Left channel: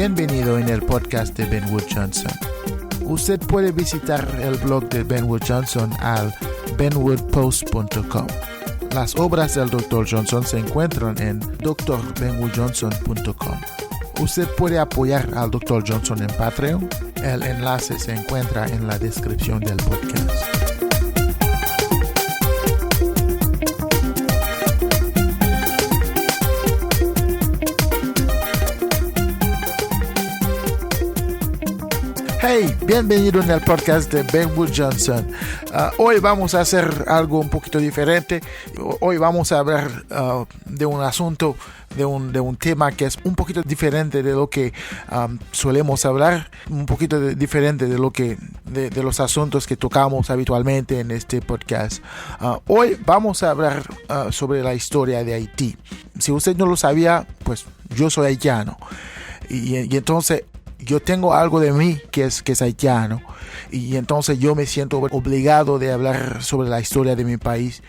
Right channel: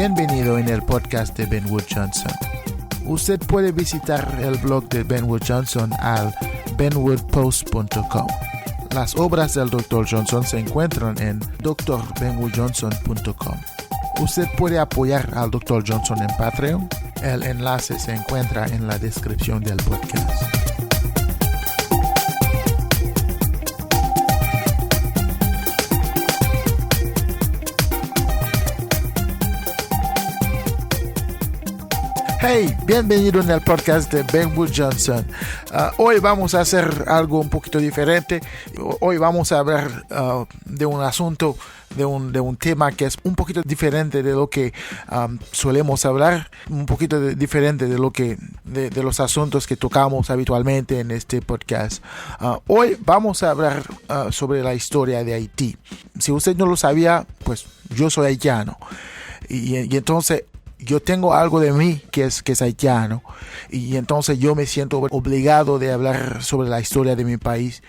Bienvenido en el podcast de Benwood Johnson. Usted puede visitar el blog de Benwood Johnson al benwoodpost.com. Las obras del Dr. Johnson se encuentran en drbenwoodjohnson.com. Usted puede apoyar al Dr. Johnson en Patreon. El enlace se encuentra en la descripción del podcast. Hey, bienvenido en el podcast de Benwood Johnson. Hoy vamos a hacer algo un poquito diferente. Hoy vamos a hablar de un asunto, de un tema que es un poquito diferente de lo que solemos hablar, un poquito diferente de lo que de los asuntos que tocamos habitualmente en este podcast. Hoy vamos a hablar sobre la historia de Haití. Si usted no lo sabía, pues yo soy haitiano y entonces yo tengo algo de mí que es haitiano, y entonces yo me siento obligado de hablar sobre la historia de mi país.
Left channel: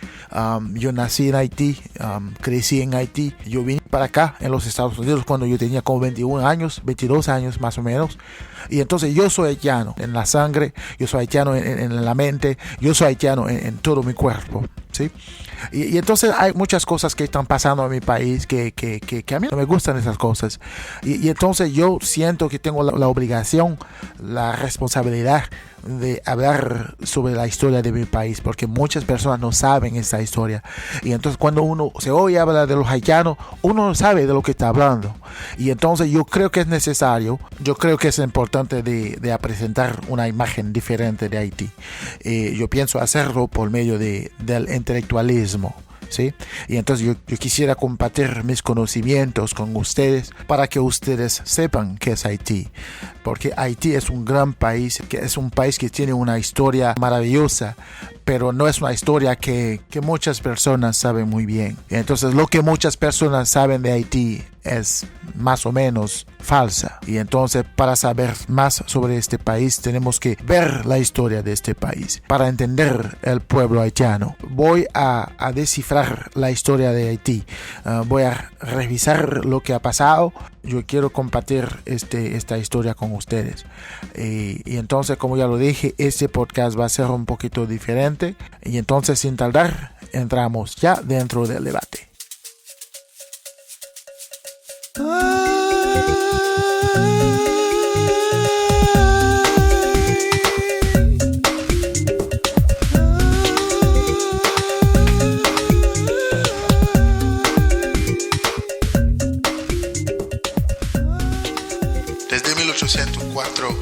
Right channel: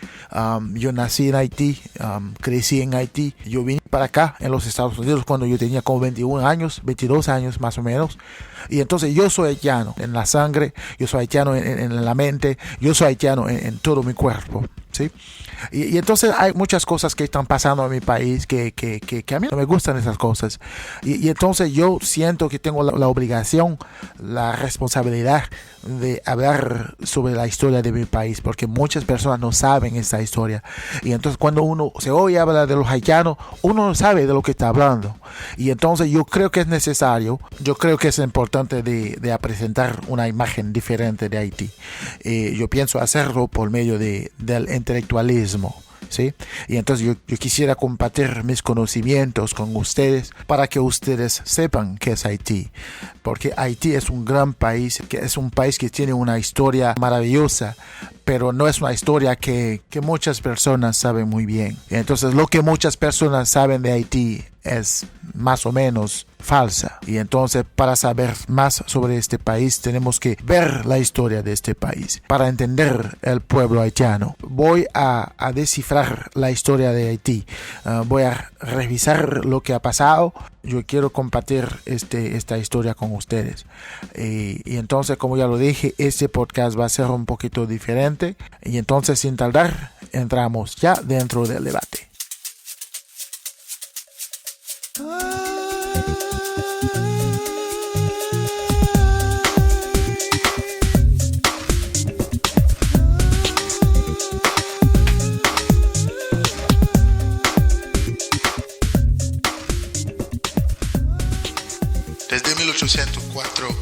Yo nací en Haití, crecí en Haití. Yo vine para acá en los Estados Unidos cuando yo tenía como 22 años más o menos. Y entonces yo soy haitiano en la sangre, yo soy haitiano en la mente, yo soy haitiano en todo mi cuerpo, ¿sí? Y entonces hay muchas cosas que están pasando en mi país que a mí no me gustan esas cosas. Y entonces yo siento que tengo la obligación, la responsabilidad de hablar sobre la historia de mi país, porque muchas personas no saben esta historia. Y entonces cuando uno se oye hablar de los haitianos, uno no sabe de lo que está hablando. Y entonces yo creo que es necesario, yo creo que es importante de presentar una imagen diferente de Haití. Yo pienso hacerlo por medio del intelectualismo, ¿sí? Y entonces yo quisiera compartir mis conocimientos con ustedes para que ustedes sepan qué es Haití, porque Haití es un gran país, que es un país que tiene una historia maravillosa, pero no es una historia que muchas personas saben muy bien. Y entonces lo que muchas personas saben de Haití es más o menos falsa. Y entonces para saber más sobre este país tenemos que ver la historia de este país para entender el pueblo haitiano. Voy a descifrar la historia de Haití. Voy a revisar lo que ha pasado. Yo quiero compartir esta historia con ustedes. Y entonces, como ya lo dije, este podcast va a ser un poquito diferente. Y entonces, sin tardar, entramos ya dentro del debate. Desde 1804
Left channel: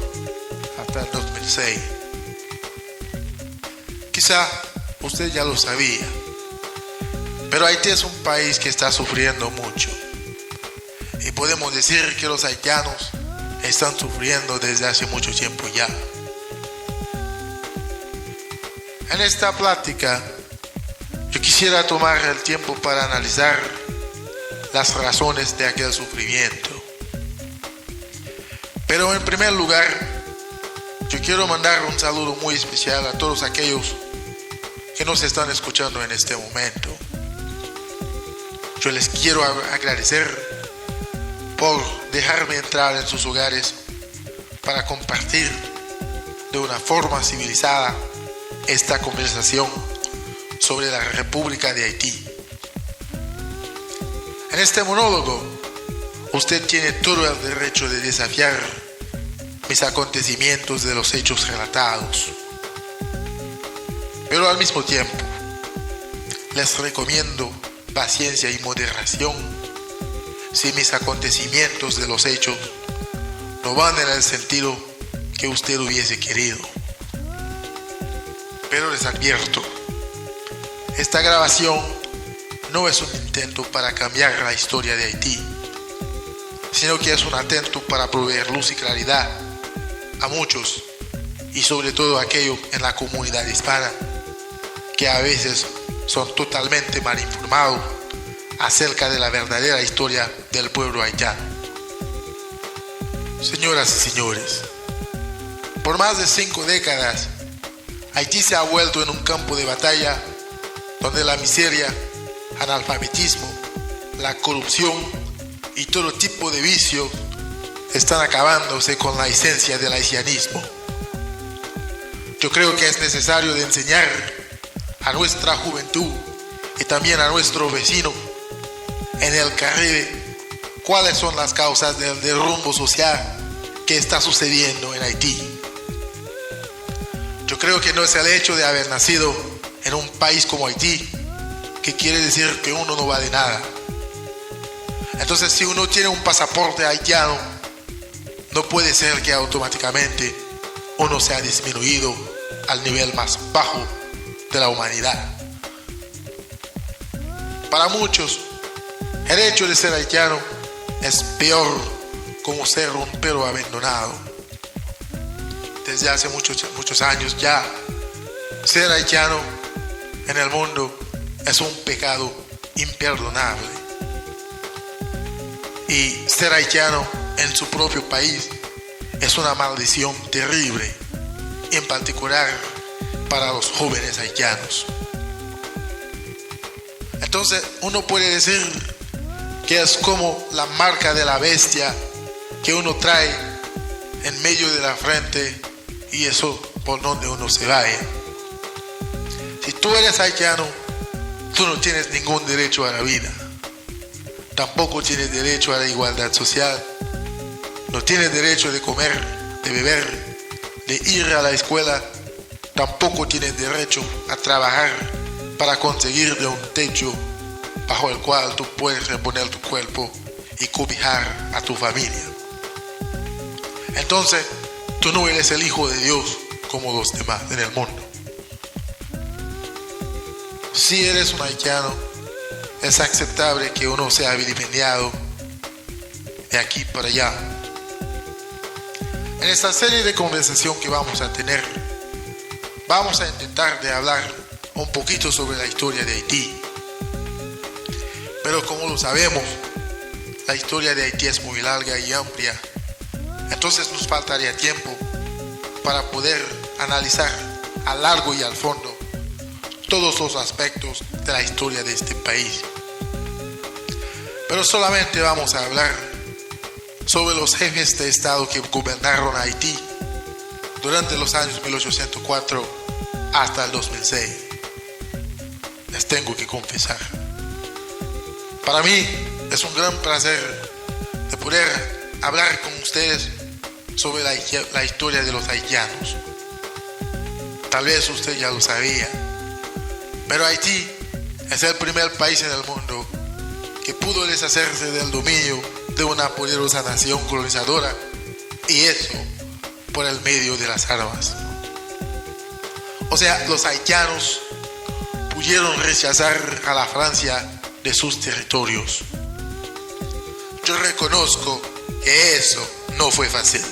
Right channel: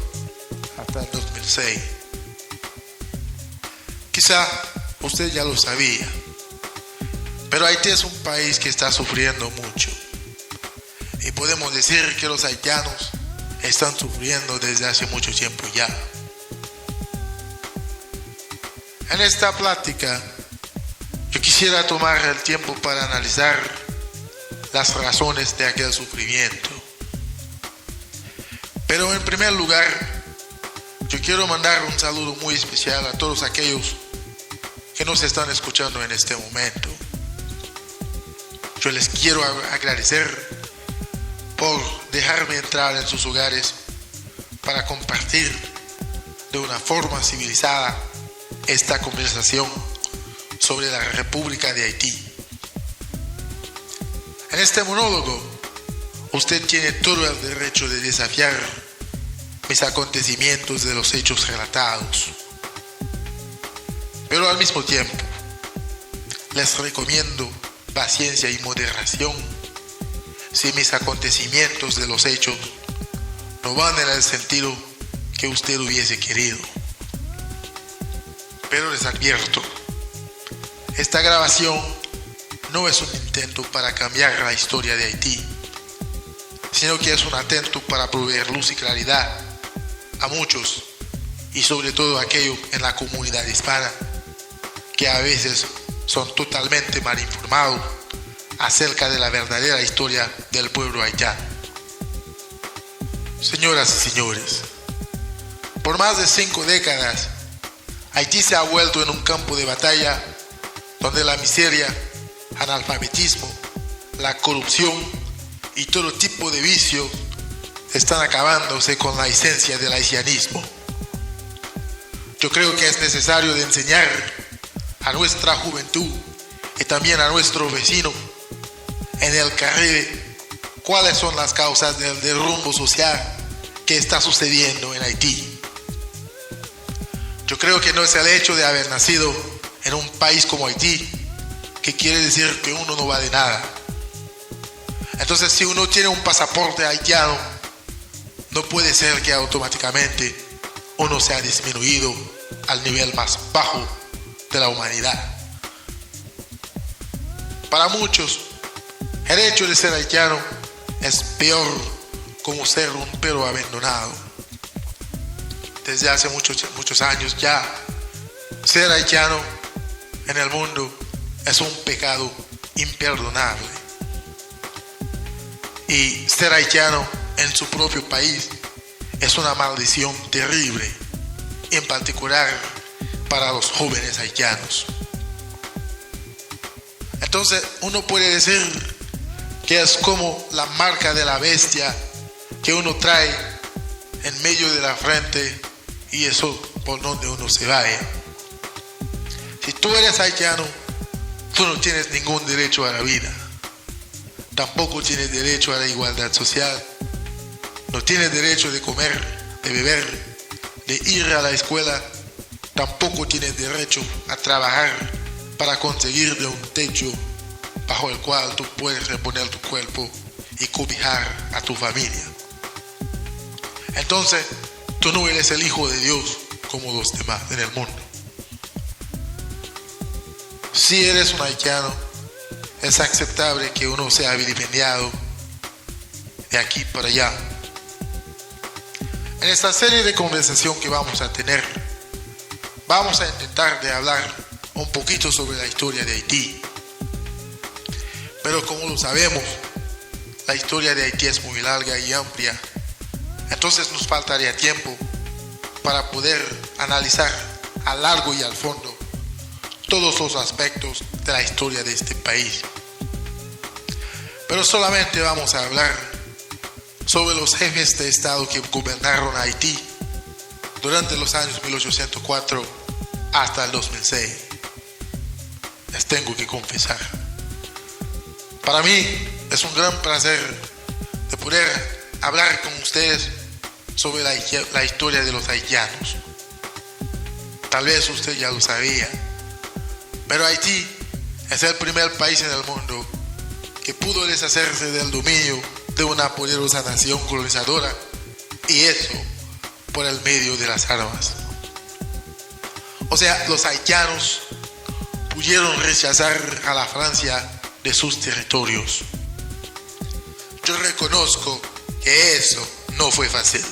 hasta 2006. Quizá usted ya lo sabía, pero Haití es un país que está sufriendo mucho. Y podemos decir que los haitianos están sufriendo desde hace mucho tiempo ya. En esta plática, yo quisiera tomar el tiempo para analizar las razones de aquel sufrimiento. Pero en primer lugar, yo quiero mandar un saludo muy especial a todos aquellos que nos están escuchando en este momento. Yo les quiero agradecer por dejarme entrar en sus hogares para compartir de una forma civilizada esta conversación sobre la República de Haití. En este monólogo, usted tiene todo el derecho de desafiar mis acontecimientos de los hechos relatados. Pero al mismo tiempo, les recomiendo paciencia y moderación si mis acontecimientos de los hechos no van en el sentido que usted hubiese querido. Pero les advierto, esta grabación no es un intento para cambiar la historia de Haití, sino que es un atento para proveer luz y claridad a muchos, y sobre todo a aquellos en la comunidad hispana que a veces son totalmente mal informados acerca de la verdadera historia del pueblo haitiano. Señoras y señores, por más de 5 décadas, Haití se ha vuelto en un campo de batalla donde la miseria, analfabetismo, la corrupción y todo tipo de vicio están acabándose con la esencia del haitianismo. Yo creo que es necesario de enseñar a nuestra juventud y también a nuestro vecino en el Caribe cuáles son las causas del derrumbe social que está sucediendo en Haití. Yo creo que no es el hecho de haber nacido en un país como Haití que quiere decir que uno no vale nada. Entonces, si uno tiene un pasaporte haitiano, no puede ser que automáticamente uno sea disminuido al nivel más bajo de la humanidad. Para muchos, el hecho de ser haitiano es peor como ser un perro abandonado. Desde hace muchos años ya, ser haitiano en el mundo es un pecado imperdonable. Y ser haitiano en su propio país es una maldición terrible, en particular para los jóvenes haitianos. Entonces uno puede decir que es como la marca de la bestia que uno trae en medio de la frente y eso por donde uno se vaya. Si tú eres haitiano, tú no tienes ningún derecho a la vida. Tampoco tienes derecho a la igualdad social. No tienes derecho de comer, de beber, de ir a la escuela. Tampoco tienes derecho a trabajar para conseguirle un techo bajo el cual tú puedes reponer tu cuerpo y cobijar a tu familia. Entonces, tú no eres el hijo de Dios como los demás en el mundo. Si eres un haitiano, es aceptable que uno sea vilipendiado de aquí para allá. En esta serie de conversación que vamos a tener, vamos a intentar de hablar un poquito sobre la historia de Haití. Pero como lo sabemos, la historia de Haití es muy larga y amplia. Entonces nos faltaría tiempo para poder analizar a largo y al fondo todos los aspectos de la historia de este país. Pero solamente vamos a hablar sobre los jefes de Estado que gobernaron Haití durante los años 1804 hasta el 2006. Les tengo que confesar. Para mí es un gran placer de poder hablar con ustedes sobre la historia de los haitianos. Tal vez usted ya lo sabía, pero Haití es el primer país en el mundo que pudo deshacerse del dominio de una poderosa nación colonizadora, y eso por el medio de las armas. O sea, los haitianos pudieron rechazar a la Francia de sus territorios. Yo reconozco que eso no fue fácil.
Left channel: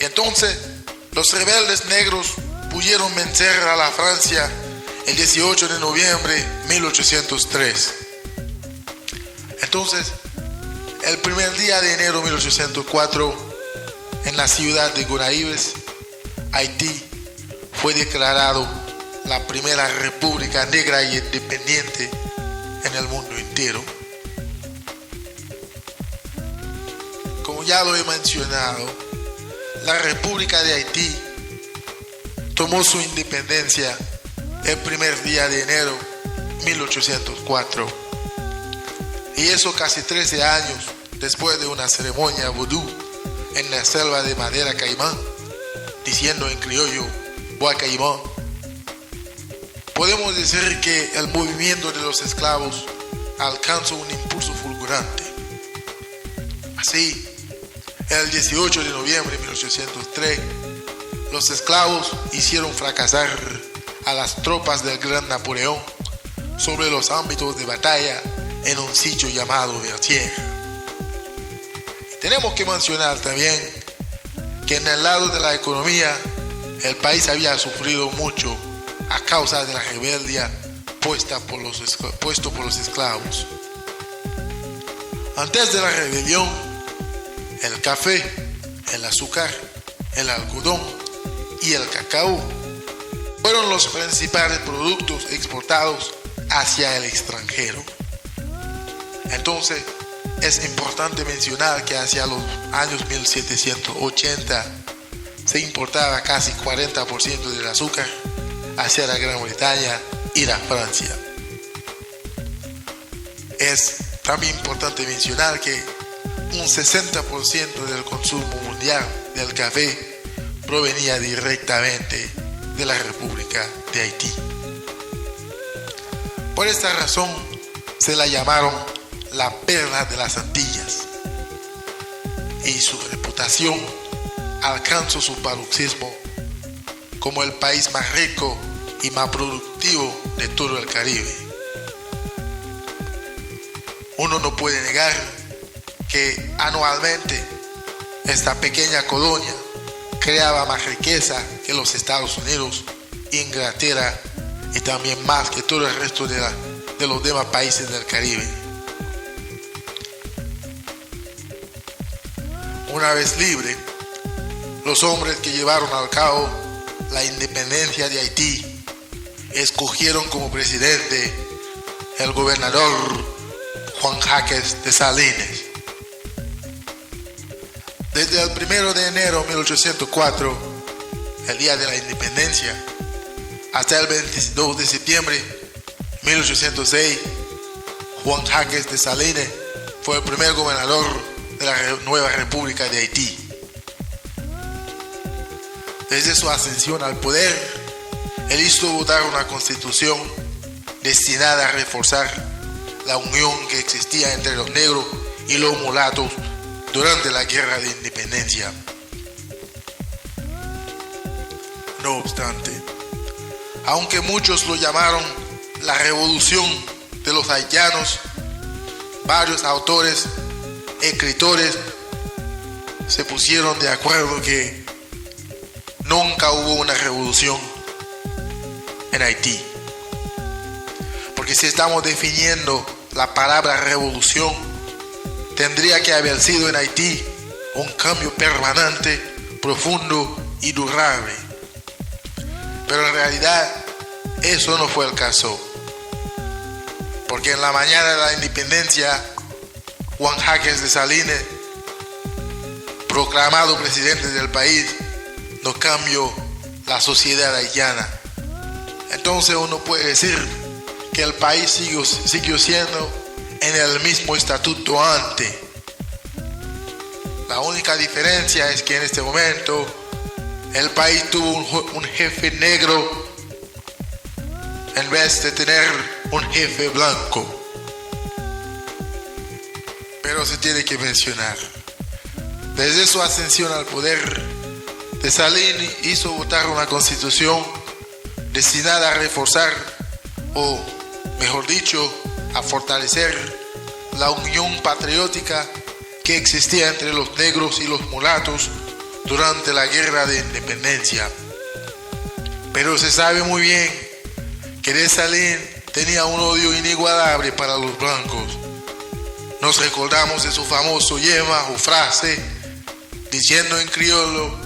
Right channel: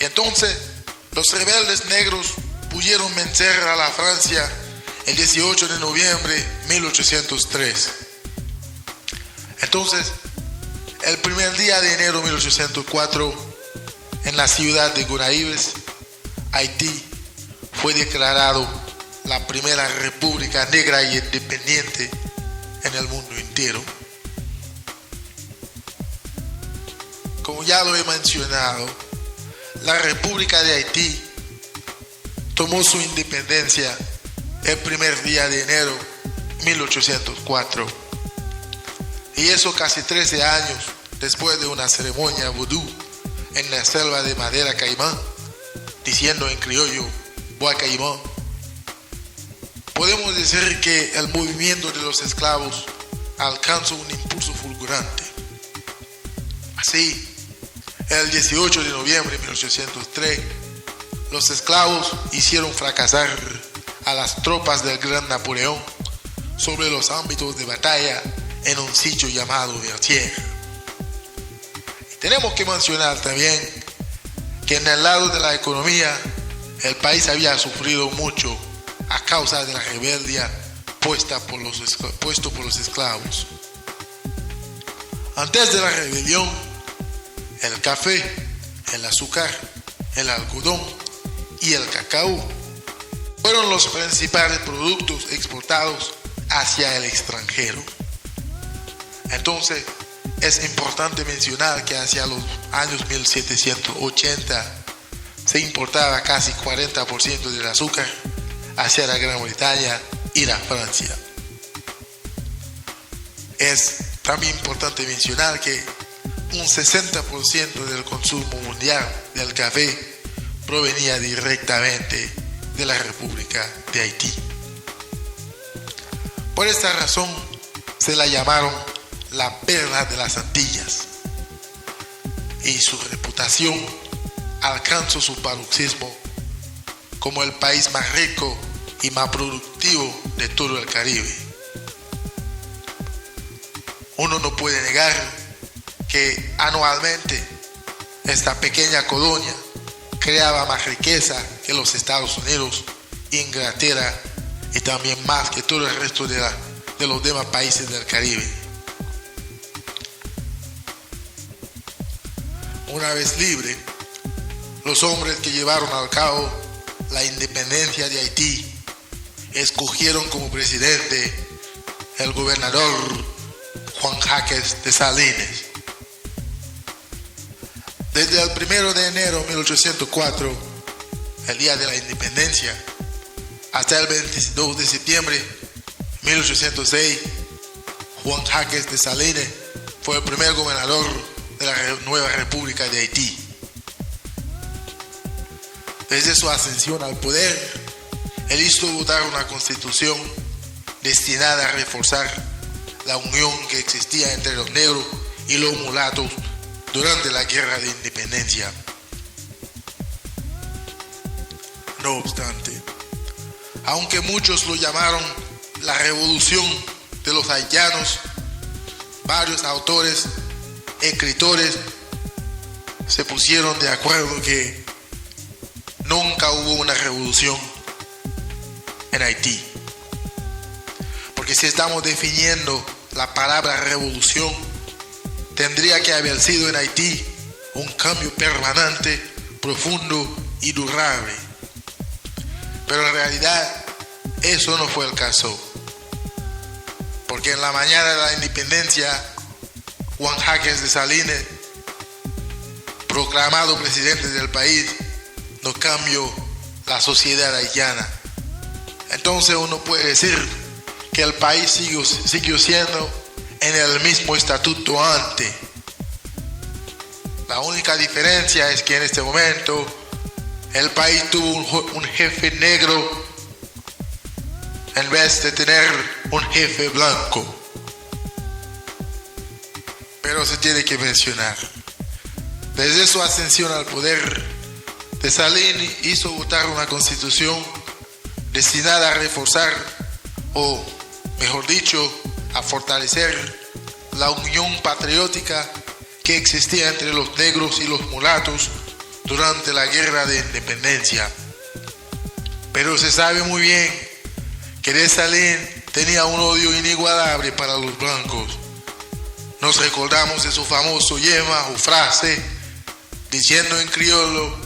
Y entonces los rebeldes negros pudieron vencer a la Francia el 18 de noviembre de 1803. Entonces, el primer día de enero de 1804, en la ciudad de Gonaïves, Haití fue declarado la primera república negra y independiente en el mundo entero. Como ya lo he mencionado, la República de Haití tomó su independencia el primer día de enero de 1804. Y eso casi 13 años después de una ceremonia vudú en la selva de Madera Caimán, diciendo en criollo, Boa Caimán. Podemos decir que el movimiento de los esclavos alcanzó un impulso fulgurante. Así, el 18 de noviembre de 1803, los esclavos hicieron fracasar a las tropas del gran Napoleón sobre los ámbitos de batalla en un sitio llamado Vertières. Tenemos que mencionar también que en el lado de la economía, el país había sufrido mucho a causa de la rebeldía puesto por los esclavos. Antes de la rebelión, el café, el azúcar, el algodón y el cacao fueron los principales productos exportados hacia el extranjero. Entonces, Es importante mencionar que hacia los años 1780 se importaba casi 40% del azúcar hacia la Gran Bretaña y la Francia. Es también importante mencionar que un 60% del consumo mundial del café provenía directamente de la República de Haití. Por esta razón se la llamaron la perla de las Antillas, y su reputación alcanzó su paroxismo como el país más rico y más productivo de todo el Caribe. Uno no puede negar que anualmente esta pequeña colonia creaba más riqueza que los Estados Unidos, Inglaterra y también más que todo el resto de los demás países del Caribe. Una vez libre, los hombres que llevaron a cabo la independencia de Haití escogieron como presidente el gobernador Juan Jaques Dessalines. Desde el 1 de enero de 1804, el día de la independencia, hasta el 22 de septiembre de 1806, Juan Jaques Dessalines fue el primer gobernador de la nueva República de Haití. Desde su ascensión al poder, él hizo votar una constitución destinada a reforzar la unión que existía entre los negros y los mulatos durante la guerra de independencia. No obstante, aunque muchos lo llamaron la revolución de los haitianos, varios autores, escritores se pusieron de acuerdo que nunca hubo una revolución en Haití. Porque si estamos definiendo la palabra revolución, tendría que haber sido en Haití un cambio permanente, profundo y durable. Pero en realidad eso no fue el caso. Porque en la mañana de la independencia, Juan Jaques Dessalines, proclamado presidente del país, no cambió la sociedad haitiana. Entonces uno puede decir que el país siguió siendo en el mismo estatuto antes. La única diferencia es que en este momento el país tuvo un jefe negro en vez de tener un jefe blanco. Pero se tiene que mencionar, desde su ascensión al poder, Dessalines hizo votar una constitución destinada a reforzar, o mejor dicho, a fortalecer la unión patriótica que existía entre los negros y los mulatos durante la guerra de independencia. Pero se sabe muy bien que Dessalines tenía un odio inigualable para los blancos. Nos recordamos de su famoso lema o frase, diciendo en criollo,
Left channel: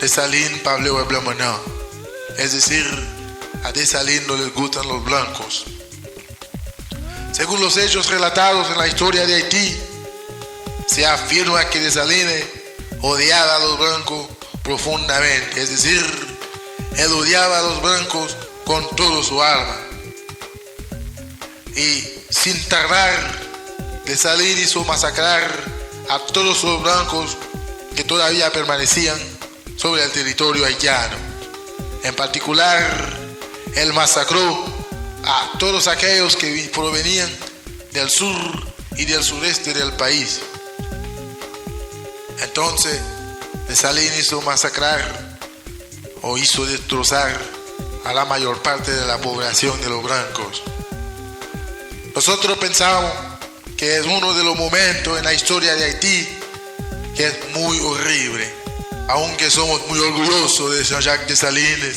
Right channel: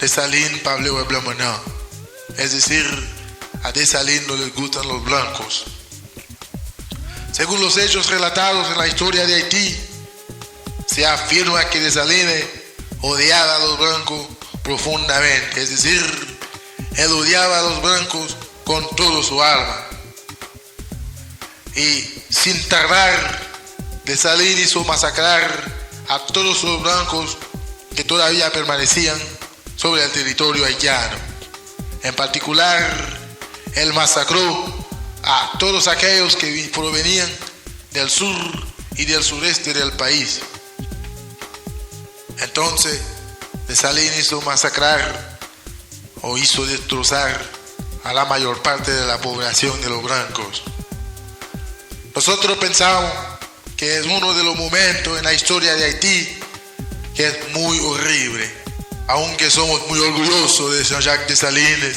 Dessalines parle blanc maintenant. Es decir, a Dessalines no les gustan los blancos. Según los hechos relatados en la historia de Haití, se afirma que Dessalines odiaba a los blancos profundamente, es decir, él odiaba a los blancos con todo su alma. Y sin tardar, Dessalines hizo masacrar a todos los blancos que todavía permanecían sobre el territorio haitiano. En particular, él masacró a todos aquellos que provenían del sur y del sureste del país. Entonces, Dessalines hizo masacrar o hizo destrozar a la mayor parte de la población de los blancos. Nosotros pensamos que es uno de los momentos en la historia de Haití que es muy horrible. Aunque somos muy orgullosos de Jean-Jacques Dessalines,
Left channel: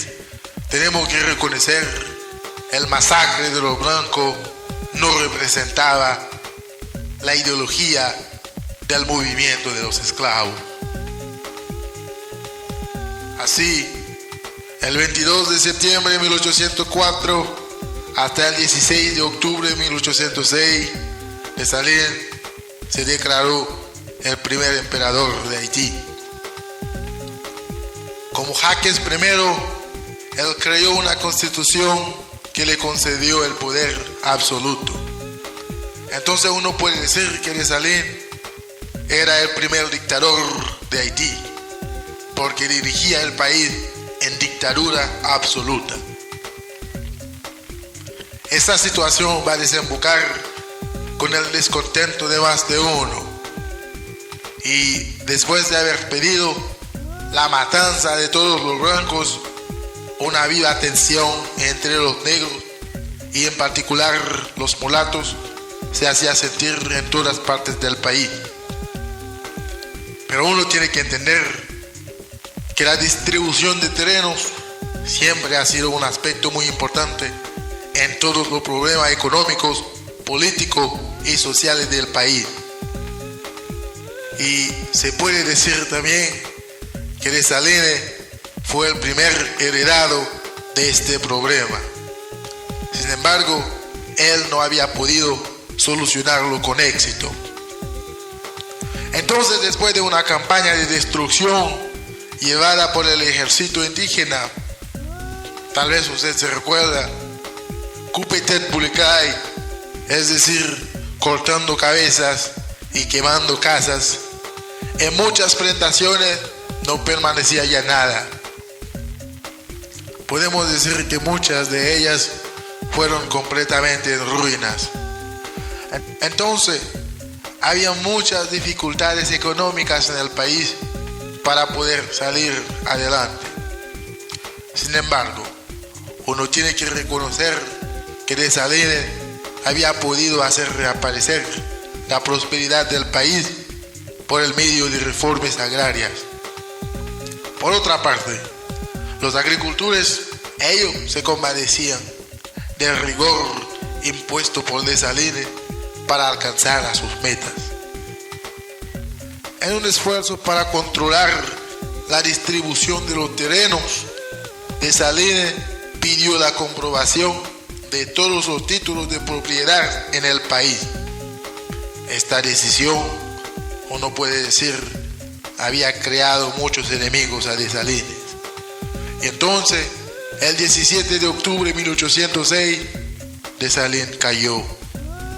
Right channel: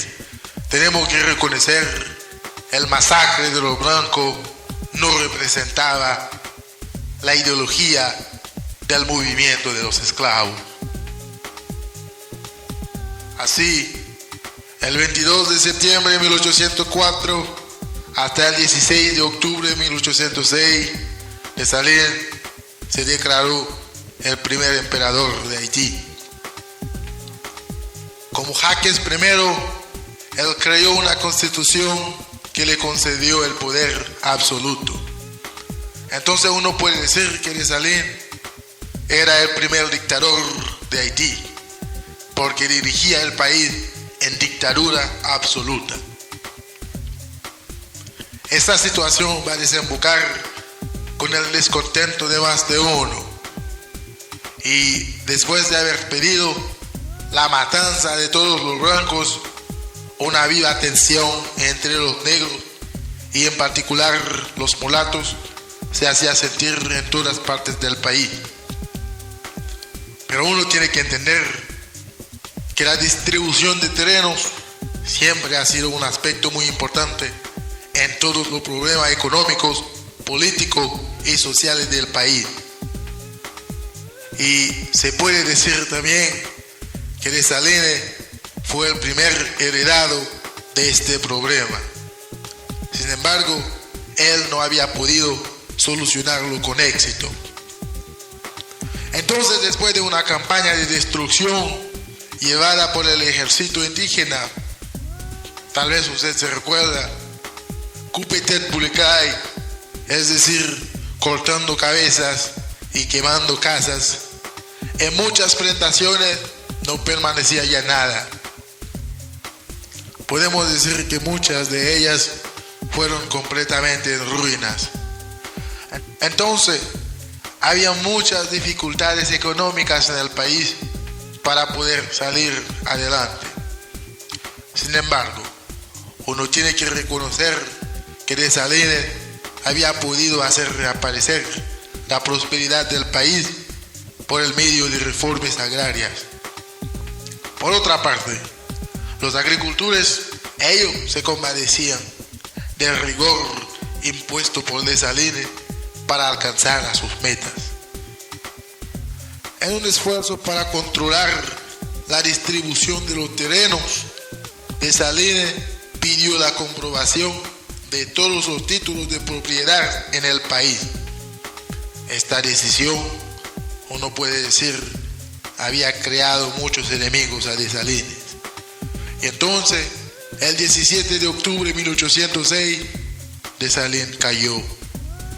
tenemos que reconocer el masacre de los blancos no representaba la ideología del movimiento de los esclavos. Así, el 22 de septiembre de 1804 hasta el 16 de octubre de 1806, Dessalines se declaró el primer emperador de Haití. Como Jaques I, él creó una constitución que le concedió el poder absoluto. Entonces uno puede decir que Dessalines era el primer dictador de Haití, porque dirigía el país en dictadura absoluta. Esa situación va a desembocar con el descontento de más de uno. Y después de haber pedido la matanza de todos los blancos, una viva tensión entre los negros y en particular los mulatos se hacía sentir en todas partes del país. Pero uno tiene que entender que la distribución de terrenos siempre ha sido un aspecto muy importante en todos los problemas económicos, políticos y sociales del país. Y se puede decir también que Dessalines fue el primer heredado de este problema. Sin embargo, él no había podido solucionarlo con éxito. Entonces, después de una campaña de destrucción llevada por el ejército indígena, tal vez usted se recuerda, Coupe-tête Publicae, es decir, cortando cabezas y quemando casas, en muchas plantaciones no permanecía ya nada. Podemos decir que muchas de ellas fueron completamente en ruinas. Entonces, había muchas dificultades económicas en el país para poder salir adelante. Sin embargo, uno tiene que reconocer que Dessalines había podido hacer reaparecer la prosperidad del país por el medio de reformas agrarias. Por otra parte, los agricultores, ellos se compadecían del rigor impuesto por Dessalines para alcanzar a sus metas. En un esfuerzo para controlar la distribución de los terrenos, Dessalines pidió la comprobación de todos los títulos de propiedad en el país. Esta decisión, uno puede decir, había creado muchos enemigos a Dessalines. Y entonces, el 17 de octubre de 1806, Dessalines cayó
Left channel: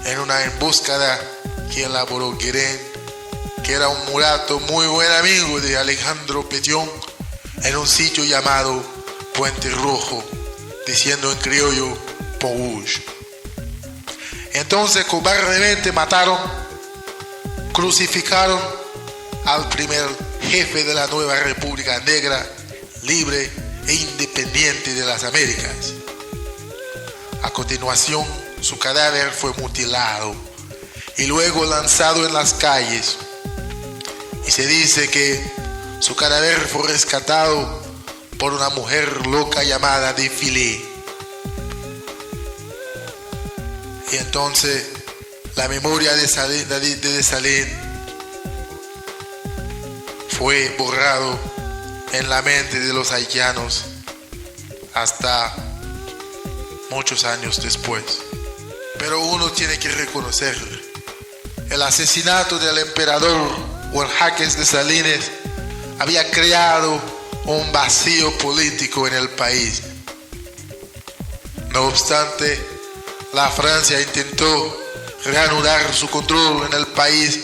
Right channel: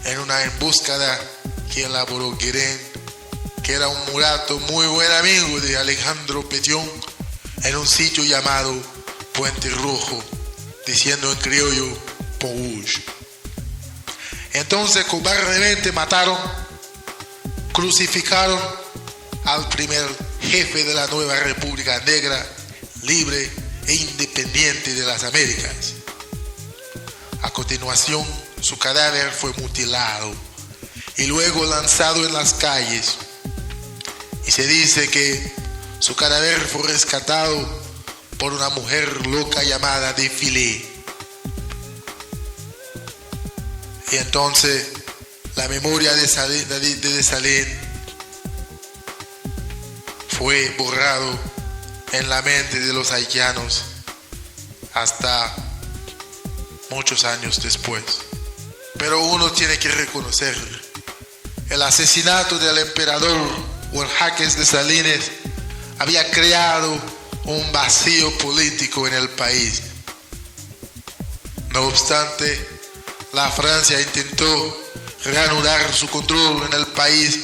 en una emboscada que elaboró Guérin, que era un mulato muy buen amigo de Alejandro Pétion, en un sitio llamado Puente Rojo, diciendo en criollo Pouge. Entonces cobardemente mataron, crucificaron al primer jefe de la nueva República Negra, libre e independiente de las Américas. A continuación, su cadáver fue mutilado y luego lanzado en las calles. Y se dice que su cadáver fue rescatado por una mujer loca llamada Défilé. Y entonces la memoria de Dessalines fue borrado en la mente de los haitianos hasta muchos años después. Pero uno tiene que reconocer el asesinato del emperador Jaques Dessalines había creado un vacío político en el país. No obstante, la Francia intentó reanudar su control en el país,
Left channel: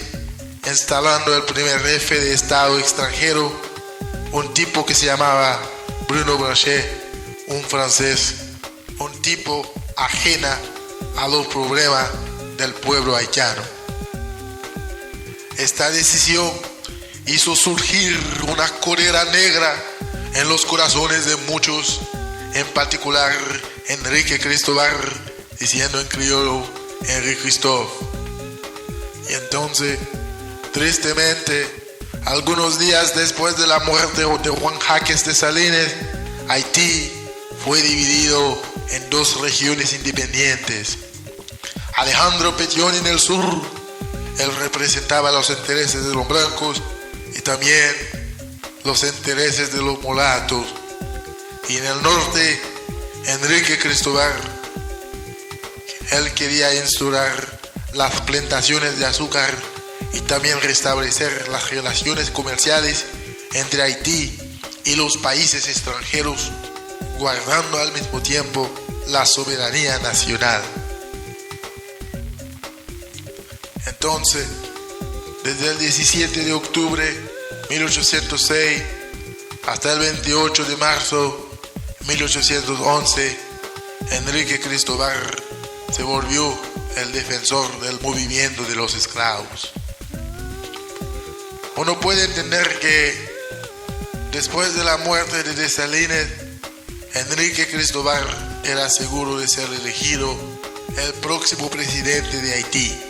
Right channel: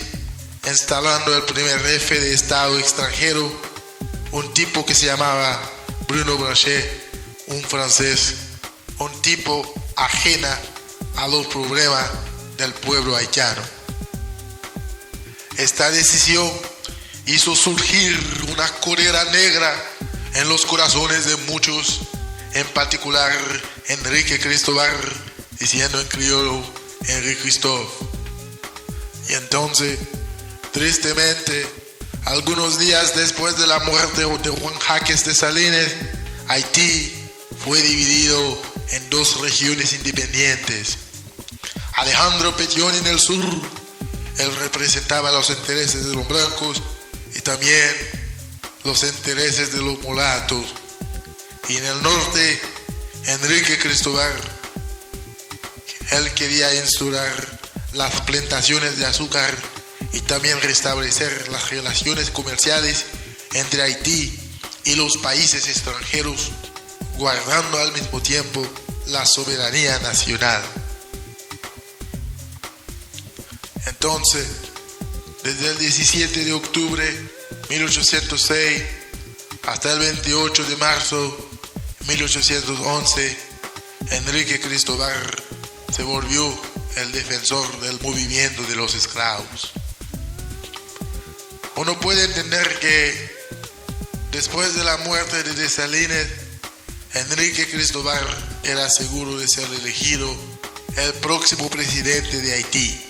instalando el primer jefe de Estado extranjero, un tipo que se llamaba Bruno Blanchet, un francés, un tipo ajena a los problemas del pueblo haitiano. Esta decisión hizo surgir una cólera negra en los corazones de muchos, en particular Enrique Cristóbal, diciendo en criollo Henri Christophe. Y entonces, tristemente, algunos días después de la muerte de Jaques Dessalines, Haití fue dividido en dos regiones independientes. Alejandro Pétion en el sur, él representaba los intereses de los blancos y también los intereses de los mulatos. Y en el norte, Enrique Cristóbal, él quería instaurar las plantaciones de azúcar y también restablecer las relaciones comerciales entre Haití y los países extranjeros, guardando al mismo tiempo la soberanía nacional. Entonces, desde el 17 de octubre de 1806 hasta el 28 de marzo de 1811, Enrique Cristobal se volvió el defensor del movimiento de los esclavos. Uno puede entender que después de la muerte de Dessalines, Enrique Cristobal era seguro de ser elegido el próximo presidente de Haití.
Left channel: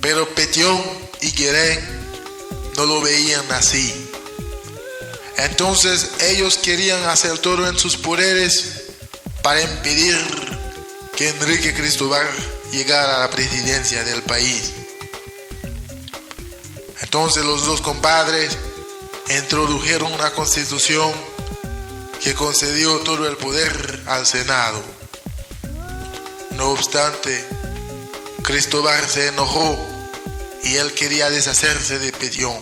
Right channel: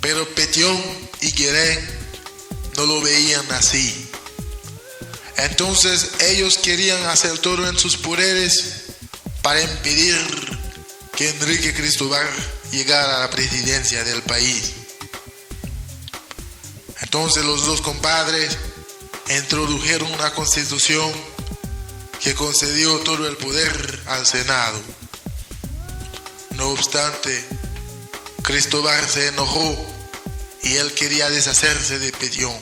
Pero Pétion y Guérin no lo veían así. Entonces ellos querían hacer todo en sus poderes para impedir que Enrique Cristobal llegara a la presidencia del país. Entonces los dos compadres introdujeron una constitución que concedió todo el poder al Senado. No obstante, Cristobal se enojó y él quería deshacerse de Pétion.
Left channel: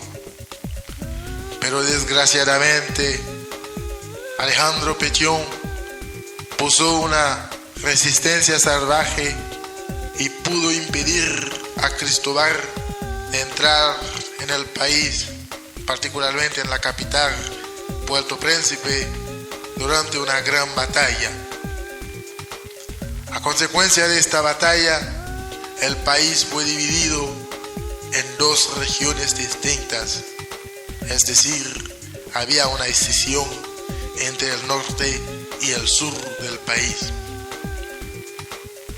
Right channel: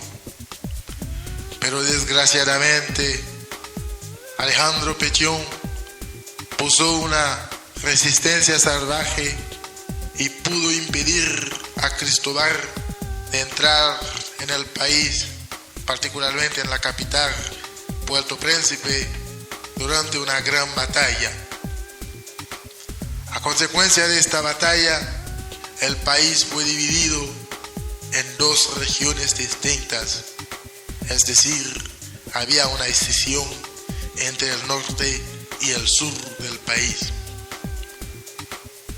Pero desgraciadamente, Alejandro Pétion puso una resistencia salvaje y pudo impedir a Cristobal de entrar en el país, particularmente en la capital, Puerto Príncipe, durante una gran batalla. A consecuencia de esta batalla, el país fue dividido en dos regiones distintas, es decir, había una escisión entre el norte y el sur del país.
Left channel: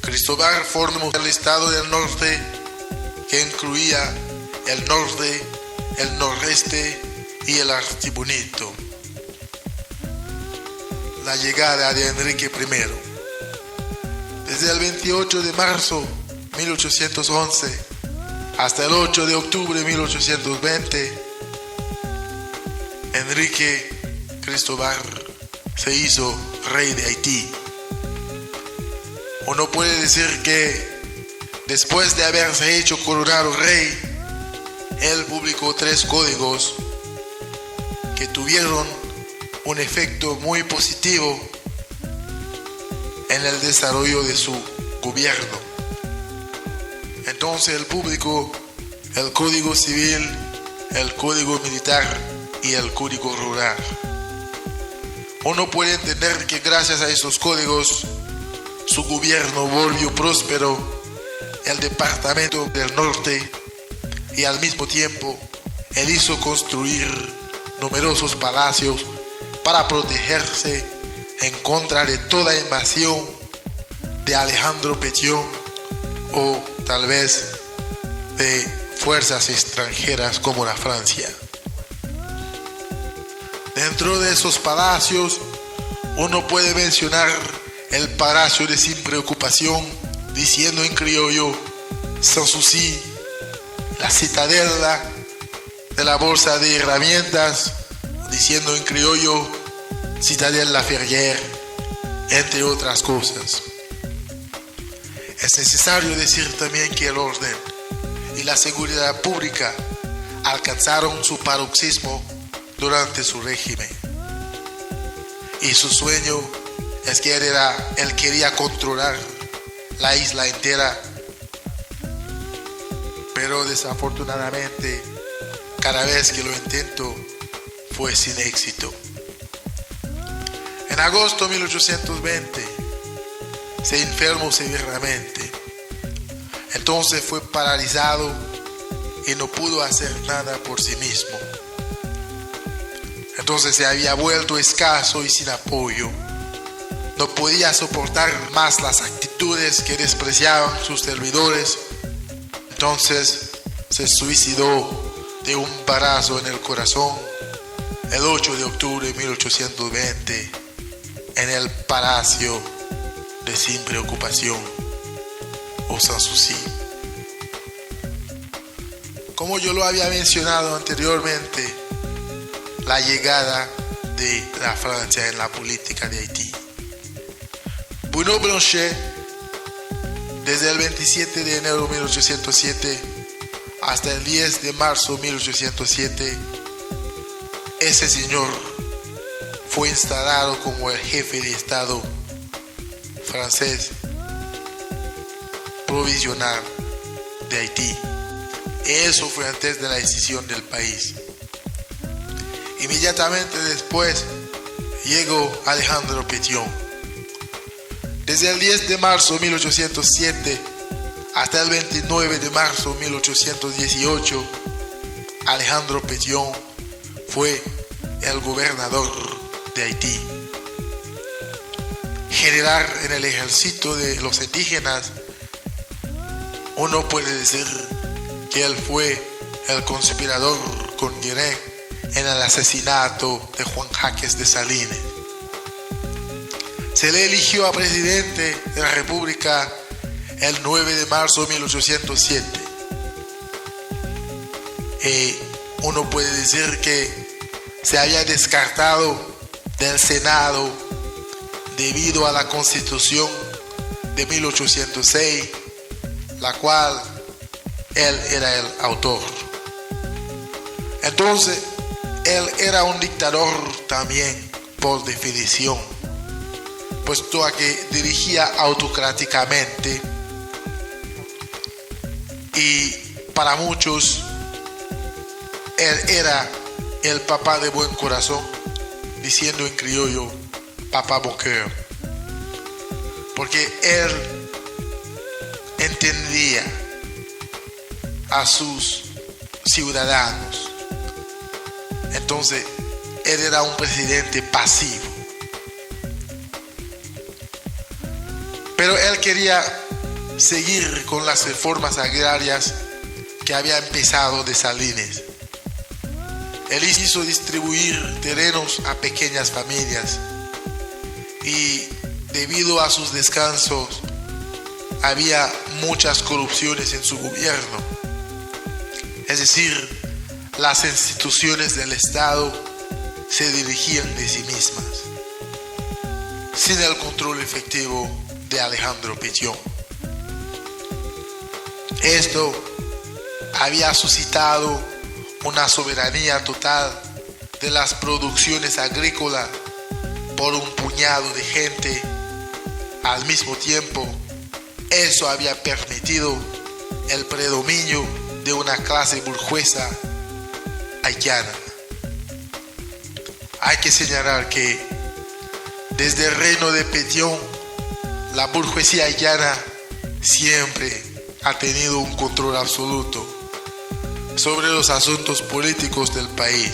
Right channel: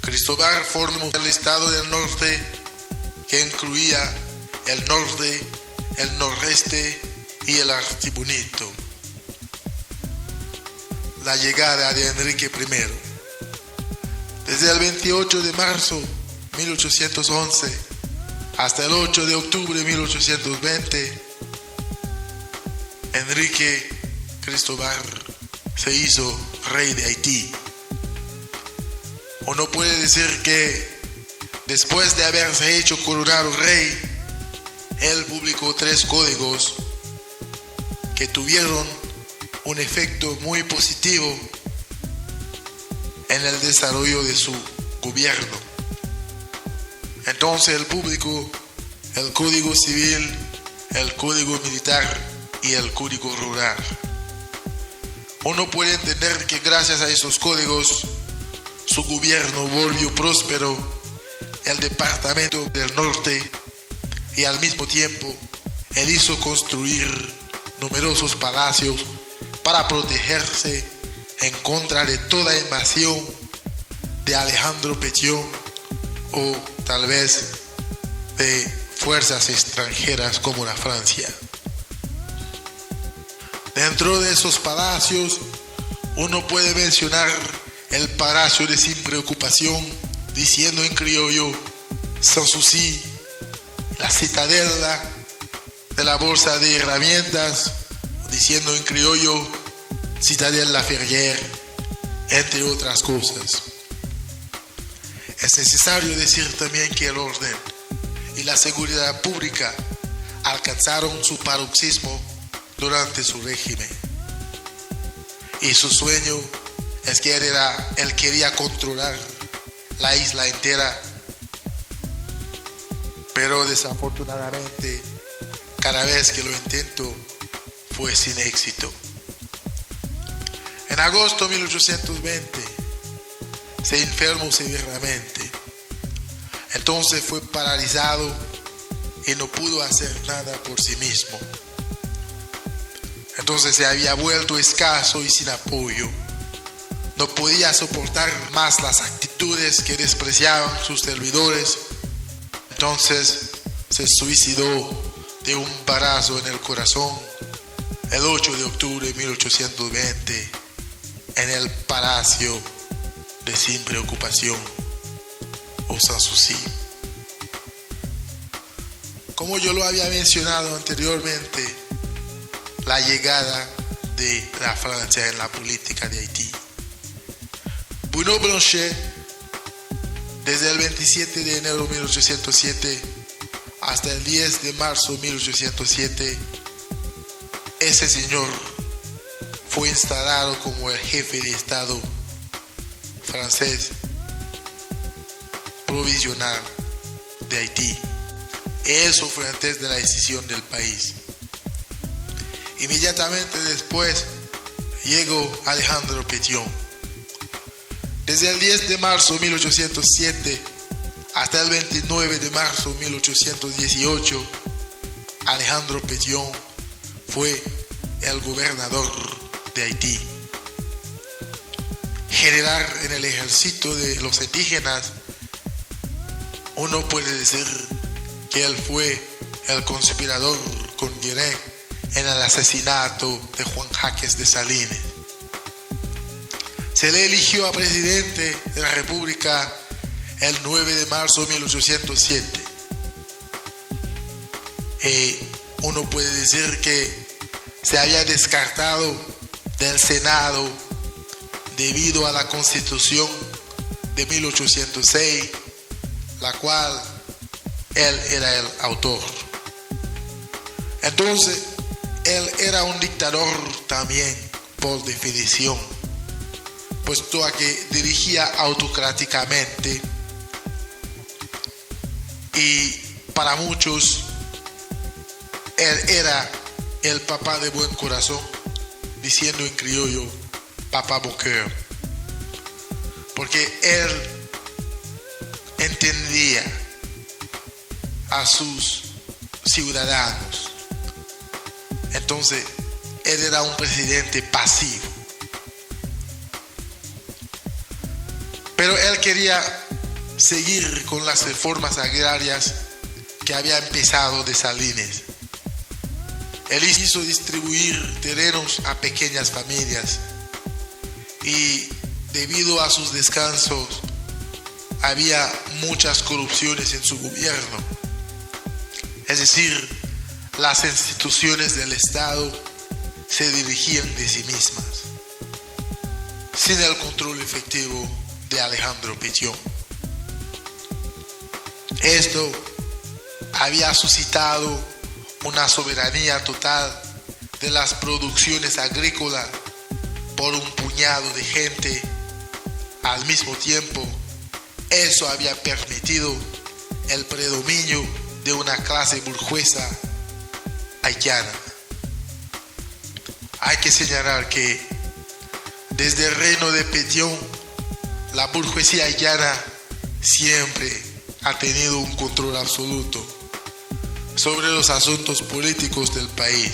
Cristobal formó el estado del norte, que incluía el norte, el nordeste y el Artibonito. La llegada de Enrique I. Desde el 28 de marzo de 1811 hasta el 8 de octubre de 1820, Enrique Cristobal se hizo rey de Haití. Uno puede decir que después de haberse hecho coronado rey, él publicó 3 códigos que tuvieron un efecto muy positivo en el desarrollo de su gobierno. Entonces él publicó el Código Civil, el Código Militar y el Código Rural. Uno puede entender que gracias a esos códigos su gobierno volvió próspero el departamento del norte y al mismo tiempo él hizo construir numerosos palacios para protegerse en contra de toda invasión de Alejandro Pétion o tal vez de fuerzas extranjeras como la Francia. Dentro de esos palacios uno puede mencionar el Palacio de Sin Preocupación, diciendo en criollo Sans Souci, la Citadela de la Bolsa de Herramientas, diciendo en criollo Citadelle La Ferrière, entre otras cosas. Es necesario decir también que el orden y la seguridad pública alcanzaron su paroxismo durante su régimen. Y su sueño es que él quería controlar la isla entera, pero desafortunadamente cada vez que lo intentó fue sin éxito. En agosto de 1820 se enfermó severamente. Entonces fue paralizado y no pudo hacer nada por sí mismo. Entonces se había vuelto escaso y sin apoyo. No podía soportar más las actitudes que despreciaban sus servidores. Entonces se suicidó de un balazo en el corazón el 8 de octubre de 1820 en el Palacio de Sin Preocupación o Sans Souci. Como yo lo había mencionado anteriormente, la llegada de la Francia en la política de Haití. Bruno Blanchet, desde el 27 de enero de 1807 hasta el 10 de marzo de 1807, ese señor fue instalado como el jefe de Estado francés provisional de Haití. Eso fue antes de la decisión del país. Inmediatamente después llegó Alejandro Pétion. Desde el 10 de marzo de 1807 hasta el 29 de marzo de 1818, Alejandro Pétion fue el gobernador de Haití. General en el ejército de los indígenas, uno puede decir que él fue el conspirador con Guiné en el asesinato de Juan Jaques Dessalines. Se le eligió a presidente de la República el 9 de marzo de 1807. Uno puede decir que se había descartado del Senado debido a la Constitución de 1806, la cual él era el autor. Entonces, él era un dictador también por definición, puesto a que dirigía autocráticamente y para muchos él era el papá de buen corazón, diciendo en criollo, papá bon cœur, porque él entendía a sus ciudadanos. Entonces, él era un presidente pasivo. Pero él quería seguir con las reformas agrarias que había empezado Dessalines. Él hizo distribuir terrenos a pequeñas familias y debido a sus descansos había muchas corrupciones en su gobierno. Es decir, las instituciones del Estado se dirigían de sí mismas, sin el control efectivo de Alejandro Pétion. Esto había suscitado una soberanía total de las producciones agrícolas por un puñado de gente. Al mismo tiempo, eso había permitido el predominio de una clase burguesa haitiana. Hay que señalar que desde el reino de Pétion, la burguesía haitiana siempre ha tenido un control absoluto sobre los asuntos políticos del país.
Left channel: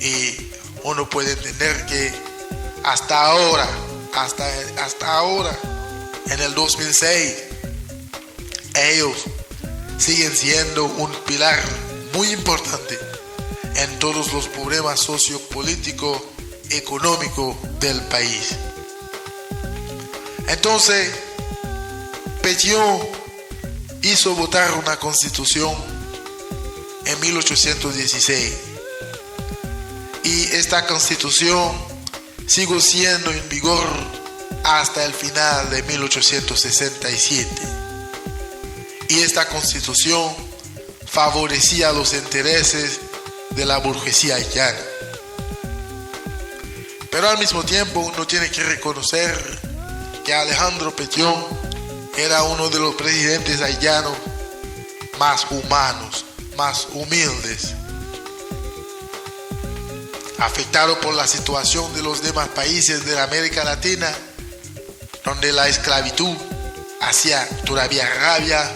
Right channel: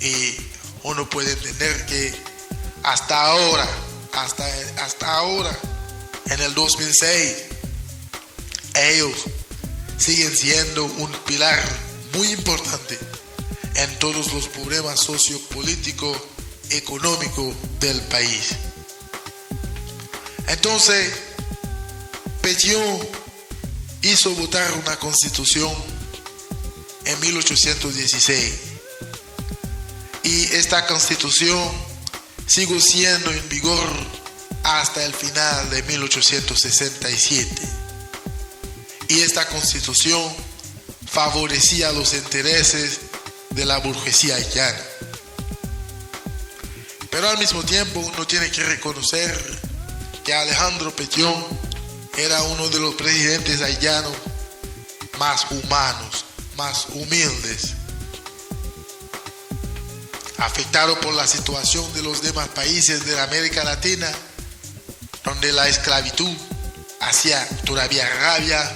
Y uno puede entender que hasta ahora, en el 2006, ellos siguen siendo un pilar muy importante en todos los problemas sociopolíticos, económicos del país. Entonces, Pétion hizo votar una constitución en 1816 y esta constitución siguió siendo en vigor hasta el final de 1867. Y esta constitución favorecía los intereses de la burguesía haitiana. Pero al mismo tiempo uno tiene que reconocer que Alejandro Pétion era uno de los presidentes haitianos más humanos, más humildes. Afectado por la situación de los demás países de América Latina, donde la esclavitud hacía todavía rabia,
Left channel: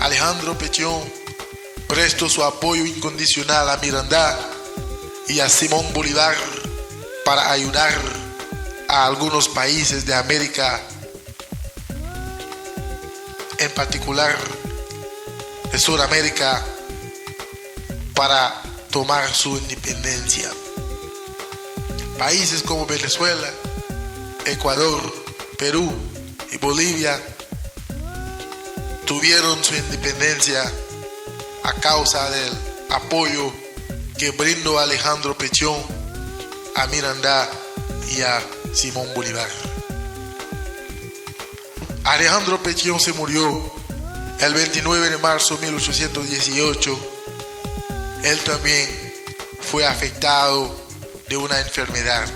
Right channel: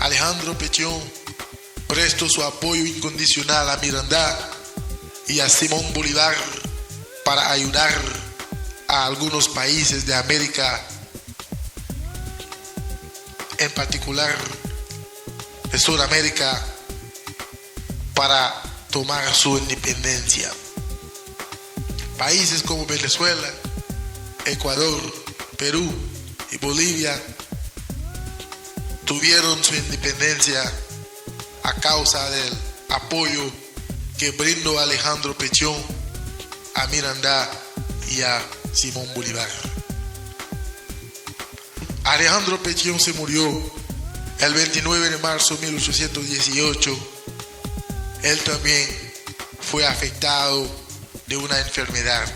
Alejandro Pétion prestó su apoyo incondicional a Miranda y a Simón Bolívar para ayudar a algunos países de América, en particular de Sudamérica, para tomar su independencia. Países como Venezuela, Ecuador, Perú y Bolivia tuvieron su independencia a causa del apoyo que brindó Alejandro Pétion a Miranda y a Simón Bolívar. Alejandro Pétion se murió El 29 de marzo de 1818, él también fue afectado de una enfermedad.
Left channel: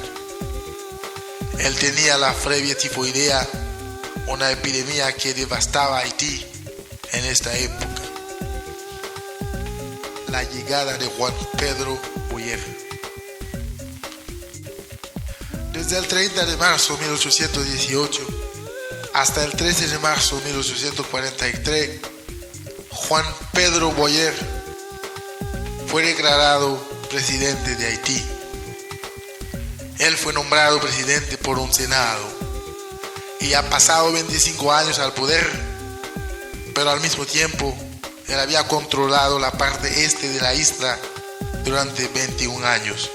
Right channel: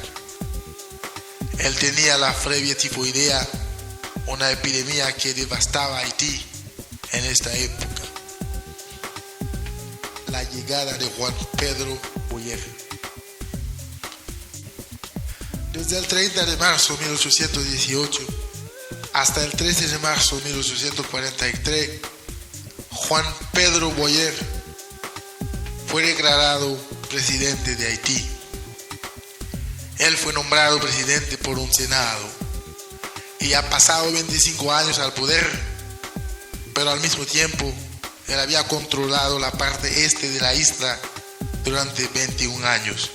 Él tenía la fiebre tifoidea, una epidemia que devastaba Haití en esta época. La llegada de Juan Pedro Boyer. Desde el 30 de marzo de 1818 hasta el 13 de marzo de 1843, Juan Pedro Boyer fue declarado presidente de Haití. Él fue nombrado presidente por un senado y ha pasado 25 años al poder, pero al mismo tiempo él había controlado la parte este de la isla durante 21 años.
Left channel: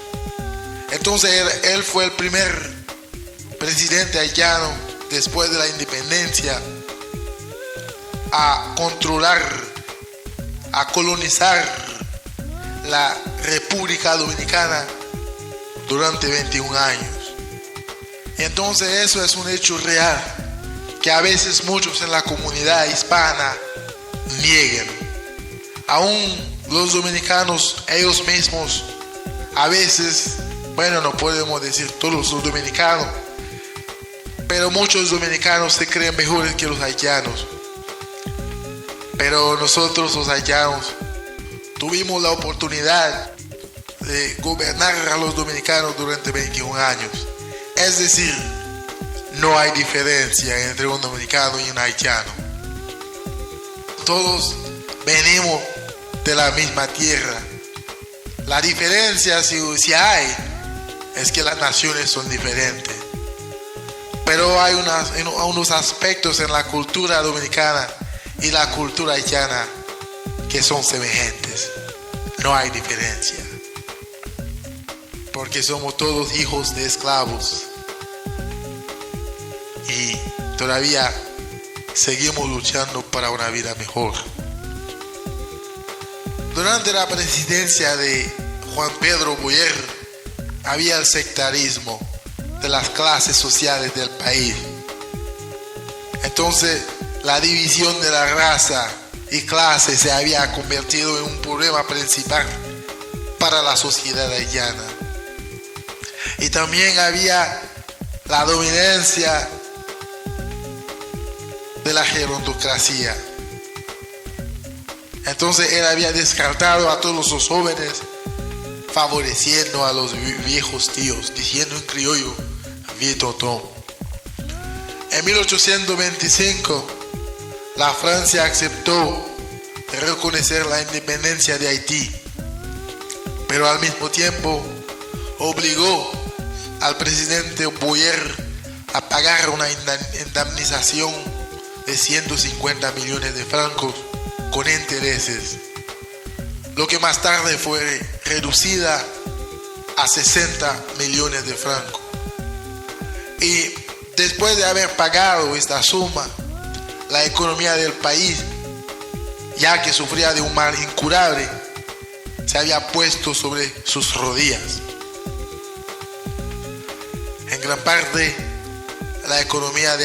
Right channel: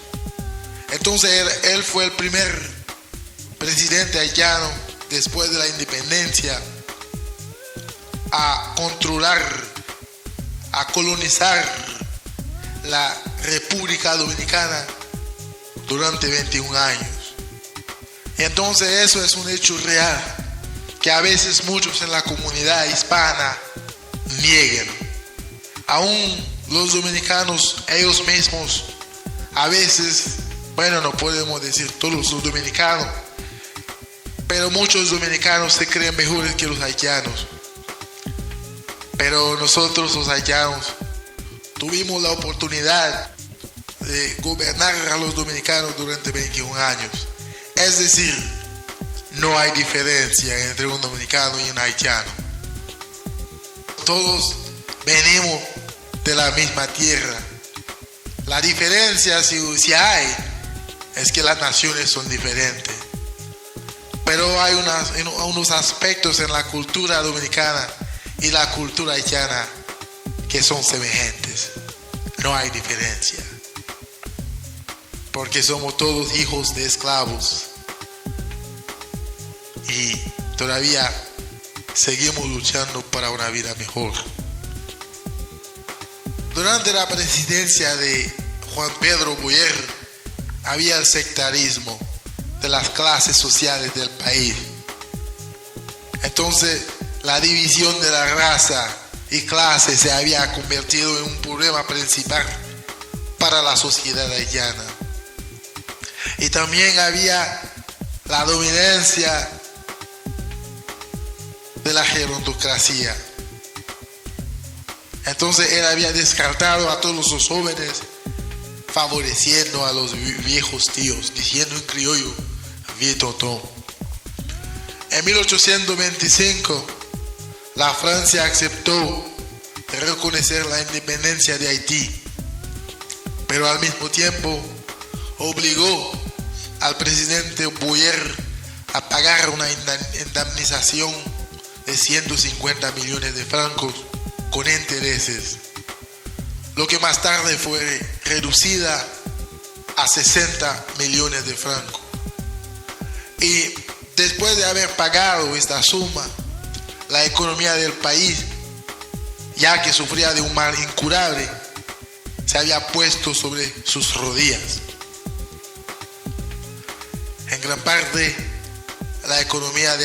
Entonces él fue el primer presidente haitiano después de la independencia a controlar, a colonizar la República Dominicana durante 21 años. Entonces eso es un hecho real que a veces muchos en la comunidad hispana niegan. Aún los dominicanos ellos mismos, a veces, bueno, no podemos decir todos los dominicanos, pero muchos dominicanos se creen mejores que los haitianos. Pero nosotros los haitianos tuvimos la oportunidad de gobernar a los dominicanos durante 21 años. Es decir, no hay diferencia entre un dominicano y un haitiano. Todos venimos de la misma tierra. La diferencia, si hay, es que las naciones son diferentes. Pero hay unos aspectos en la cultura dominicana y la cultura haitiana que son semejantes. No hay diferencia. Porque somos todos hijos de esclavos. Y todavía seguimos luchando para una vida mejor. Durante la presidencia de Juan Pedro Boyer había el sectarismo de las clases sociales del país. Entonces la división de la raza y clase se había convertido en un problema principal para la sociedad haitiana. Y también había la dominancia de la gerontocracia. Entonces él había descartado a todos los jóvenes, favoreciendo a los viejos tíos, diciendo en criollo, Vitoto. En 1825, la Francia aceptó reconocer la independencia de Haití, pero al mismo tiempo obligó al presidente Boyer a pagar una indemnización de 150 millones de francos con intereses, lo que más tarde fue reducida a 60 millones de francos. Y después de haber pagado esta suma, la economía del país, ya que sufría de un mal incurable, se había puesto sobre sus rodillas. En gran parte, la economía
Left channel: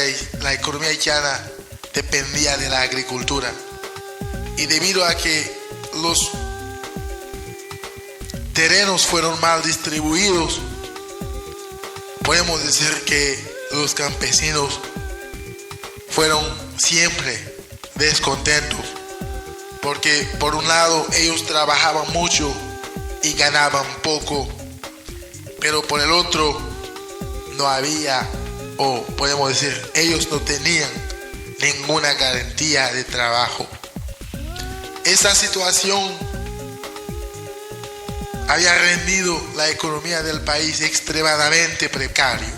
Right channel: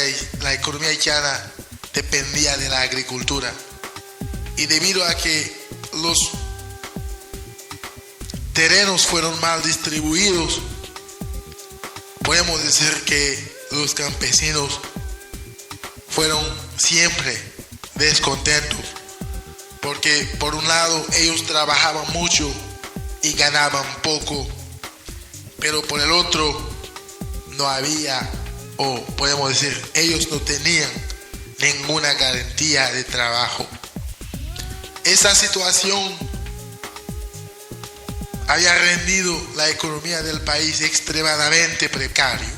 haitiana dependía de la agricultura. Y debido a que los terrenos fueron mal distribuidos, podemos decir que los campesinos fueron siempre descontentos, porque por un lado ellos trabajaban mucho y ganaban poco, pero por el otro no había, o podemos decir, ellos no tenían ninguna garantía de trabajo. Esa situación había rendido la economía del país extremadamente precario.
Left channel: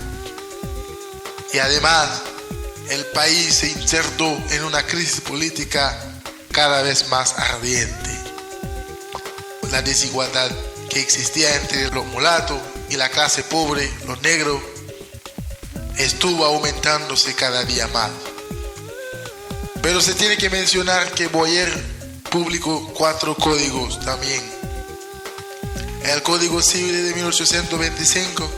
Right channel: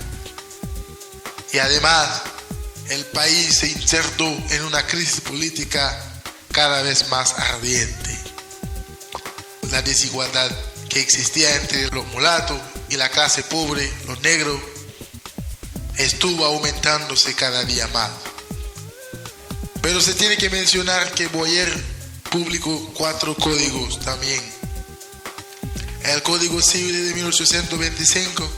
Y además, el país se insertó en una crisis política cada vez más ardiente. La desigualdad que existía entre los mulatos y la clase pobre, los negros, estuvo aumentándose cada día más. Pero se tiene que mencionar que Boyer publicó 4 códigos también. El Código Civil de 1825,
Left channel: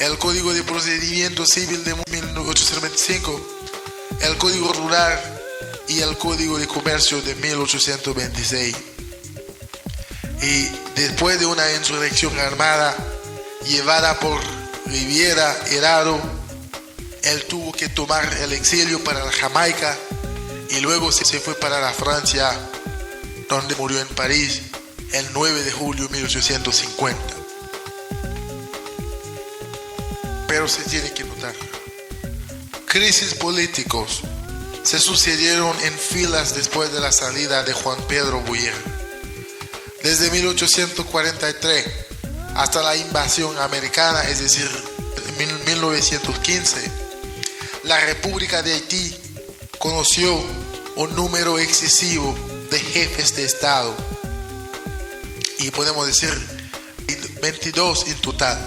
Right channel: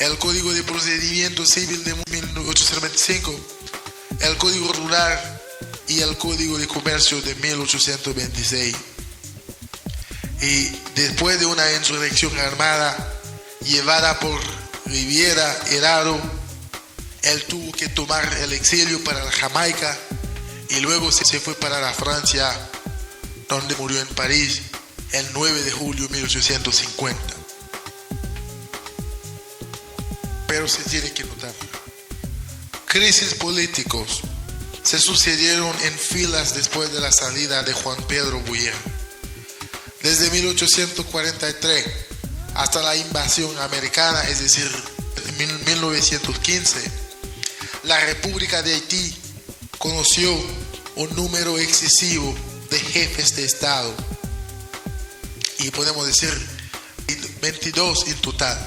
el Código de Procedimiento Civil de 1825, el Código Rural y el Código de Comercio de 1826. Y después de una insurrección armada llevada por Riviera Herrero, él tuvo que tomar el exilio para la Jamaica y luego se fue para la Francia, donde murió en París el 9 de julio de 1850. Pero se tiene que notar, crisis políticos se sucedieron en filas después de la salida de Juan Pedro Bouyer. Desde 1843 hasta la invasión americana, es decir, en 1915, la República de Haití conoció un número excesivo de jefes de Estado, y podemos decir 22 en total.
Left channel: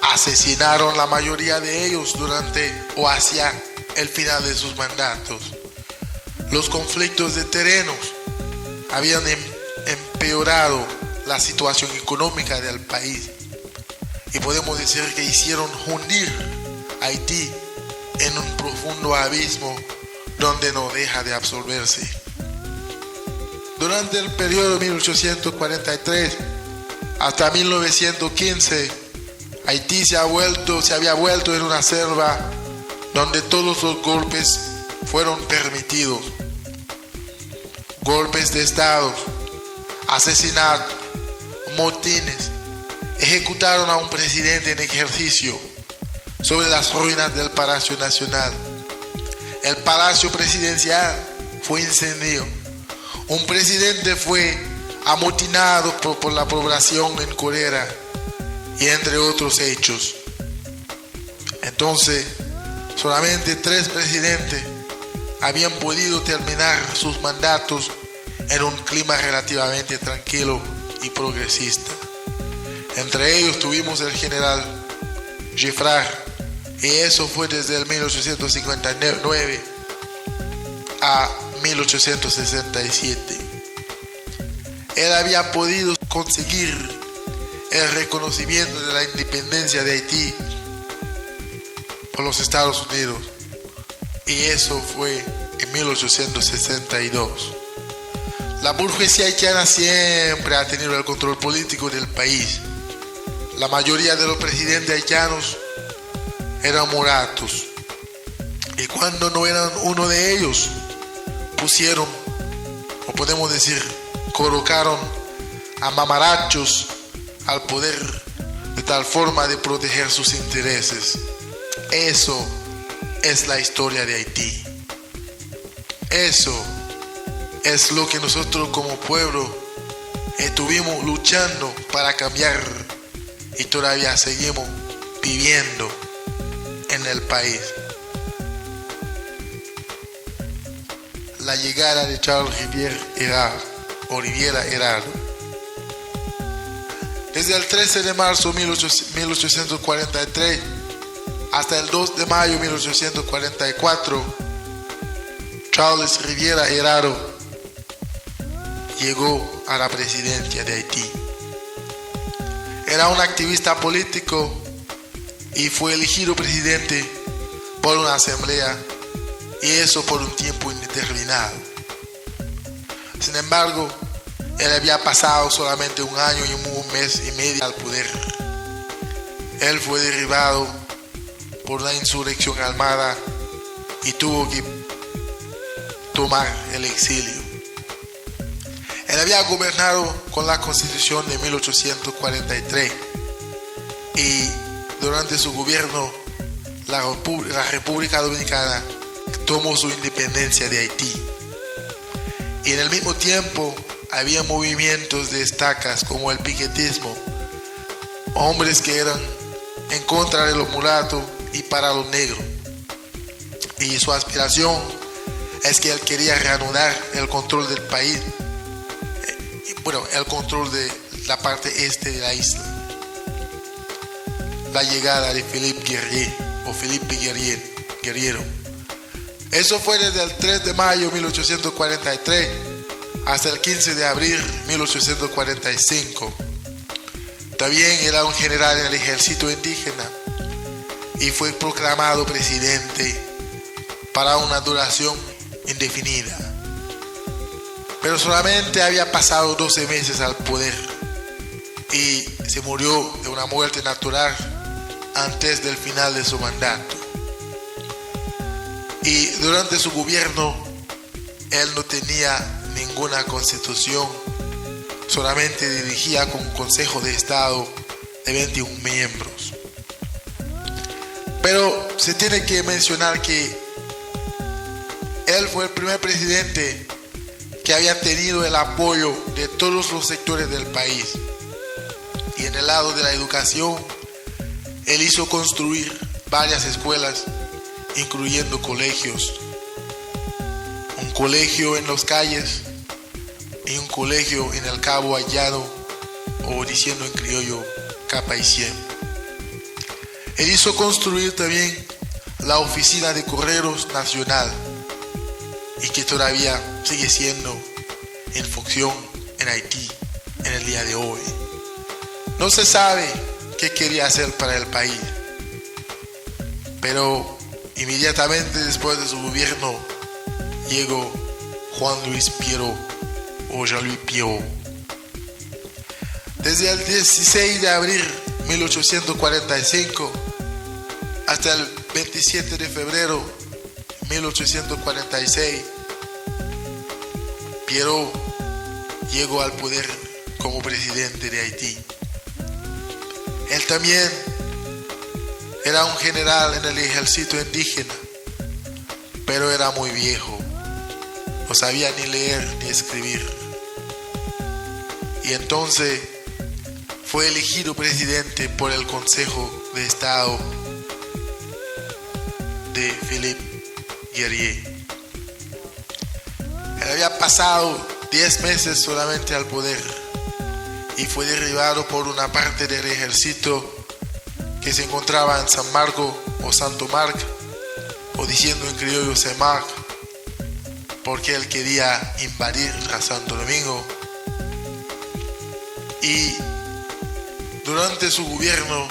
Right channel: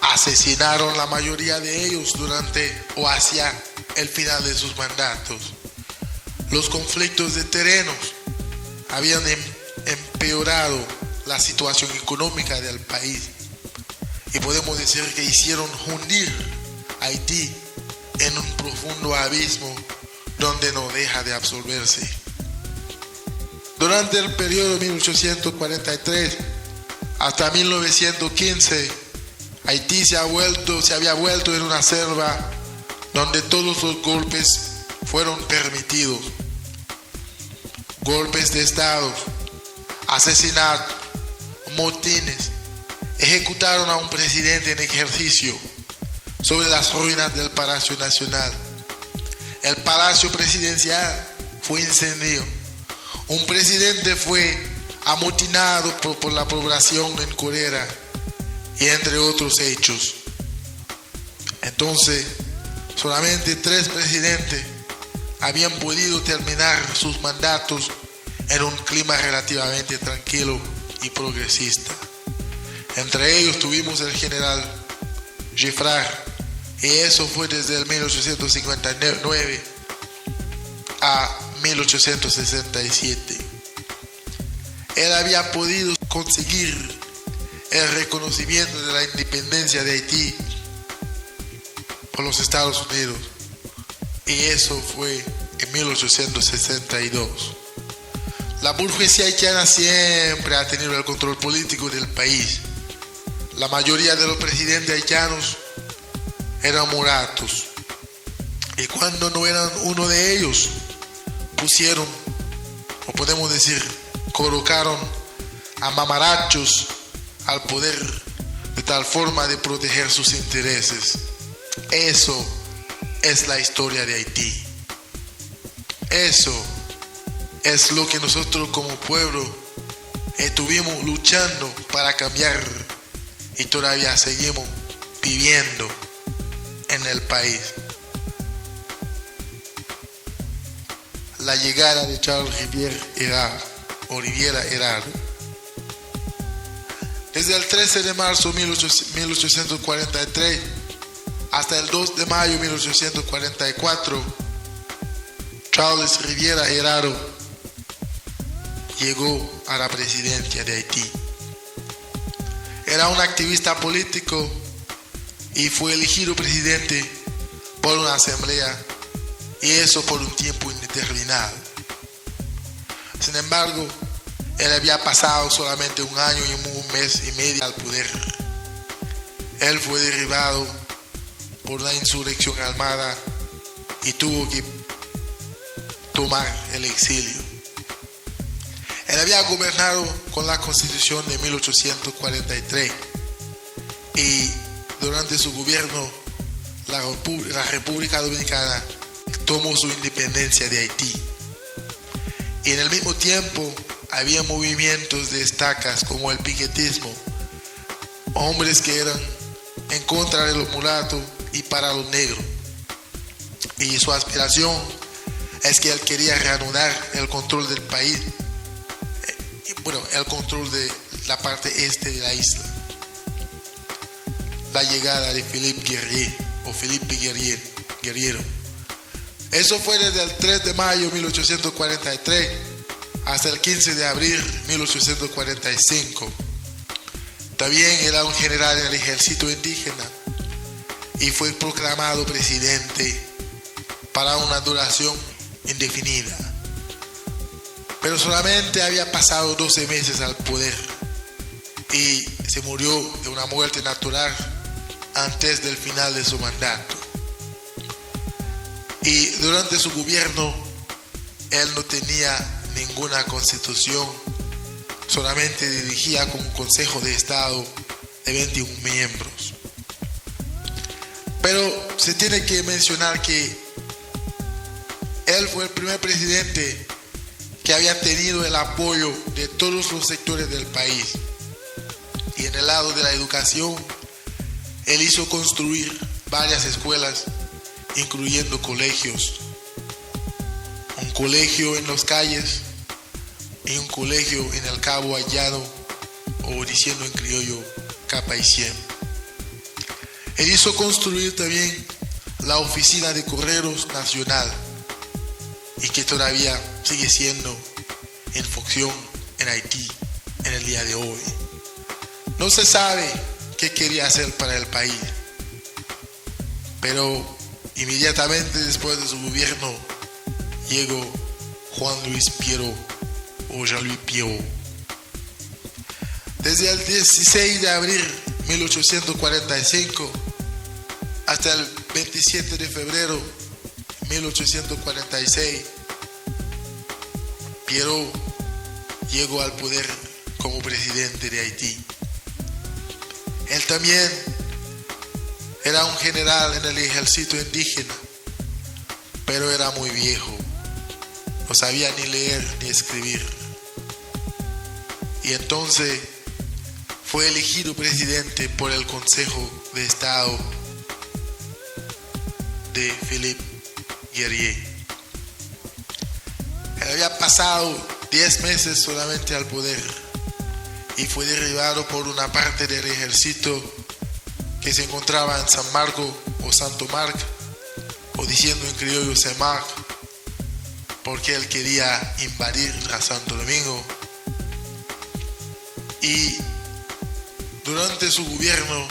Asesinaron la mayoría de ellos durante o hacia el final de sus mandatos. Los conflictos de terrenos habían empeorado la situación económica del país, y podemos decir que hicieron hundir a Haití en un profundo abismo donde no deja de absorberse. Durante el periodo 1843 hasta 1915, Haití se había vuelto en una selva donde todos los golpes fueron permitidos. Golpes de Estado, asesinatos, motines. Ejecutaron a un presidente en ejercicio sobre las ruinas del Palacio Nacional. El Palacio Presidencial fue incendiado. Un presidente fue amotinado por la población en cólera, y entre otros hechos. Entonces, solamente 3 presidentes habían podido terminar sus mandatos en un clima relativamente tranquilo y progresista. Entre ellos tuvimos el general Giffard, y eso fue desde el 1859 a 1867. Él había podido conseguir el reconocimiento de la independencia de Haití por los Estados Unidos, y eso fue en 1862. La burguesía haitiana siempre ha tenido el control político del país. La mayoría de los presidentes haitianos eran mulatos, y cuando no eran uno de ellos, pusieron, o podemos decir, colocaron a mamarachos al poder de tal forma de proteger sus intereses. Eso es la historia de Haití. Eso es lo que nosotros como pueblo estuvimos luchando para cambiar, y todavía seguimos viviendo en el país. La llegada de Charles Riviera Herrero. Desde el 13 de marzo de 1843 hasta el 2 de mayo de 1844, Charles Riviera Herrero llegó a la presidencia de Haití. Era un activista político y fue elegido presidente por una asamblea, y eso por un tiempo indeterminado. Sin embargo, él había pasado solamente 1 año y 1 mes y medio al poder. Él fue derribado por la insurrección armada y tuvo que tomar el exilio. Él había gobernado con la Constitución de 1843, y durante su gobierno la República Dominicana tomó su independencia de Haití. Y en el mismo tiempo había movimientos de estacas como el piquetismo, hombres que eran en contra de los mulatos y para los negros. Y su aspiración es que él quería reanudar el control del país, el control de la parte este de la isla. La llegada de Felipe Guerriero. Eso fue desde el 3 de mayo de 1843 hasta el 15 de abril de 1845. También era un general en el ejército indígena y fue proclamado presidente para una duración indefinida. Pero solamente había pasado 12 meses al poder y se murió de una muerte natural antes del final de su mandato. Y durante su gobierno, él no tenía ninguna constitución, solamente dirigía con un Consejo de Estado de 21 miembros. Pero se tiene que mencionar que él fue el primer presidente que había tenido el apoyo de todos los sectores del país. Y en el lado de la educación, él hizo construir varias escuelas, incluyendo colegios. Un colegio en Los Calles y un colegio en el Cabo Haitiano, o diciendo en criollo, Capa y Cien. Él hizo construir también la Oficina de Correos Nacional, y que todavía sigue siendo en función en Haití en el día de hoy. No se sabe qué quería hacer para el país, pero inmediatamente después de su gobierno llegó Juan Luis Pierrot, o Jean-Louis Pierrot. Desde el 16 de abril de 1845 hasta el 27 de febrero de 1846, Pierrot llegó al poder como presidente de Haití. Él también era un general en el ejército indígena, pero era muy viejo, no sabía ni leer ni escribir. Y entonces fue elegido presidente por el Consejo de Estado de Philippe Guerrier. Él había pasado 10 meses solamente al poder y fue derribado por una parte del ejército que se encontraba en San Marco o Santo Marc, o diciendo en criollo Saint-Marc, porque él quería invadir a Santo Domingo. Y durante su gobierno,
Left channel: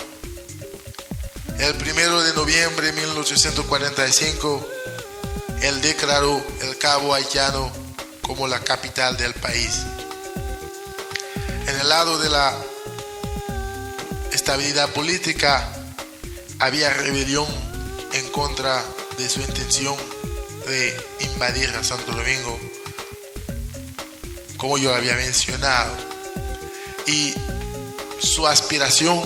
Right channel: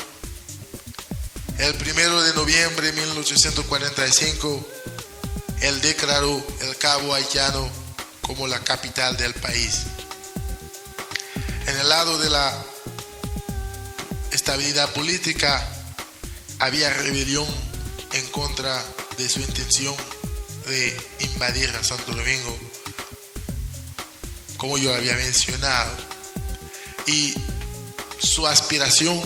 el 1 de noviembre de 1845, él declaró el Cabo Haitiano como la capital del país. En el lado de la estabilidad política, había rebelión en contra de su intención de invadir a Santo Domingo, como yo había mencionado. Y su aspiración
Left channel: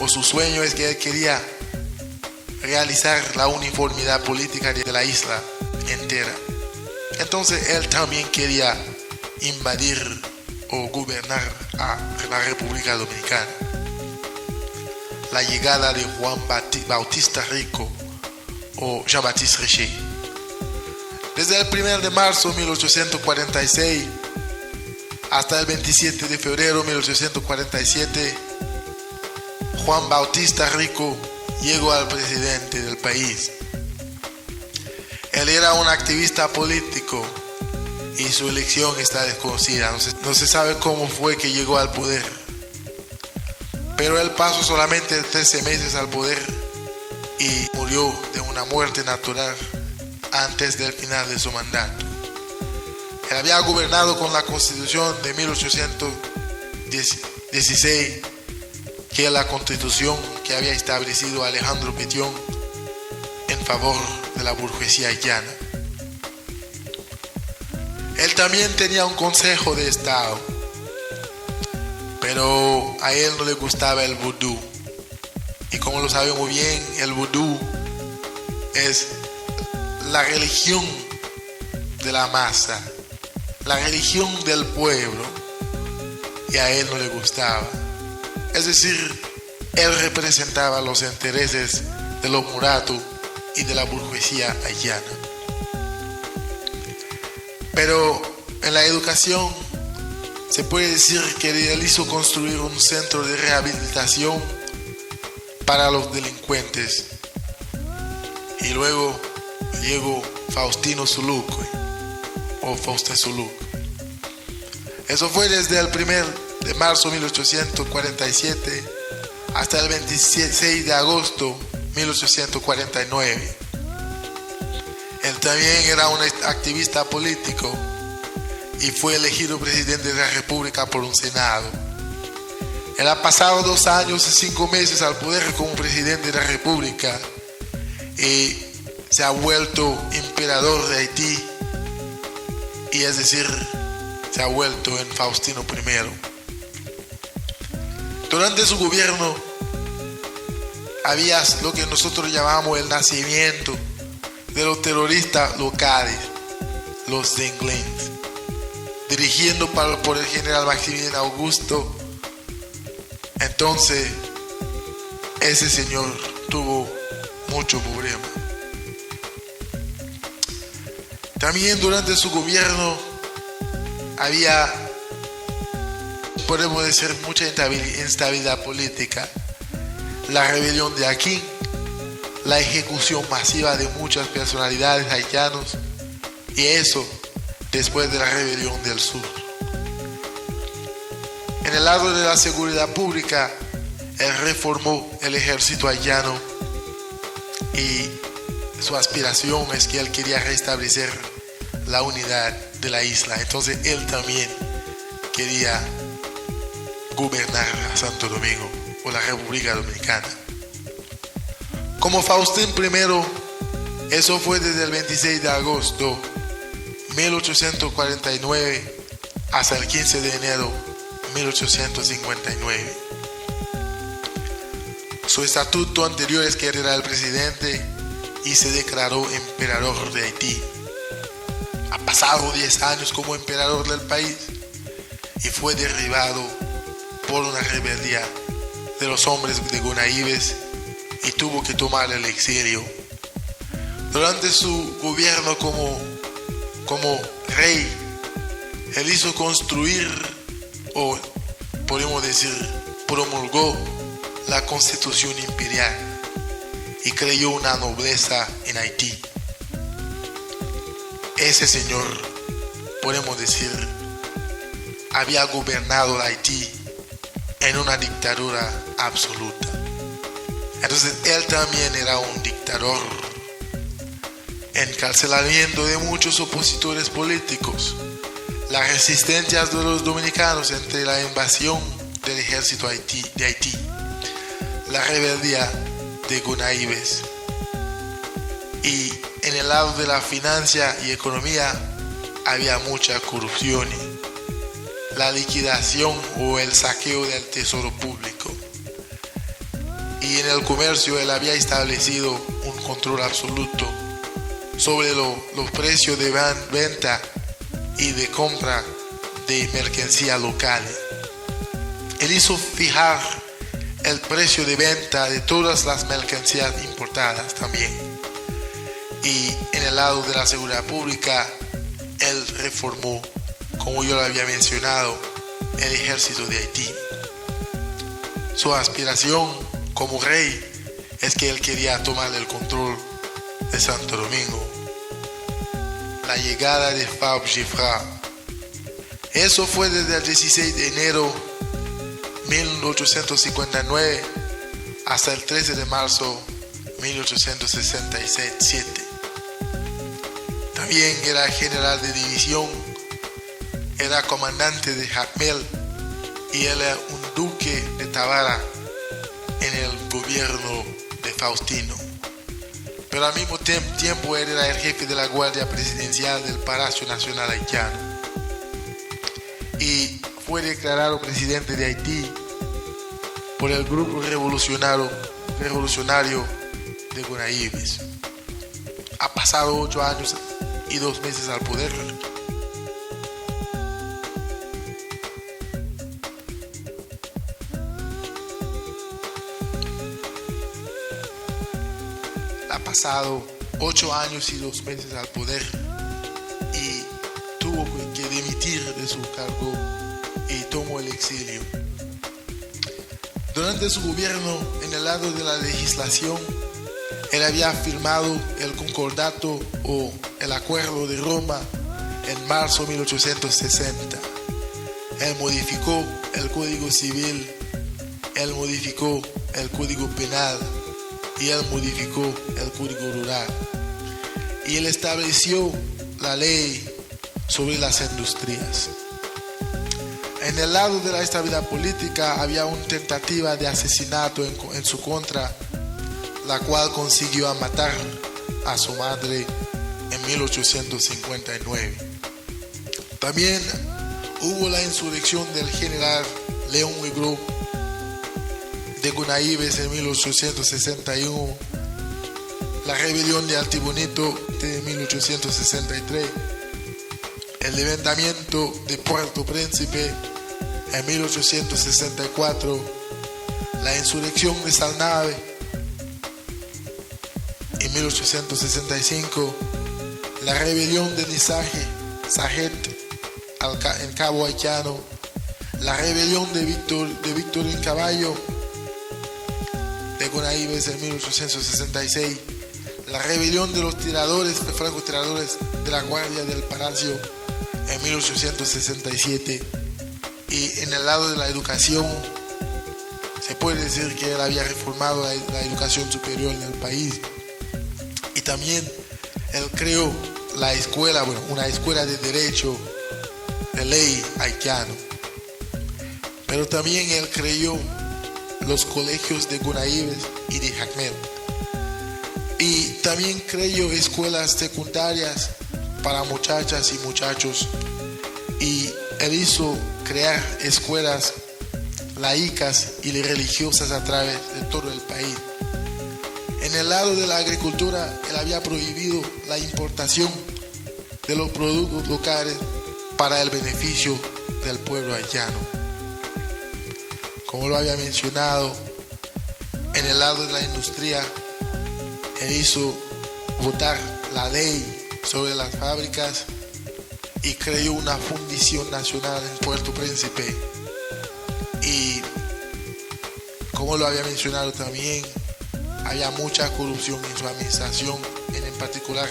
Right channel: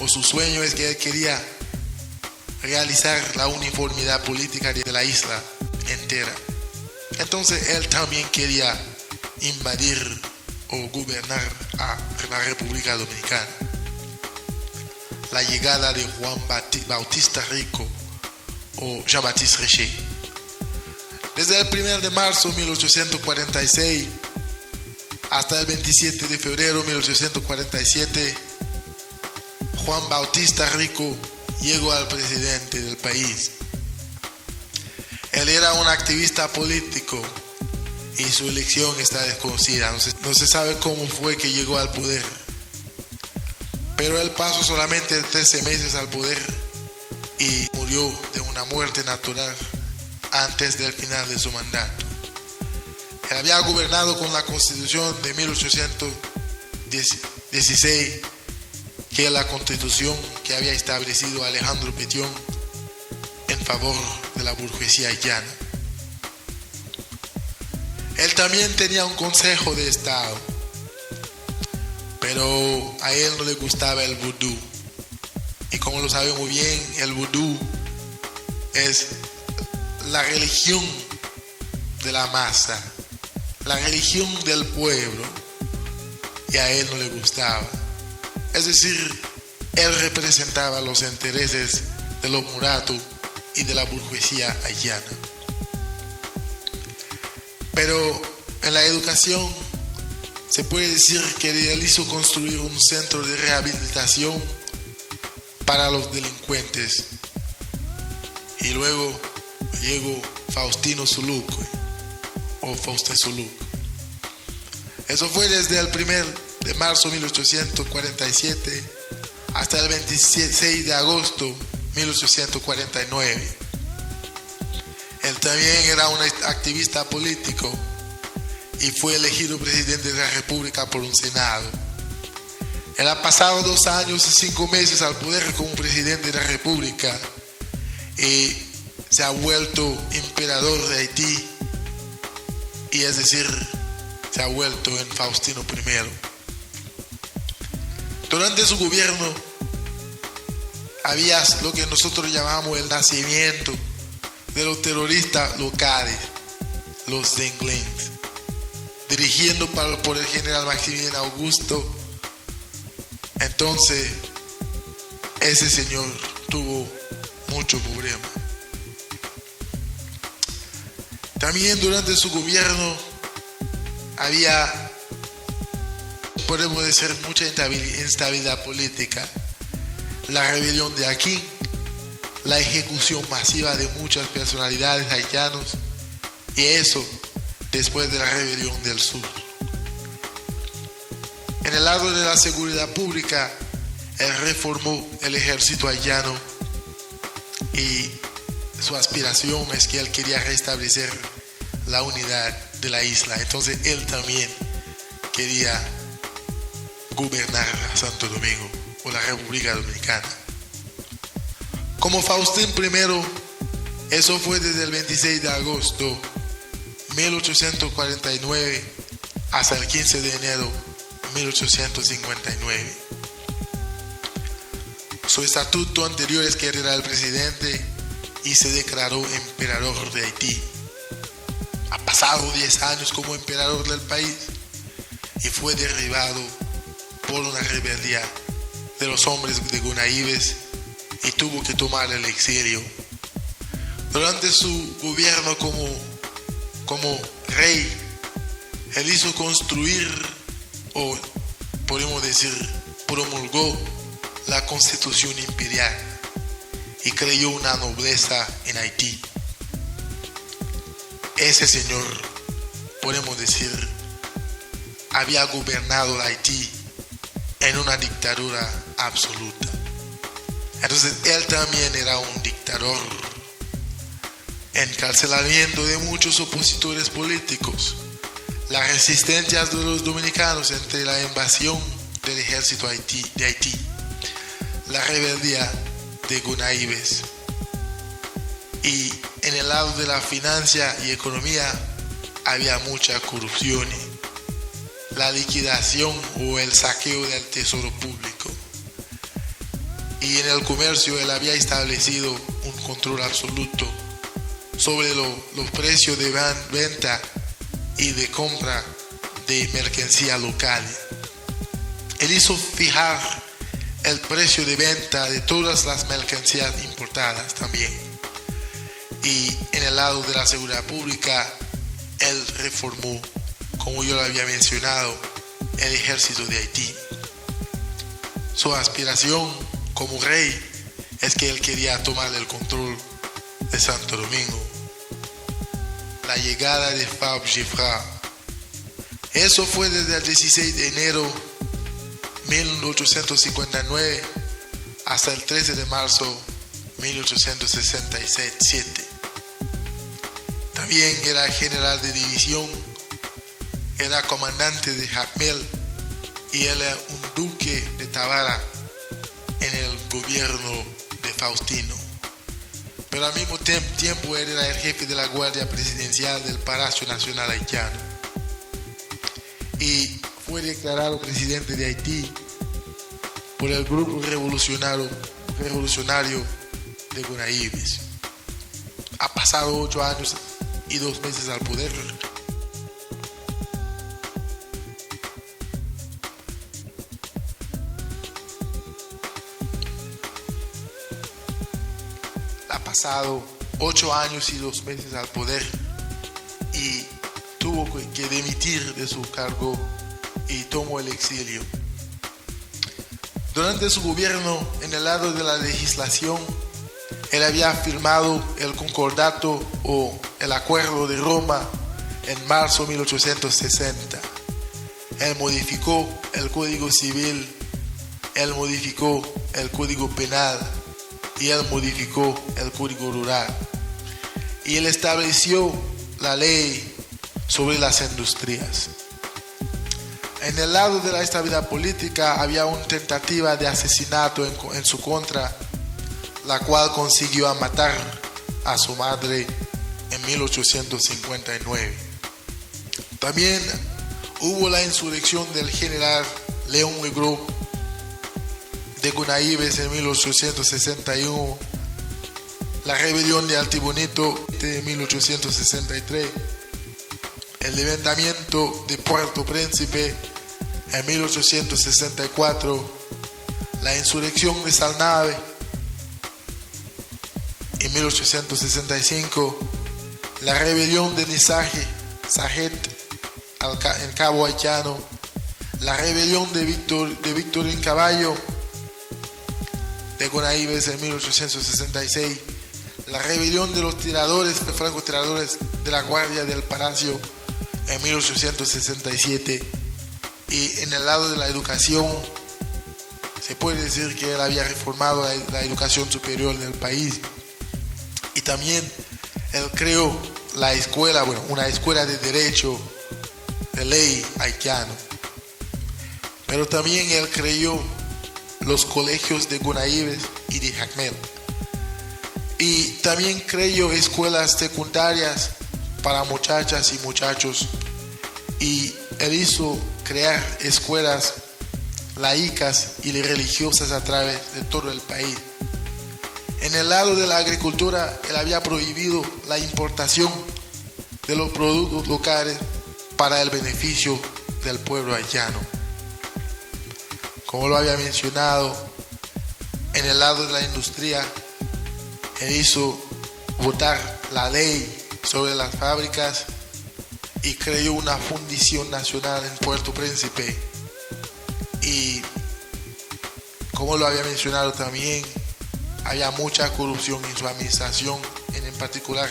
o su sueño es que él quería realizar la uniformidad política de la isla entera. Entonces él también quería invadir o gobernar a la República Dominicana. La llegada de Juan Bautista Rico o Jean-Baptiste Richer. Desde el 1 de marzo de 1846 hasta el 27 de febrero de 1847, Juan Bautista Rico llegó al presidente del país. Él era un activista político y su elección está desconocida. No se sabe cómo fue que llegó al poder. Pero él pasó solamente 13 meses al poder y murió de una muerte natural antes del final de su mandato. Él había gobernado con la Constitución de 1816, que es la Constitución que había establecido Alejandro Pétion en favor de la burguesía haitiana. Él también tenía un Consejo de Estado, pero a él no le gustaba el vudú. Y como lo sabemos bien, el vudú es la religión de la masa, la religión del pueblo, y a él no le gustaba. Es decir, él representaba los intereses de los mulatos y de la burguesía haitiana. Pero en la educación se puede decir que él hizo construir un centro de rehabilitación para los delincuentes. Y luego llegó Faustino Suluk o Faustin Suluk. Eso fue desde el 1 de marzo de 1847 hasta el 26 de agosto de 1849. Él también era un activista político y fue elegido presidente de la República por un Senado. Él ha pasado 2 años y 5 meses al poder como presidente de la República y se ha vuelto emperador de Haití, y es decir, se ha vuelto en Faustino I. Durante su gobierno había lo que nosotros llamamos el nacimiento de los terroristas locales, los Zenglens, dirigiendo por el general Maximiliano Augusto. Entonces, ese señor tuvo mucho problema. También durante su gobierno había, podemos decir, mucha instabilidad política. La rebelión de Aquín, la ejecución masiva de muchas personalidades haitianas, y eso después de la rebelión del sur. En el lado de la seguridad pública, él reformó el ejército haitiano y su aspiración es que él quería restablecer la unidad de la isla. Entonces él también quería gobernar a Santo Domingo o la República Dominicana. Como Faustín I, eso fue desde el 26 de agosto de 1849 hasta el 15 de enero de 1859. Su estatuto anterior es que él era el presidente y se declaró emperador de Haití. Ha pasado 10 años como emperador del país y fue derribado por una rebeldía de los hombres de Gonaïves y tuvo que tomar el exilio. Durante su gobierno como rey, él hizo construir, o podemos decir, promulgó la Constitución Imperial y creó una nobleza en Haití. Ese señor, podemos decir, había gobernado Haití en una dictadura absoluta. Entonces él también era un dictador. Encarcelamiento de muchos opositores políticos, la resistencia de los dominicanos entre la invasión del ejército de Haití, la rebeldía de Gonaïves. Y en el lado de la financia y economía había mucha corrupción, la liquidación o el saqueo del tesoro público. Y en el comercio él había establecido un control absoluto sobre los precios de venta y de compra de mercancía local. Él hizo fijar el precio de venta de todas las mercancías importadas también. Y en el lado de la seguridad pública, él reformó, como yo lo había mencionado, el ejército de Haití. Su aspiración como rey es que él quería tomar el control de Santo Domingo. La llegada de Fab Gifra. Eso fue desde el 16 de enero de 1859 hasta el 13 de marzo de 1867. También era general de división, era comandante de Jacmel y él era un duque de Tábara en el gobierno de Faustino. Pero al mismo tiempo él era el jefe de la Guardia Presidencial del Palacio Nacional Haitiano y fue declarado presidente de Haití por el grupo revolucionario de Gonaïves. Ha pasado 8 años y 2 meses al poder. Ha pasado 8 años y 2 meses al poder y tuvo que dimitir de su cargo y tomó el exilio. Durante su gobierno, en el lado de la legislación, él había firmado el concordato o el acuerdo de Roma en marzo de 1860. Él modificó el Código Civil, él modificó el Código Penal y él modificó el Código Rural. y él estableció la ley sobre las industrias. En el lado de la estabilidad política había una tentativa de asesinato en su contra, la cual consiguió matar a su madre en 1859. También hubo la insurrección del general León Legros de Gunaíves en 1861, la rebelión de Altibonito de 1863, el levantamiento de Puerto Príncipe en 1864, la insurrección de Salnave en 1865, la rebelión de Sajet en Cabo Haitiano, la rebelión de Victorín Caballo de Gunaíves en 1866, la rebelión de los francotiradores de la Guardia del Palacio en 1867. Y en el lado de la educación, se puede decir que él había reformado la educación superior del país. Y también él creó la escuela, una escuela de derecho de ley haitiano. Pero también él creó los colegios de Gunaíves y de Jacmel. Y también creó escuelas secundarias para muchachas y muchachos. Y él hizo crear escuelas laicas y religiosas a través de todo el país. En el lado de la agricultura, él había prohibido la importación de los productos locales para el beneficio del pueblo haitiano. Como lo había mencionado, en el lado de la industria, él hizo votar la ley sobre las fábricas y creó una fundición nacional en Puerto Príncipe. Y como lo había mencionado también, había mucha corrupción en su administración, en particular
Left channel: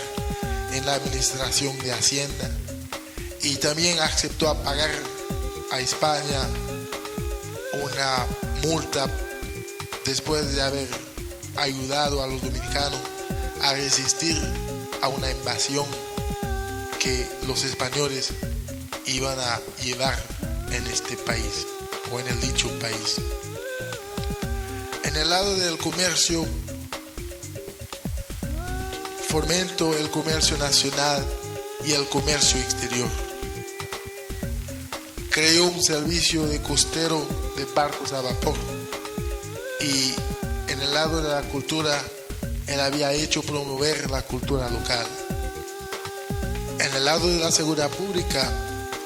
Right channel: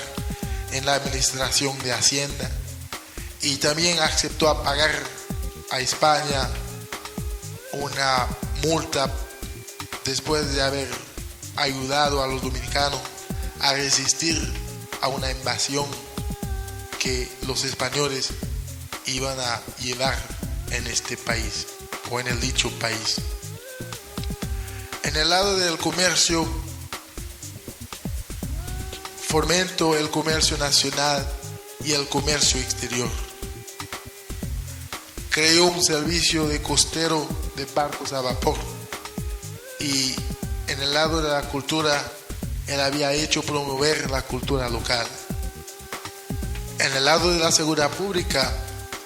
en la administración de Hacienda. Y también aceptó a pagar a España una multa después de haber ayudado a los dominicanos a resistir a una invasión que los españoles iban a llevar en este país o en el dicho país. En el lado del comercio, fomentó el comercio nacional y el comercio exterior. Creó un servicio de costero de barcos a vapor. Y en el lado de la cultura, él había hecho promover la cultura local. En el lado de la seguridad pública,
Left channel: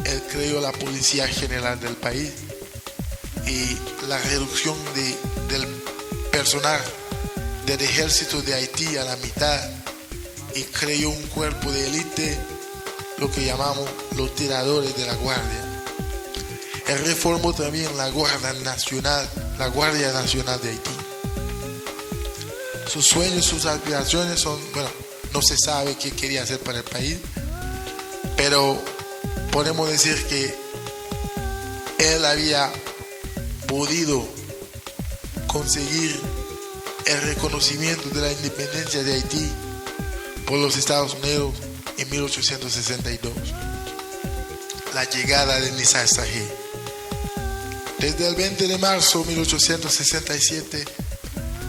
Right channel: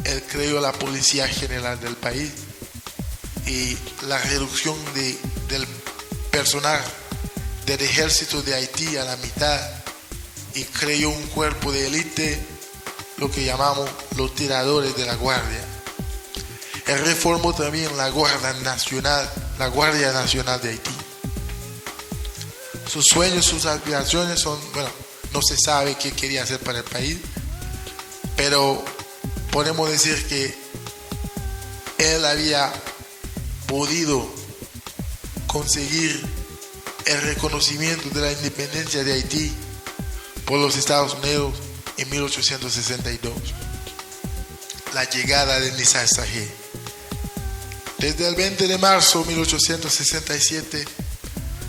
él creó la Policía General del país y la reducción del personal del ejército de Haití a la mitad, y creó un cuerpo de élite, lo que llamamos los tiradores de la guardia. Él reformó también la Guardia Nacional de Haití. Sus sueños, sus aspiraciones son, no se sabe qué quería hacer para el país, pero podemos decir que él había podido conseguir el reconocimiento de la independencia de Haití por los Estados Unidos en 1862. La llegada de Nizar Sarraj. Desde el 20 de marzo de 1867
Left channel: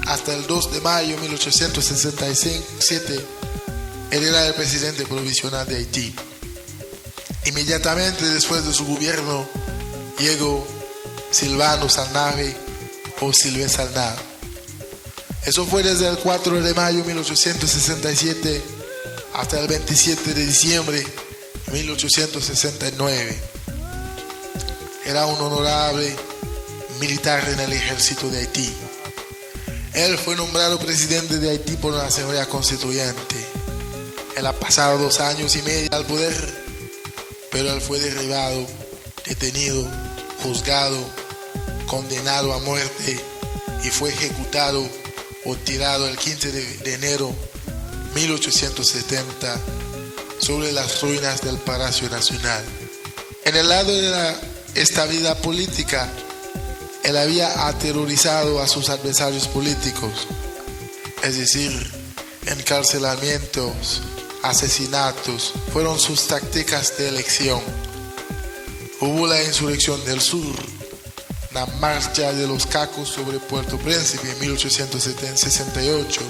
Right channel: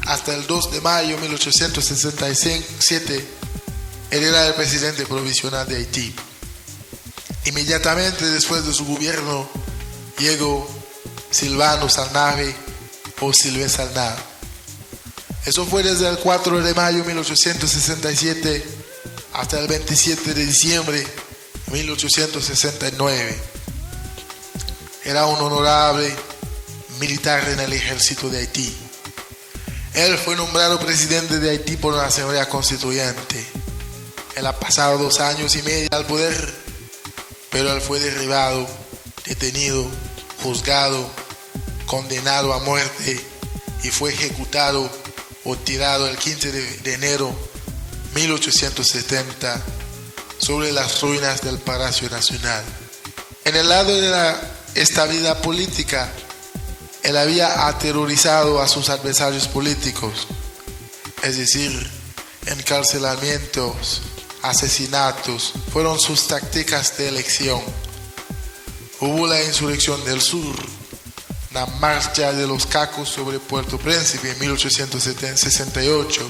hasta el 2 de mayo de 1867, él era el presidente provisional de Haití. Inmediatamente después de su gobierno llegó Silvano Salnave o Silvé Salnave. Eso fue desde el 4 de mayo de 1867 hasta el 27 de diciembre de 1869. Era un honorable militar en el ejército de Haití. Él fue nombrado presidente de Haití por una asamblea constituyente. Él ha pasado 2 años y medio al poder, pero él fue derribado, detenido, juzgado, condenado a muerte y fue ejecutado o tirado el 15 de enero de 1870 sobre las ruinas del Palacio Nacional. En el lado de la estabilidad política, él había aterrorizado a sus adversarios políticos, es decir, encarcelamientos, asesinatos fueron sus tácticas de elección. Hubo la insurrección del sur, la marcha de los cacos sobre Puerto Príncipe en 1868,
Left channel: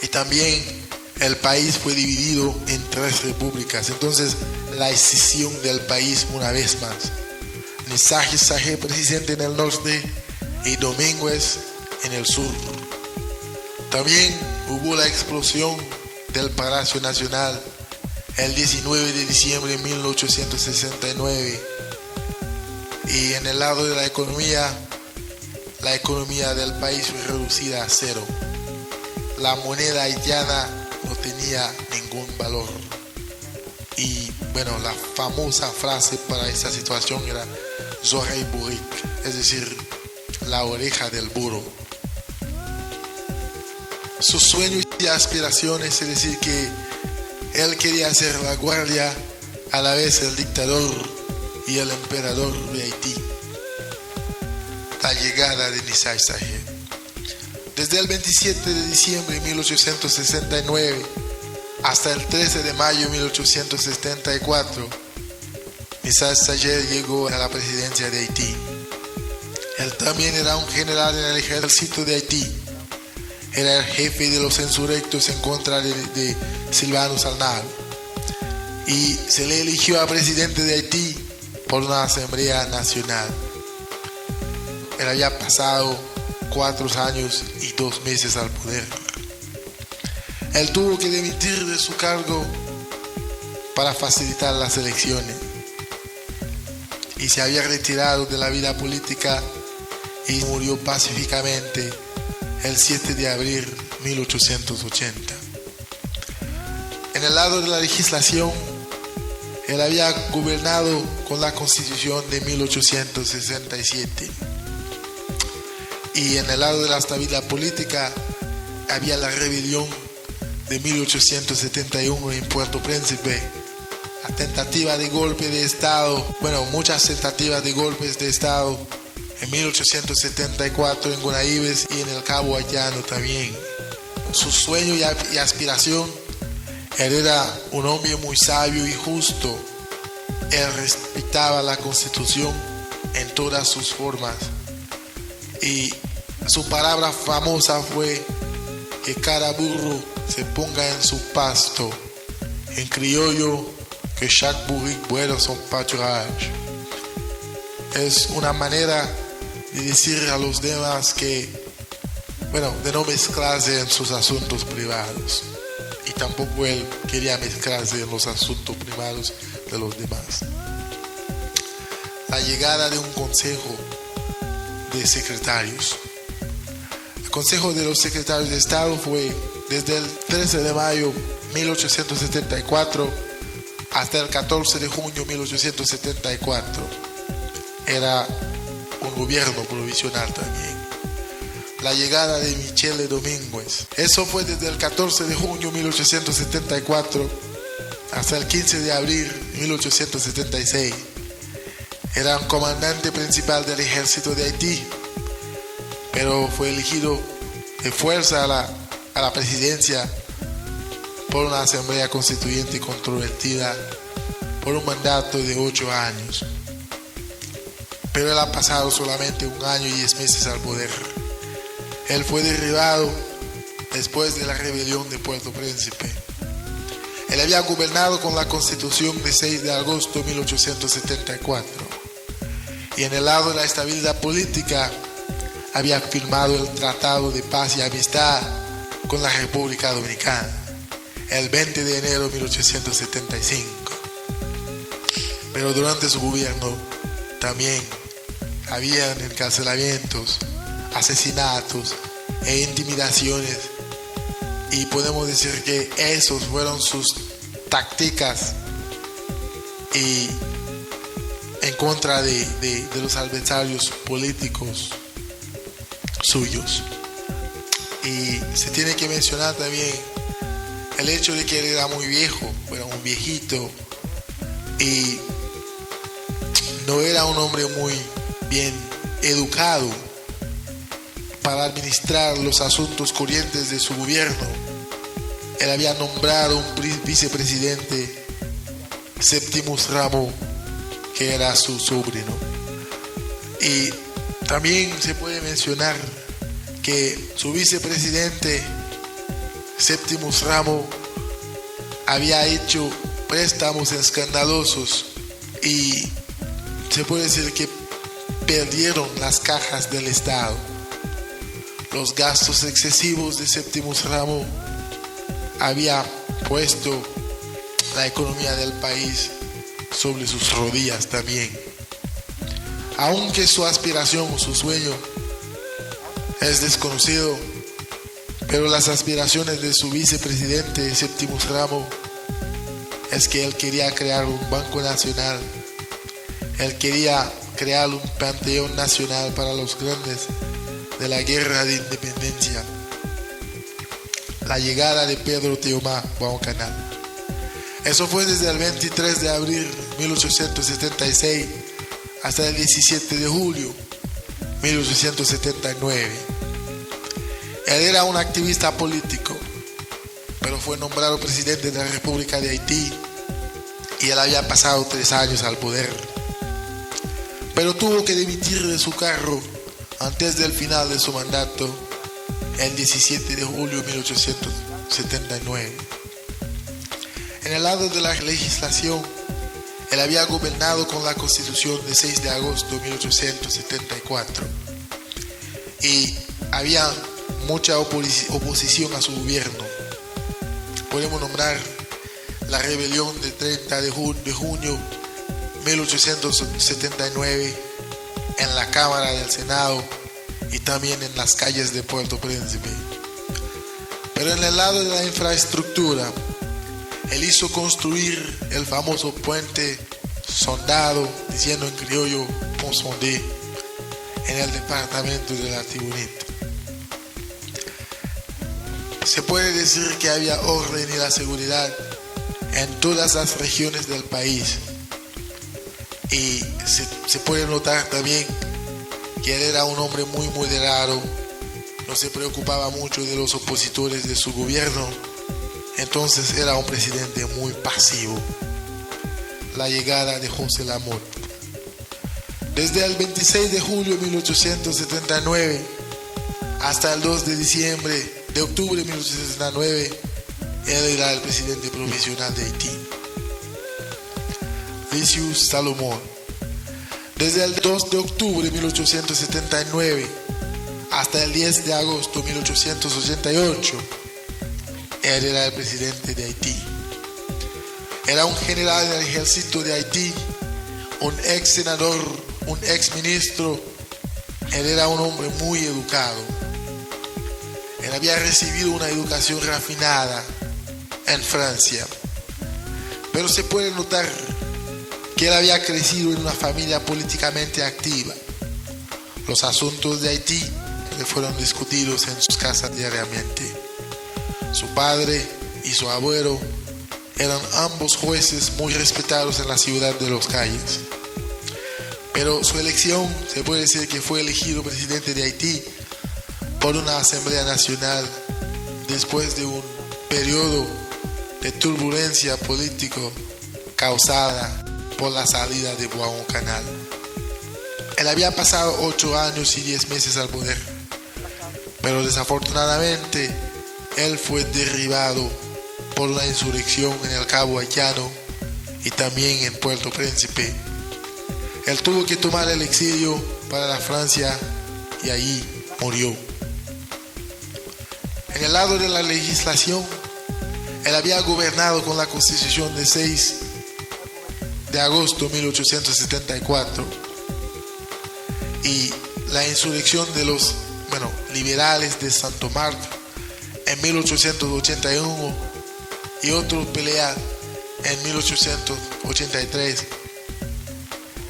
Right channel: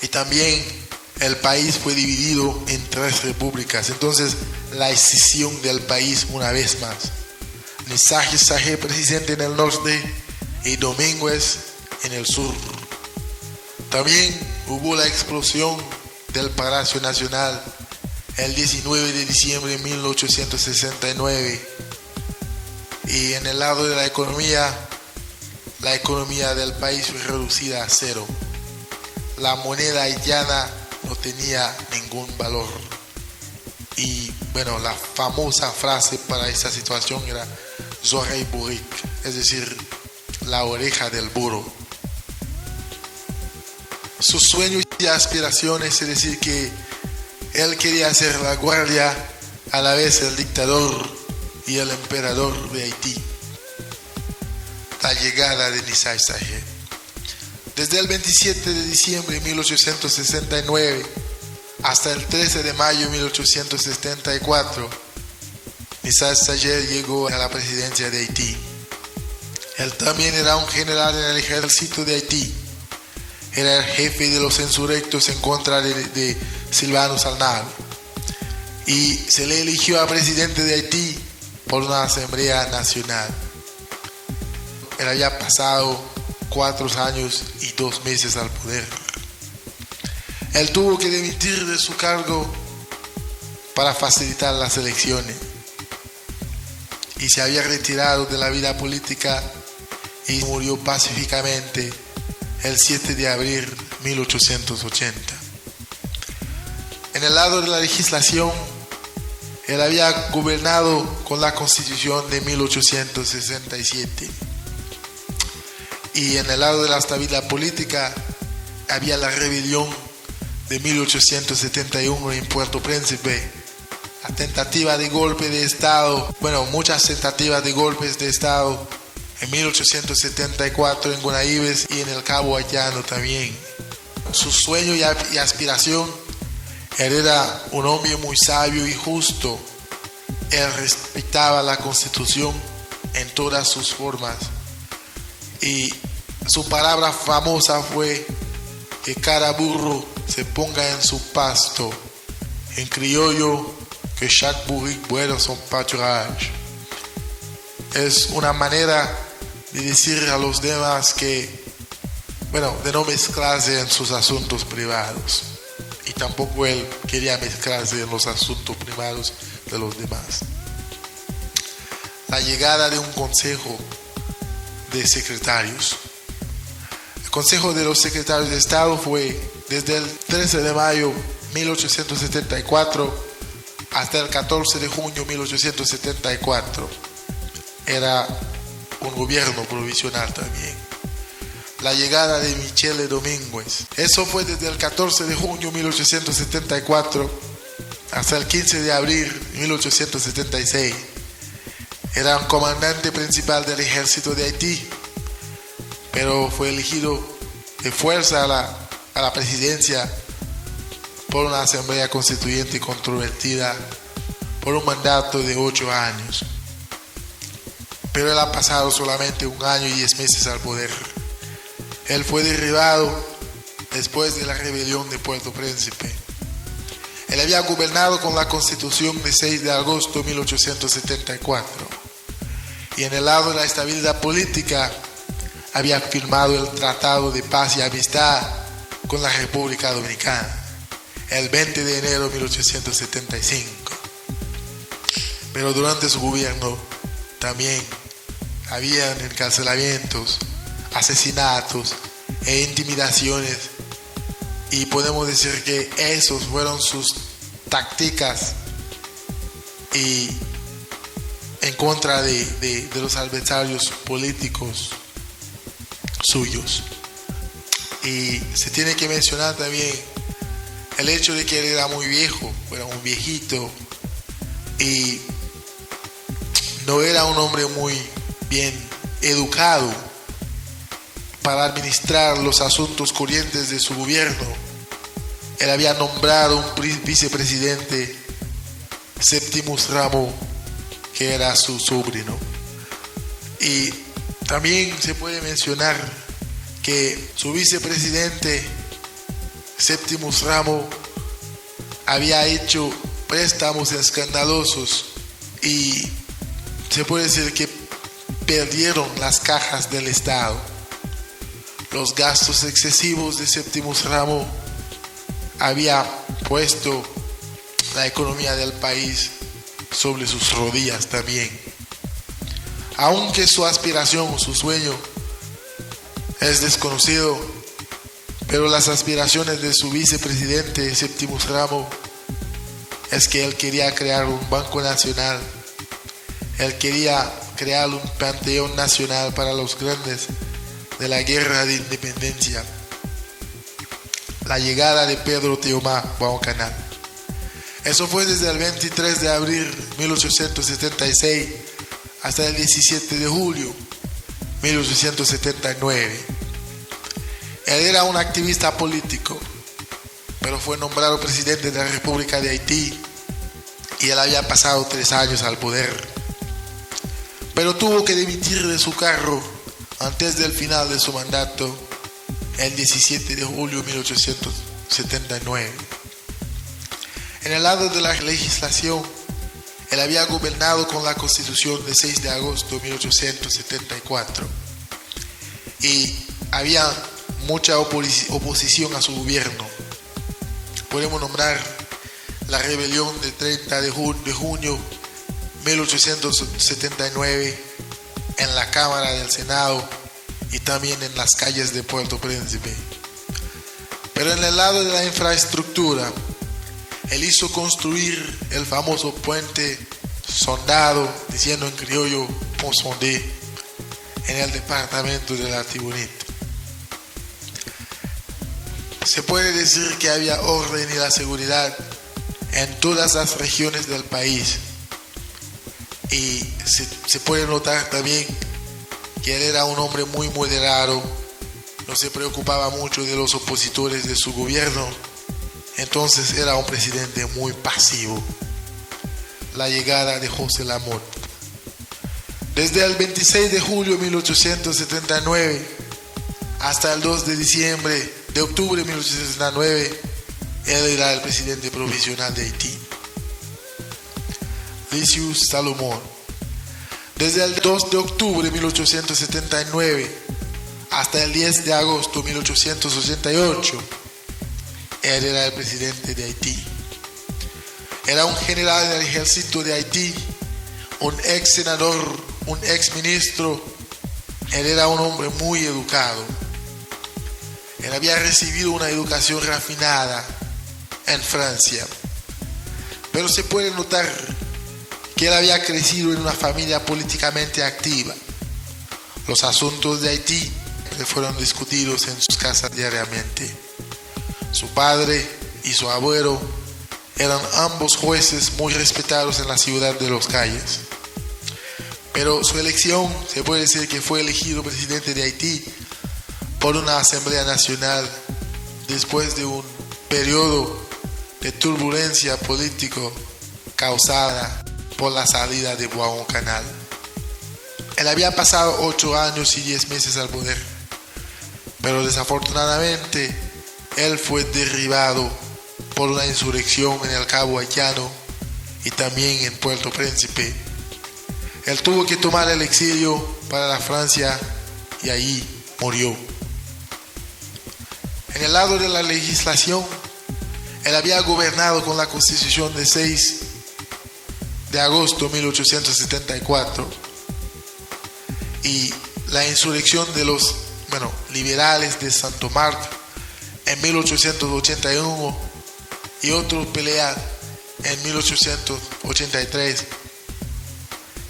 y también el país fue dividido en 3 repúblicas. Entonces, la escisión del país una vez más. Nisájer Sáenz presidente en el norte y Domínguez en el sur. También hubo la explosión del Palacio Nacional el 19 de diciembre de 1869. Y en el lado de la economía del país fue reducida a 0. La moneda haitiana no tenía ningún valor. Y bueno, la famosa frase para esta situación era Zorey Burik, es decir, la oreja del burro. Sus sueños y aspiraciones, es decir, que él quería ser la guardia, a la vez el dictador y el emperador de Haití. La llegada de Nisájer Sáenz. Desde el 27 de diciembre de 1869 hasta el 13 de mayo de 1874, Nisájer Sáenz llegó a la presidencia de Haití. Él también era un general en el ejército de Haití. Era el jefe de los insurrectos en contra de Sylvanus Arnal. Y se le eligió a presidente de Haití por una asamblea nacional. Él había pasado 4 años y 2 meses al poder. Él tuvo que dimitir de su cargo para facilitar las elecciones. Y se había retirado de la vida política y murió pacíficamente el 7 de abril de 1880. En el lado de la legislación, él había gobernado con la Constitución de 1867. Y en el lado de la estabilidad política, había la rebelión de 1871 en Puerto Príncipe, la tentativa de golpe de Estado, muchas tentativas de golpes de Estado, en 1874 en Gonaïves y en el Cabo Haitiano también. Su sueño y aspiración, él era un hombre muy sabio y justo. Él respetaba la Constitución en todas sus formas. Y su palabra famosa fue que cada burro se ponga en su pasto. En criollo, que chaque bourrique bueno son pâturage. Es una manera de decir a los demás que, de no mezclarse en sus asuntos privados. Y tampoco él quería mezclarse en los asuntos privados de los demás. La llegada de un consejo de secretarios. El Consejo de los Secretarios de Estado fue desde el 13 de mayo de 1874 hasta el 14 de junio de 1874. Era un gobierno provisional también. La llegada de Michele Domínguez. Eso fue desde el 14 de junio de 1874 hasta el 15 de abril de 1876. Era un comandante principal del ejército de Haití, pero fue elegido de fuerza a la presidencia por una asamblea constituyente controvertida por un mandato de 8 años. Pero él ha pasado solamente 1 año y 10 meses al poder. Él fue derribado después de la rebelión de Puerto Príncipe. Él había gobernado con la Constitución de 6 de agosto de 1874. Y en el lado de la estabilidad política, había firmado el Tratado de Paz y Amistad con la República Dominicana el 20 de enero de 1875. Pero durante su gobierno también habían encarcelamientos, asesinatos e intimidaciones, y podemos decir que esos fueron sus tácticas y en contra de los adversarios políticos suyos. Y se tiene que mencionar también el hecho de que él era muy viejo, era un viejito, y no era un hombre muy bien educado para administrar los asuntos corrientes de su gobierno. él había nombrado un vicepresidente, Septimus Rameau, que era su sobrino. Y también se puede mencionar que su vicepresidente, Septimus Rameau, había hecho préstamos escandalosos y se puede decir que perdieron las cajas del Estado. Los gastos excesivos de Septimus Rameau había puesto la economía del país sobre sus rodillas también. Aunque su aspiración, su sueño es desconocido, pero las aspiraciones de su vicepresidente Septimus Rameau es que él quería crear un banco nacional. Él quería crear un panteón nacional para los grandes de la guerra de independencia. La llegada de Pedro Teomar Guadalcanal. Eso fue desde el 23 de abril de 1876 hasta el 17 de julio de 1879. Él era un activista político, pero fue nombrado presidente de la República de Haití y él había pasado 3 años al poder. Pero tuvo que dimitir de su cargo antes del final de su mandato, el 17 de julio de 1879. En el lado de la legislación, él había gobernado con la Constitución del 6 de agosto de 1874 y había mucha oposición a su gobierno. Podemos nombrar la rebelión del 30 de junio de 1879 en la Cámara del Senado y también en las calles de Puerto Príncipe. Pero en el lado de la infraestructura, él hizo construir el famoso puente Soldado, diciendo en criollo Pont Sondé, en el departamento de la Tibonite. Se puede decir que había orden y la seguridad en todas las regiones del país. Y se puede notar también que él era un hombre muy moderado, no se preocupaba mucho de los opositores de su gobierno, entonces era un presidente muy pasivo. La llegada de José Lamothe. Desde el 26 de julio de 1879 hasta el 2 de octubre de 1879, él era el presidente provisional de Haití. Lucius Salomón. Desde el 2 de octubre de 1879 hasta el 10 de agosto de 1888, él era el presidente de Haití. Era un general del ejército de Haití, un ex senador, un ex ministro. Él era un hombre muy educado. Él había recibido una educación refinada en Francia, pero se puede notar que él había crecido en una familia políticamente activa. Los asuntos de Haití le fueron discutidos en sus casas diariamente. Su padre y su abuelo eran ambos jueces muy respetados en la ciudad de Los Cayes. Pero su elección, se puede decir que fue elegido presidente de Haití por una Asamblea Nacional después de un periodo de turbulencia político causada por la salida de Guadalcanal. Él había pasado 8 años y 10 meses al poder, pero desafortunadamente él fue derribado por una insurrección en el Cabo Haitiano y también en Puerto Príncipe. Él tuvo que tomar el exilio para la Francia y ahí murió. En el lado de la legislación, él había gobernado con la Constitución del 6 de agosto de 1874 y la insurrección de los liberales de Santo Marco en 1881 y otra pelea en 1883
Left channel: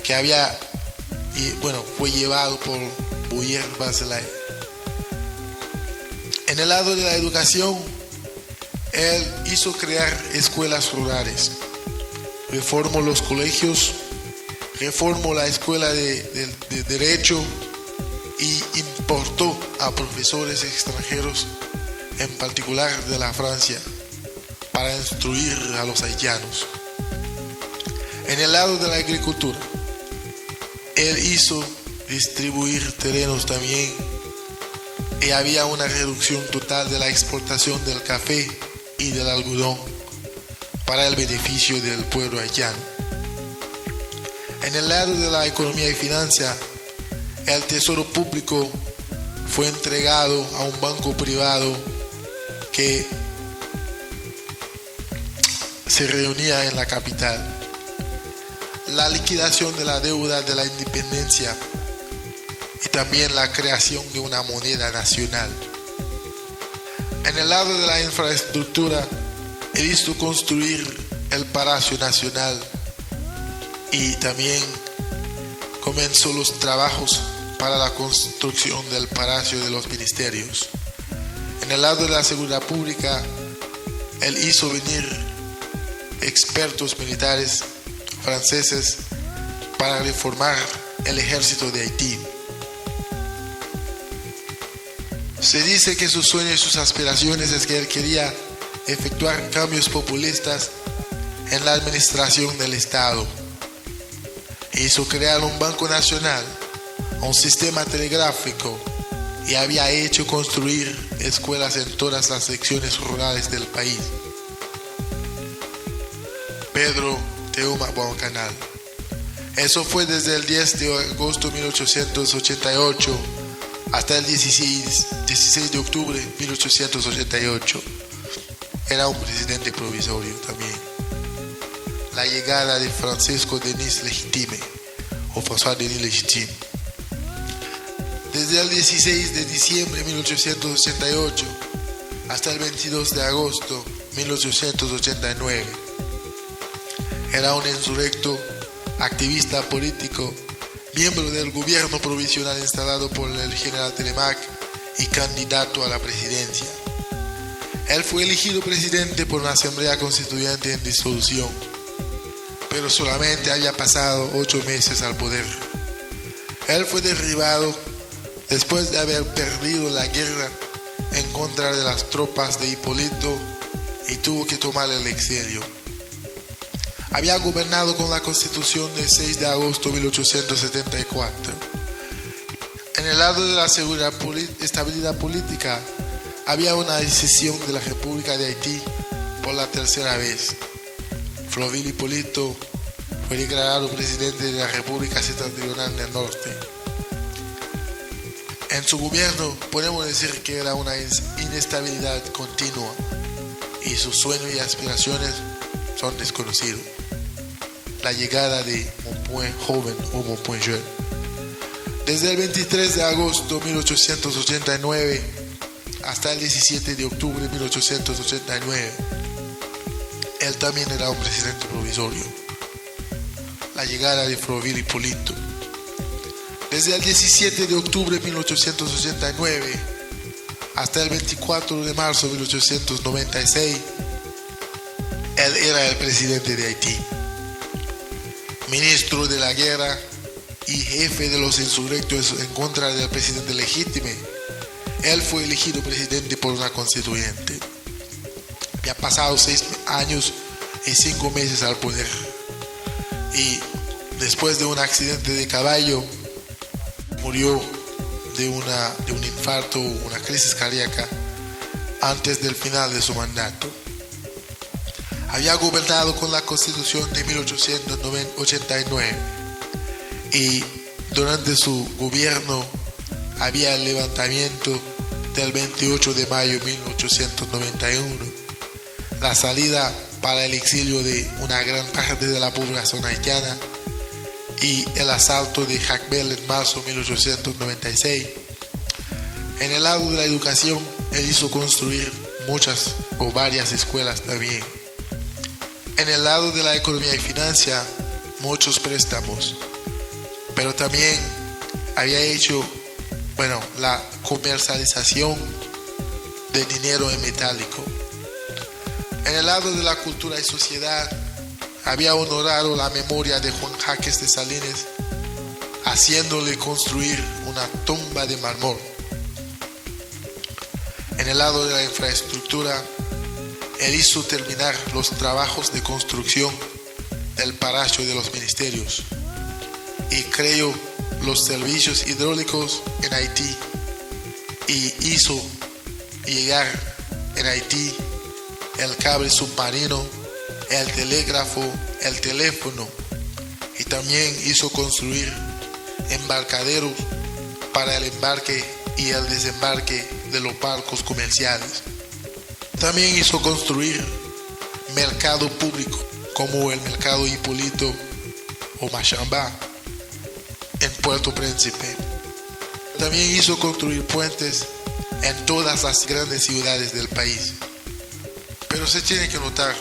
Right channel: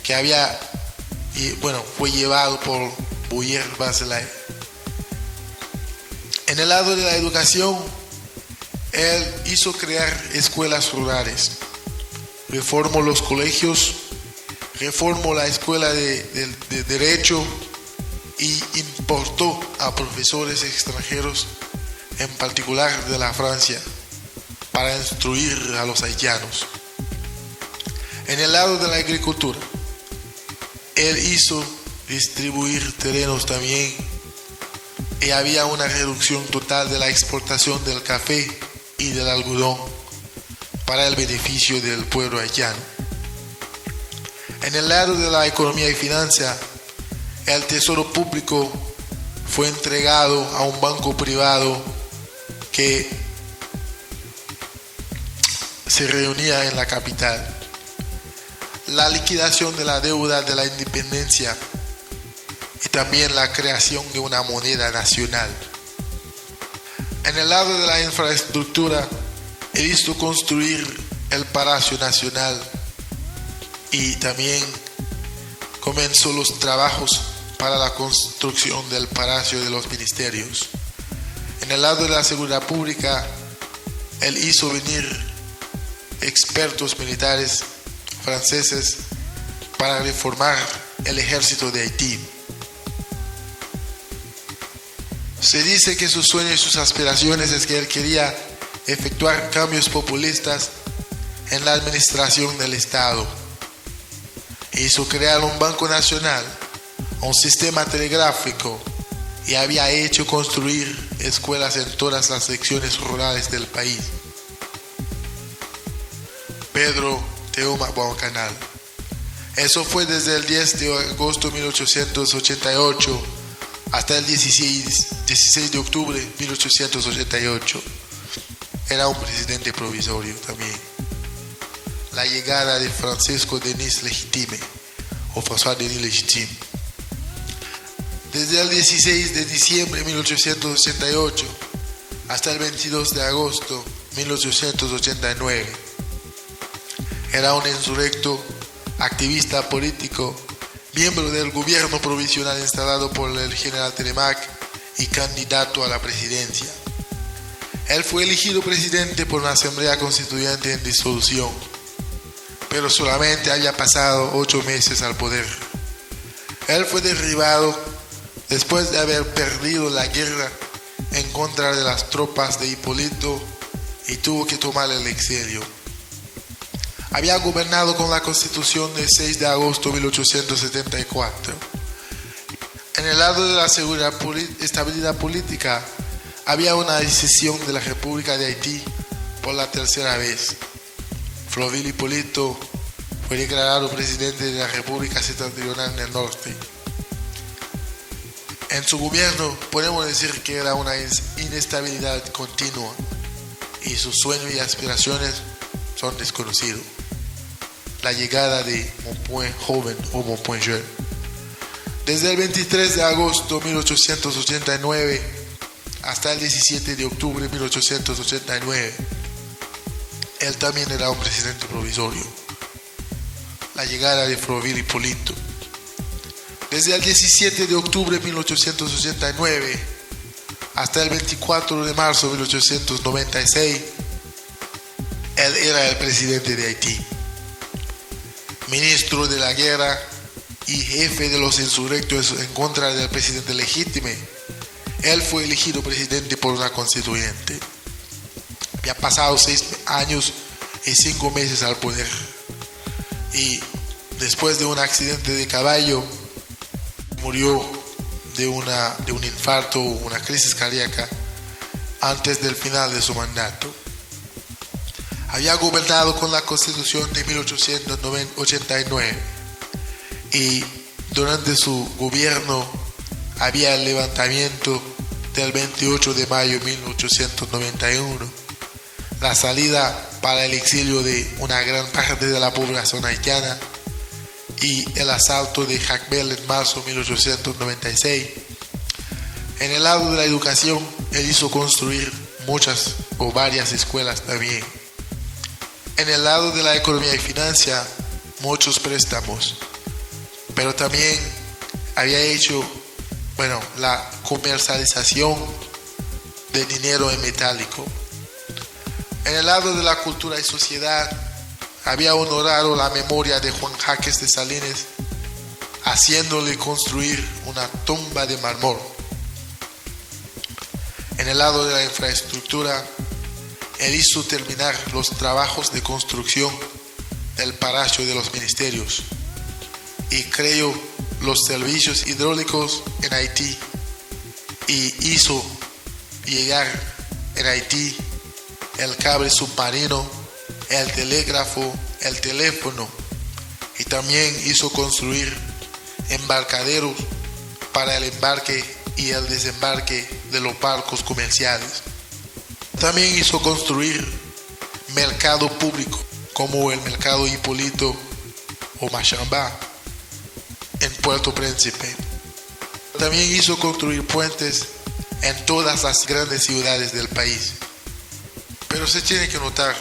que fue llevado por Boyer Baselay. En el lado de la educación, él hizo crear escuelas rurales, reformó los colegios, reformó la escuela de Derecho y importó a profesores extranjeros, en particular de la Francia. para instruir a los haitianos. En el lado de la agricultura, él hizo distribuir terrenos también y había una reducción total de la exportación del café y del algodón para el beneficio del pueblo haitiano. En el lado de la economía y finanzas, el tesoro público fue entregado a un banco privado que se reunía en la capital. La liquidación de la deuda de la independencia y también la creación de una moneda nacional. En el lado de la infraestructura, he visto construir el Palacio Nacional y también comenzó los trabajos para la construcción del Palacio de los Ministerios. En el lado de la seguridad pública, él hizo venir expertos militares franceses para reformar el ejército de Haití. Se dice que sus sueños y sus aspiraciones es que él quería efectuar cambios populistas en la administración del Estado. Hizo crear un banco nacional, un sistema telegráfico y había hecho construir escuelas en todas las secciones rurales del país. Pedro Teuma Boacanal. Eso fue desde el 10 de agosto de 1888 hasta el 16 de octubre de 1888. Era un presidente provisorio también. La llegada de Francisco Denis Legitime, o François Denis Legitime. Desde el 16 de diciembre de 1888 hasta el 22 de agosto de 1889. Era un insurrecto, activista político, miembro del gobierno provisional instalado por el general Telemac y candidato a la presidencia. Él fue elegido presidente por una asamblea constituyente en disolución, pero solamente había pasado 8 meses al poder. Él fue derribado después de haber perdido la guerra en contra de las tropas de Hipólito y tuvo que tomar el exilio. Había gobernado con la Constitución del 6 de agosto de 1874. En el lado de la estabilidad política, había una decisión de la República de Haití por la tercera vez. Florvil Hipólito fue declarado presidente de la República Septentrional del Norte. En su gobierno podemos decir que era una inestabilidad continua y sus sueños y aspiraciones son desconocidos. La llegada de Bonpoint joven o Bonpoint jeune. Desde el 23 de agosto de 1889 hasta el 17 de octubre de 1889, él también era un presidente provisorio. La llegada de Florvil Hipólito. Desde el 17 de octubre de 1889 hasta el 24 de marzo de 1896, él era el presidente de Haití, ministro de la guerra y jefe de los insurrectos en contra del presidente legítimo. Él fue elegido presidente por una constituyente. Ya pasado 6 años y 5 meses al poder. Y después de un accidente de caballo, murió de un infarto, una crisis cardíaca, antes del final de su mandato. Había gobernado con la Constitución de 1889 y durante su gobierno había el levantamiento del 28 de mayo de 1891, la salida para el exilio de una gran parte de la población haitiana y el asalto de Jacmel en marzo de 1896. En el lado de la educación, él hizo construir muchas o varias escuelas también. En el lado de la economía y finanzas, muchos préstamos, pero también había hecho, la comercialización de dinero en metálico. En el lado de la cultura y sociedad, había honorado la memoria de Juan Jaques de Salines, haciéndole construir una tumba de mármol. En el lado de la infraestructura, él hizo terminar los trabajos de construcción del Palacio de los Ministerios y creó los servicios hidráulicos en Haití y hizo llegar en Haití el cable submarino, el telégrafo, el teléfono, y también hizo construir embarcaderos para el embarque y el desembarque de los barcos comerciales. También hizo construir mercado público como el mercado Hipólito o Machambá en Puerto Príncipe. También hizo construir puentes en todas las grandes ciudades del país. Pero se tiene que notar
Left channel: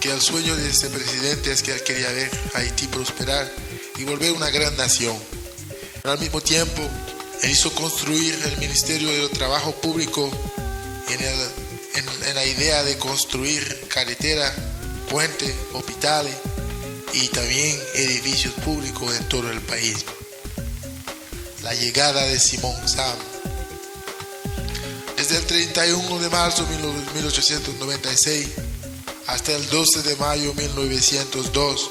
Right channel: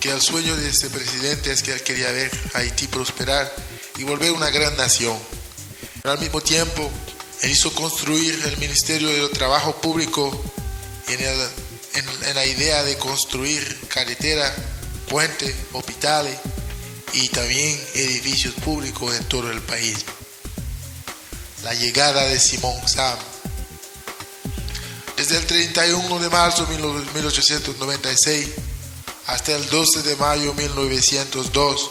que el sueño de este presidente es que él quería ver a Haití prosperar y volver una gran nación. Pero al mismo tiempo, él hizo construir el Ministerio de Trabajo Público en la idea de construir carretera, puentes, hospitales y también edificios públicos en todo el país. La llegada de Simón Sam. Desde el 31 de marzo de 1896 hasta el 12 de mayo de 1902,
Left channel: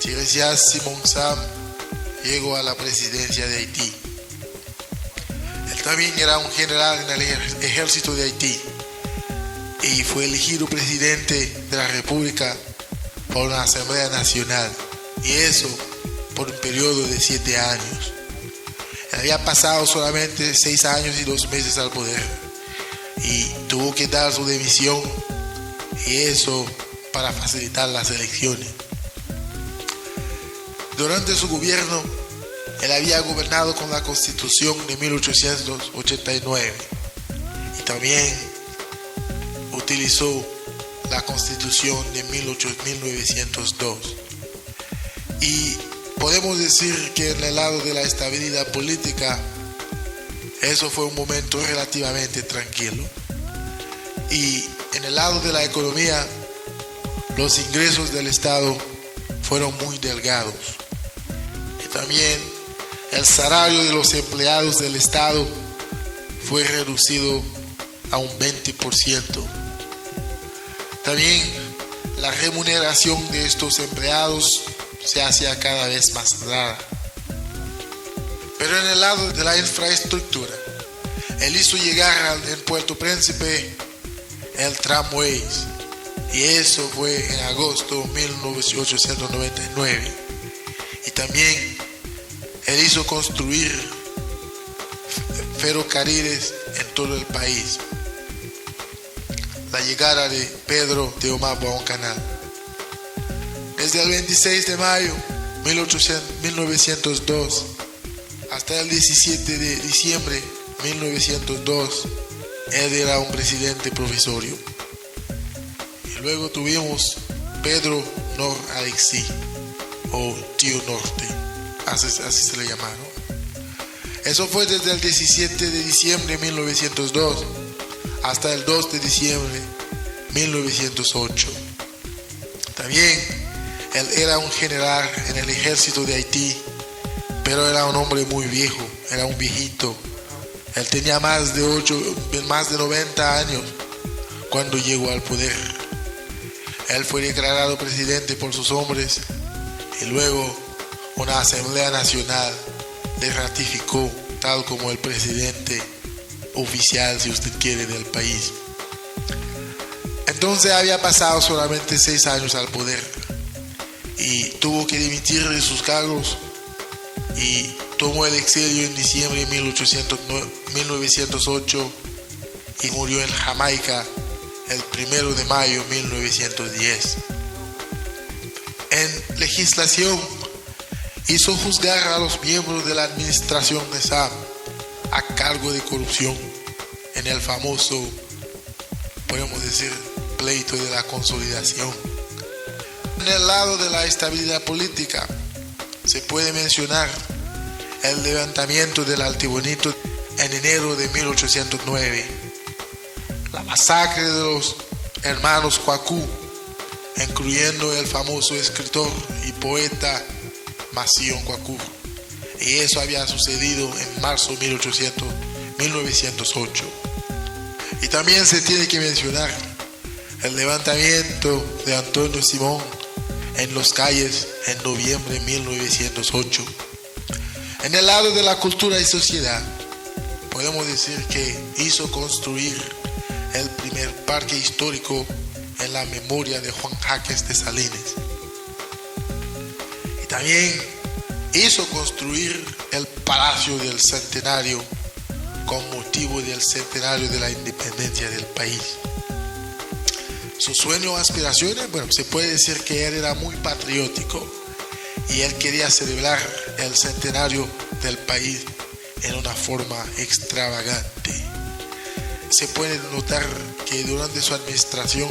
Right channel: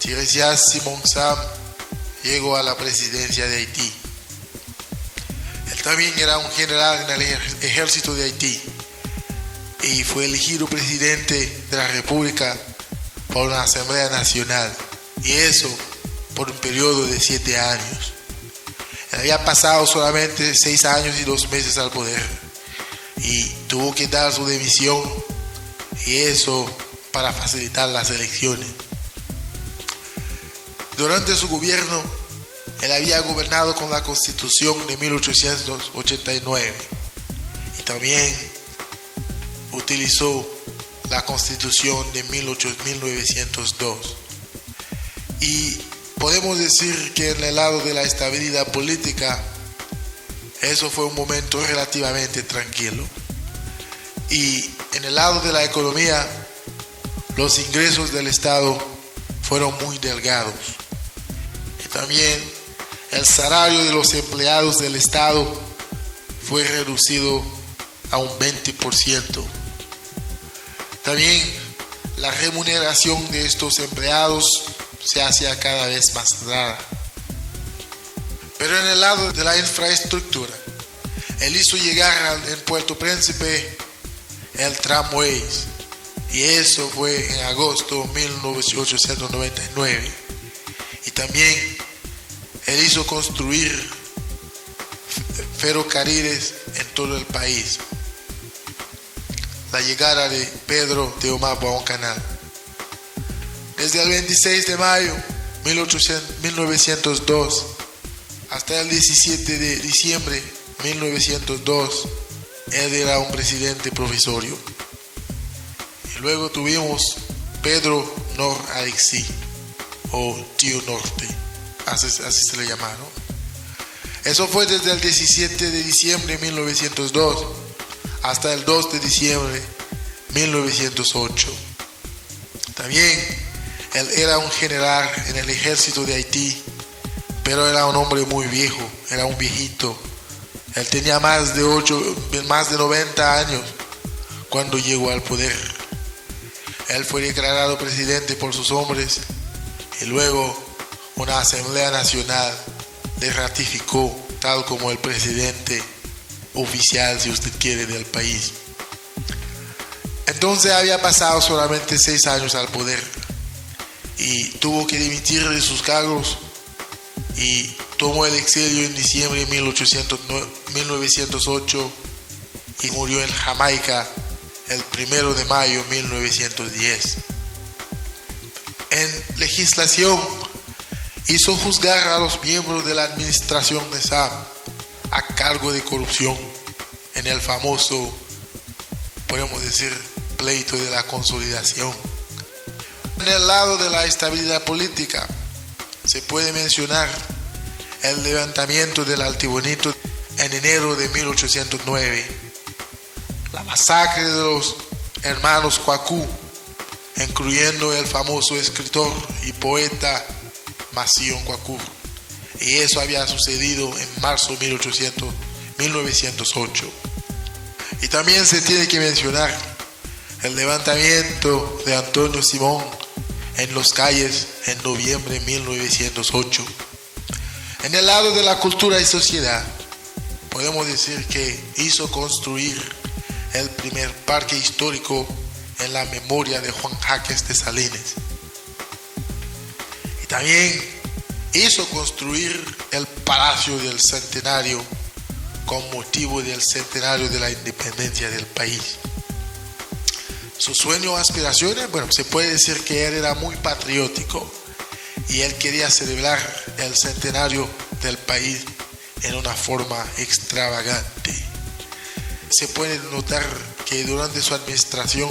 Tiresias Simón Sam llegó a la presidencia de Haití. Él también era un general en el ejército de Haití y fue elegido presidente de la República por una Asamblea Nacional, y eso por un periodo de 7 años. Él había pasado solamente 6 años y 2 meses al poder y tuvo que dar su dimisión, y eso para facilitar las elecciones. Durante su gobierno, él había gobernado con la Constitución de 1889 y también utilizó la Constitución de 1902. Y podemos decir que en el lado de la estabilidad política, eso fue un momento relativamente tranquilo. Y en el lado de la economía, los ingresos del Estado fueron muy delgados. Y también el salario de los empleados del Estado fue reducido a un 20%. También la remuneración de estos empleados se hacía cada vez más rara. Pero en el lado de la infraestructura, él hizo llegar en Puerto Príncipe el tramways, y eso fue en agosto de 1899. Y también él hizo construir ferrocarriles en todo el país. La llegada de Pedro de Omagua a un canal. Desde el 26 de mayo de 1902 hasta el 17 de diciembre de 1902, él era un presidente provisorio. Y luego tuvimos Pedro Nor Alexí, o Tío Norte, así se le llama, ¿no? Eso fue desde el 17 de diciembre de 1902 hasta el 2 de diciembre de 1908. También él era un general en el ejército de Haití, pero era un hombre muy viejo, era un viejito. Él tenía más de 90 años cuando llegó al poder. Él fue declarado presidente por sus hombres y luego una Asamblea Nacional le ratificó tal como el presidente oficial, si usted quiere, del país. Entonces había pasado solamente 6 años al poder y tuvo que dimitir de sus cargos y tomó el exilio en diciembre de 1908 y murió en Jamaica el 1 de mayo de 1910. En legislación, hizo juzgar a los miembros de la administración de Sam a cargo de corrupción en el famoso, podemos decir, pleito de la consolidación. En el lado de la estabilidad política, se puede mencionar el levantamiento del Altibonito en enero de 1809, la masacre de los hermanos Coacú, incluyendo el famoso escritor y poeta Macío Coacú, y eso había sucedido en marzo de 1908. Y también se tiene que mencionar el levantamiento de Antonio Simón en las calles en noviembre de 1908. En el lado de la cultura y sociedad, podemos decir que hizo construir el primer parque histórico en la memoria de Juan Jaques de Salinas. Y también hizo construir el Palacio del Centenario con motivo del centenario de la independencia del país. Sus sueños o aspiraciones, bueno, se puede decir que él era muy patriótico y él quería celebrar el centenario del país en una forma extravagante. Se puede notar que durante su administración,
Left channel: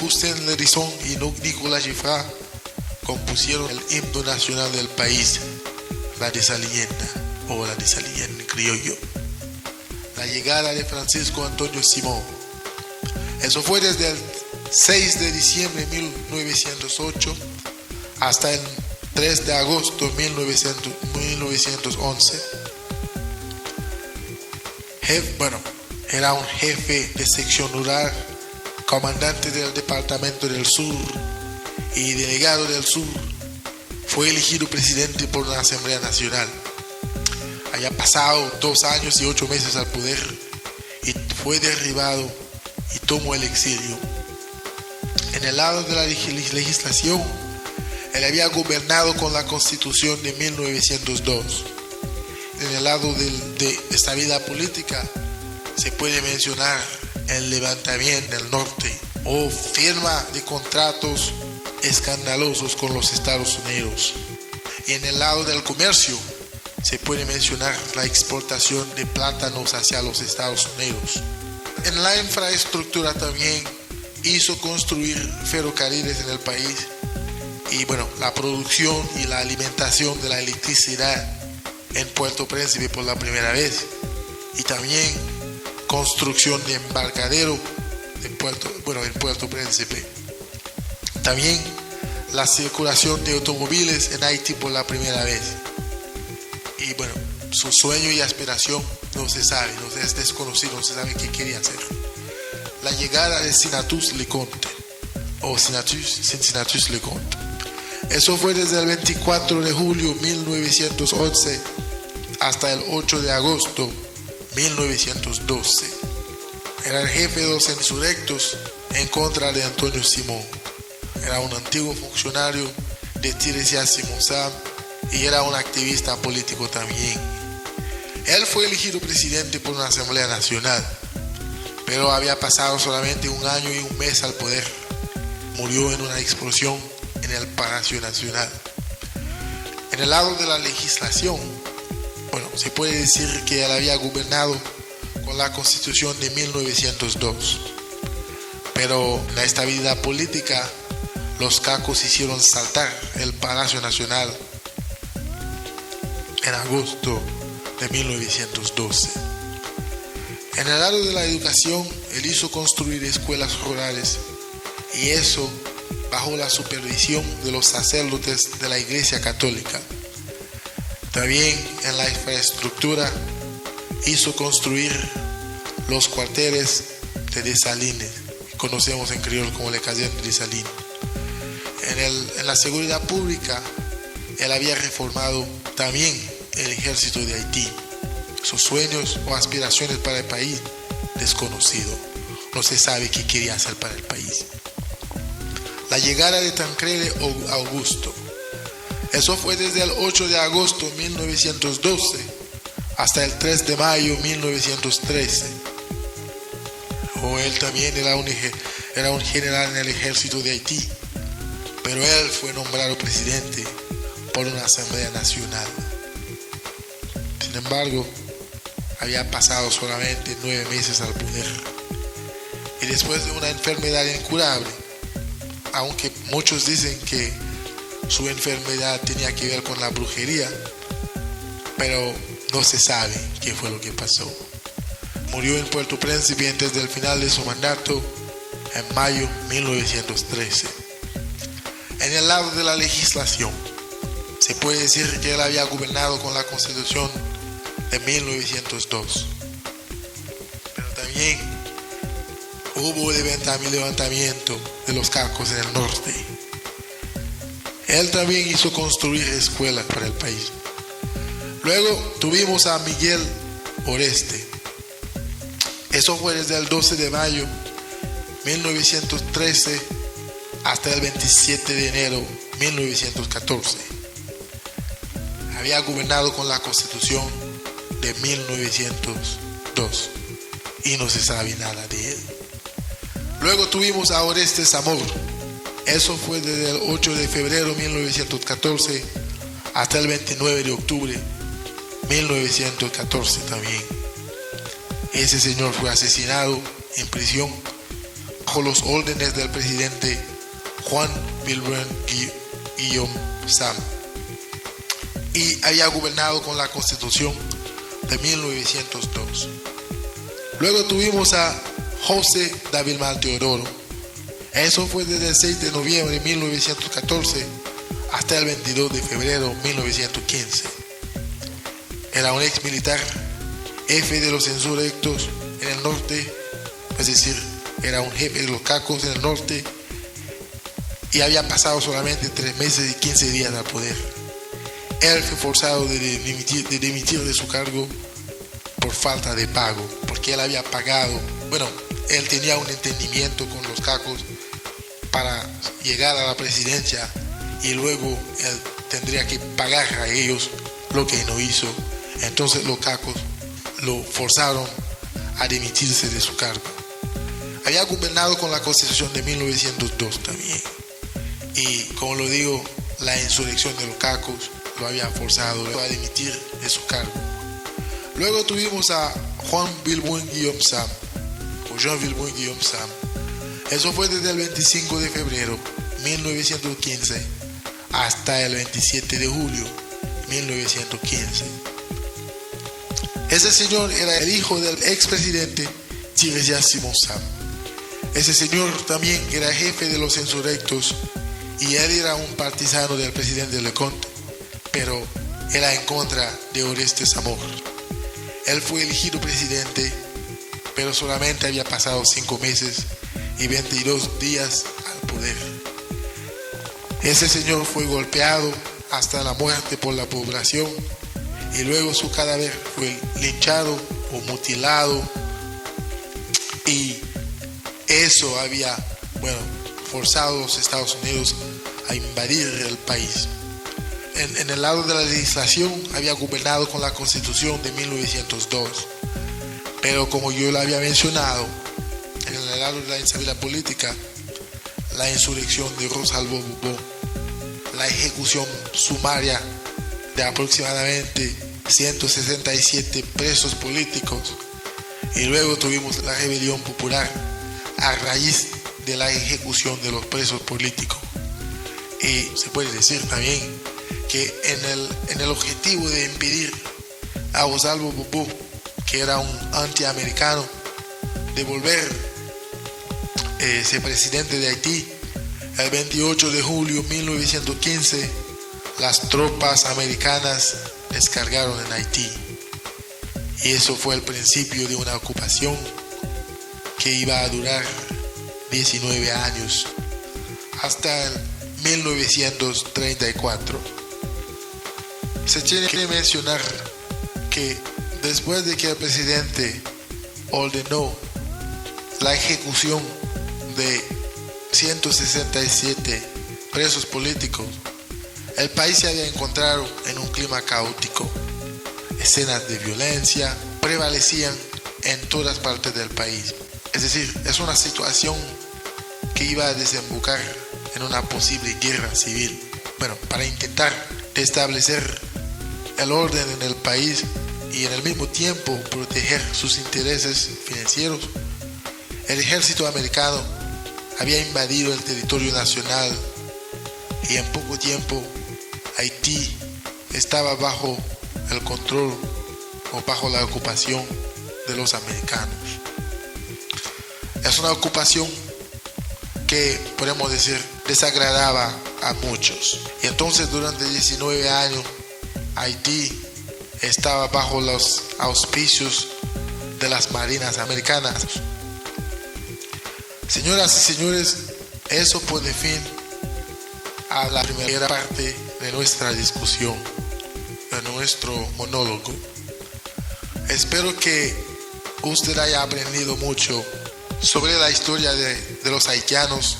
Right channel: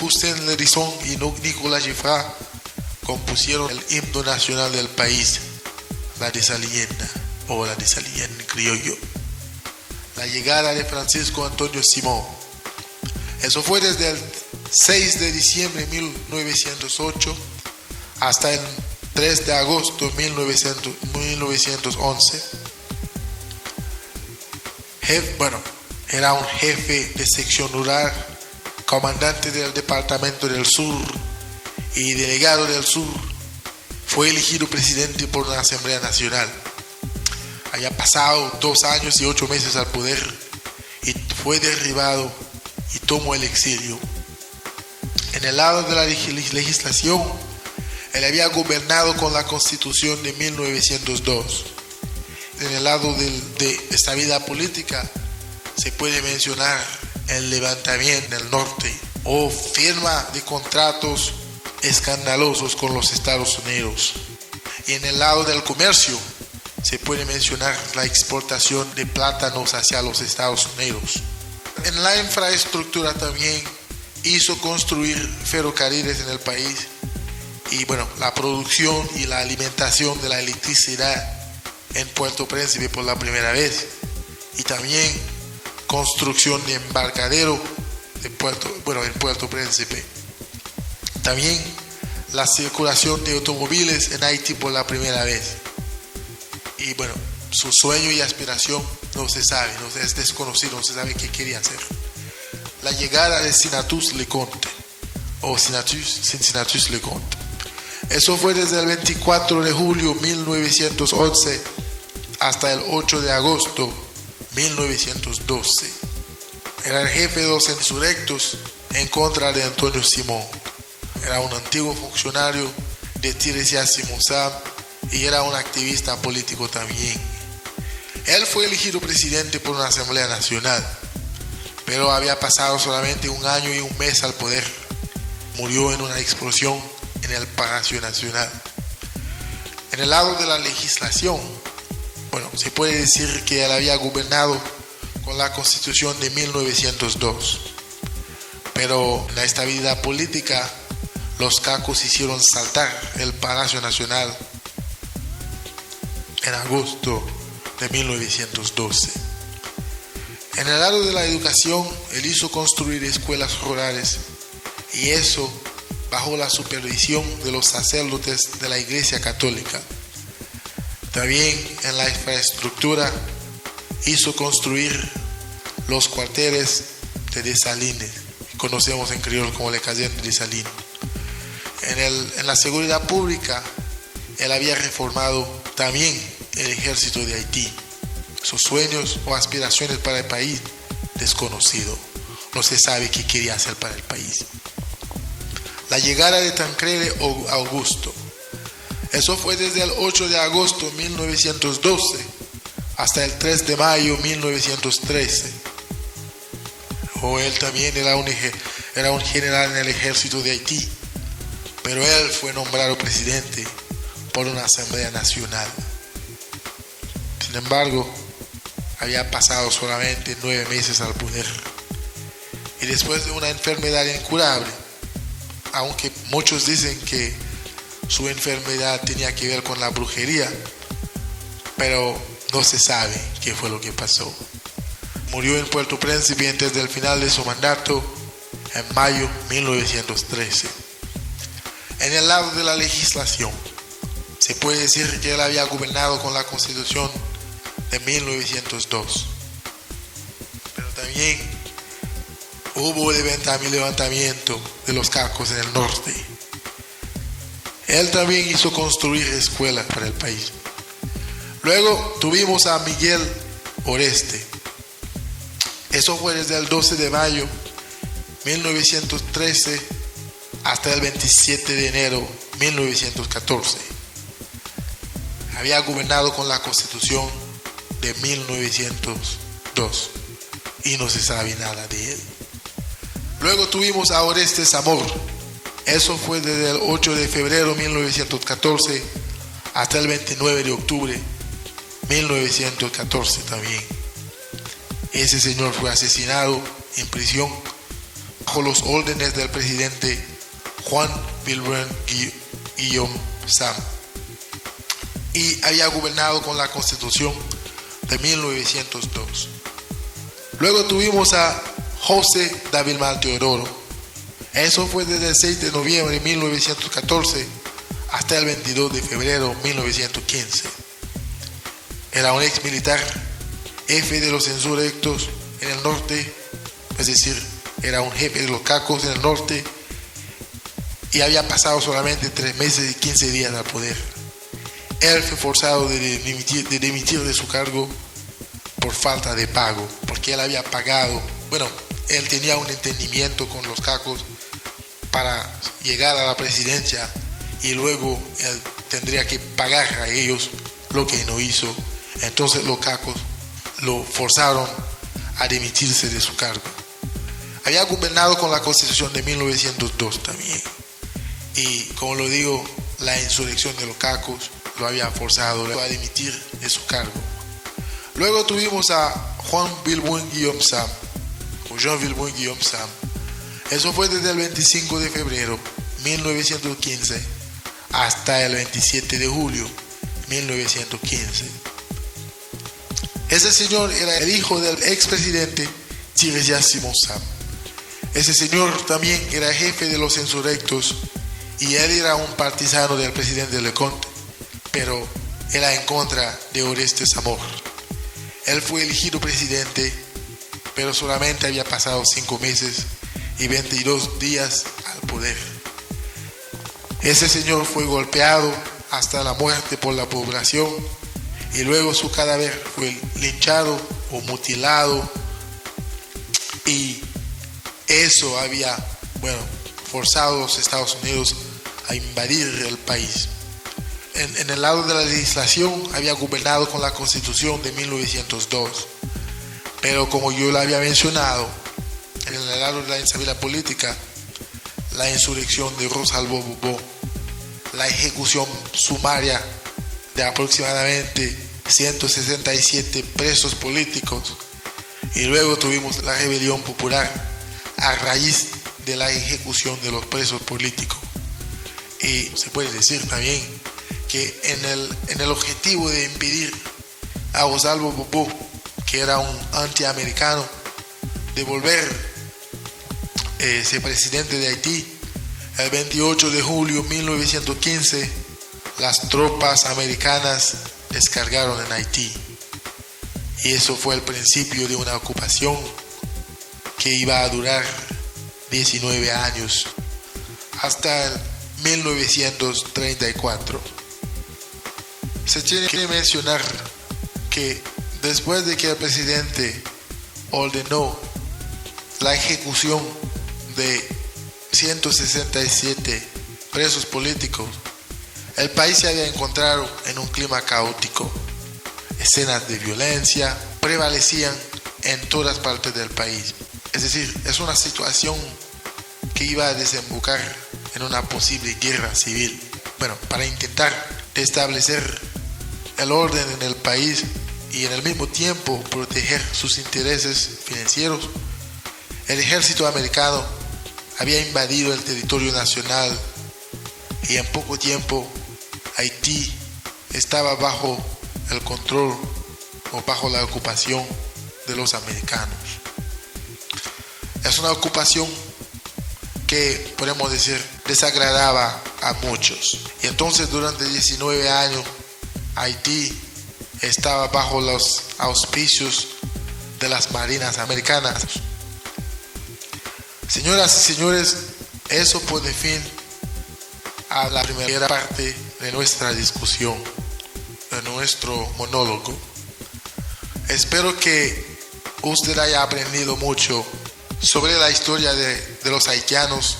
Justin Lerizón y Nicolas Giffard compusieron el himno nacional del país, la Desaliena o la Desaliena en criollo. La llegada de Francisco Antonio Simón. Eso fue desde el 6 de diciembre de 1908 hasta el 3 de agosto de 1911. Era un jefe de sección rural, comandante del Departamento del Sur y delegado del Sur. Fue elegido presidente por una Asamblea Nacional. Había pasado 2 años y 8 meses al poder y fue derribado y tomó el exilio. En el lado de la legislación, él había gobernado con la Constitución de 1902. En el lado de esta vida política, se puede mencionar el levantamiento del norte o firma de contratos escandalosos con los Estados Unidos. Y en el lado del comercio, se puede mencionar la exportación de plátanos hacia los Estados Unidos. En la infraestructura también hizo construir ferrocarriles en el país y la producción y la alimentación de la electricidad en Puerto Príncipe por la primera vez, y también construcción de embarcadero en Puerto Príncipe. También la circulación de automóviles en Haití por la primera vez. Y su sueño y aspiración no se sabe, es desconocido, no se sabe qué quería hacer. La llegada de Senatus Leconte o Senatus Leconte. Eso fue desde el 24 de julio de 1911 hasta el 8 de agosto de 1912. Era el jefe de los insurrectos en contra de Antonio Simón. Era un antiguo funcionario de Tiresias Simonsam y era un activista político también. Él fue elegido presidente por una Asamblea Nacional, pero había pasado solamente 1 año y 1 mes al poder. Murió en una explosión en el Palacio Nacional. En el lado de la legislación, se puede decir que él había gobernado con la Constitución de 1902, pero en la estabilidad política, los cacos hicieron saltar el Palacio Nacional en agosto de 1912. En el lado de la educación, él hizo construir escuelas rurales, y eso bajo la supervisión de los sacerdotes de la Iglesia Católica. También en la infraestructura hizo construir los cuarteles de Dessalines, que conocemos en criollo como la Caserne de Dessalines. En la seguridad pública, él había reformado también el ejército de Haití. Sus sueños o aspiraciones para el país, desconocido. No se sabe qué quería hacer para el país. La llegada de Tancredi Augusto. Eso fue desde el 8 de agosto de 1912 hasta el 3 de mayo de 1913. Él también era un general en el ejército de Haití, pero él fue nombrado presidente por una Asamblea Nacional. Sin embargo, había pasado solamente 9 meses al poder. Y después de una enfermedad incurable, aunque muchos dicen que su enfermedad tenía que ver con la brujería, pero no se sabe qué fue lo que pasó. Murió en Puerto Príncipe antes del final de su mandato en mayo de 1913. En el lado de la legislación, se puede decir que él había gobernado con la Constitución de 1902, pero también hubo levantamiento de los cacos en el norte. Él también hizo construir escuelas para el país. Luego tuvimos a Miguel Oreste. Eso fue desde el 12 de mayo 1913 hasta el 27 de enero 1914. Había gobernado con la Constitución de 1902 y no se sabe nada de él. Luego tuvimos a Oreste Zamor. Eso fue desde el 8 de febrero 1914 hasta el 29 de octubre 1914 también. Ese señor fue asesinado en prisión bajo los órdenes del presidente Juan Wilbur Guillaume Sam, y había gobernado con la Constitución de 1902. Luego tuvimos a José Dávila Teodoro. Eso fue desde el 6 de noviembre de 1914 hasta el 22 de febrero de 1915. Era un ex militar, jefe de los insurrectos en el norte, es decir, era un jefe de los cacos en el norte, y había pasado solamente 3 meses y 15 días al poder. Él fue forzado de dimitir de su cargo por falta de pago, porque él había pagado, él tenía un entendimiento con los cacos para llegar a la presidencia, y luego él tendría que pagar a ellos lo que no hizo. Entonces los cacos lo forzaron a dimitirse de su cargo. Había gobernado con la Constitución de 1902 también, y como lo digo, la insurrección de los cacos lo había forzado a dimitir de su cargo. Luego tuvimos a Juan Wilbur Guillaume Sam, o Jean Wilbur Guillaume Sam. Eso fue desde el 25 de febrero 1915 hasta el 27 de julio 1915. Ese señor era el hijo del expresidente Tiresiasimo Sam. Ese señor también era jefe de los insurrectos, y él era un partisano del presidente Leconte, pero era en contra de Oreste Zamor. Él fue elegido presidente, pero solamente había pasado 5 meses y 22 días al poder. Ese señor fue golpeado hasta la muerte por la población, y luego su cadáver fue linchado o mutilado, y eso había, forzado a los Estados Unidos a invadir el país. En el lado de la legislación había gobernado con la Constitución de 1902, pero como yo lo había mencionado, en el lado de la instabilidad política, la insurrección de Rosalbo Bubó, la ejecución sumaria de aproximadamente 167 presos políticos, y luego tuvimos la rebelión popular a raíz de la ejecución de los presos políticos. Y se puede decir también que en el objetivo de impedir a Rosalbo Bubó, que era un antiamericano, de volver ser presidente de Haití, el 28 de julio de 1915, las tropas americanas descargaron en Haití. Y eso fue el principio de una ocupación que iba a durar 19 años, hasta el 1934. Se tiene que mencionar que después de que el presidente ordenó la ejecución de 167 presos políticos, el país se había encontrado en un clima caótico. Escenas de violencia prevalecían en todas partes del país. Es decir, es una situación que iba a desembocar en una posible guerra civil. Para intentar establecer el orden en el país y en el mismo tiempo proteger sus intereses financieros, el ejército americano había invadido el territorio nacional, y en poco tiempo Haití estaba bajo el control o bajo la ocupación de los americanos. Es una ocupación que, podemos decir, desagradaba a muchos. Y entonces durante 19 años Haití estaba bajo los auspicios de las marinas americanas. Señoras y señores, eso pone fin a la primera parte de nuestra discusión, de nuestro monólogo. Espero que usted haya aprendido mucho sobre la historia de los haitianos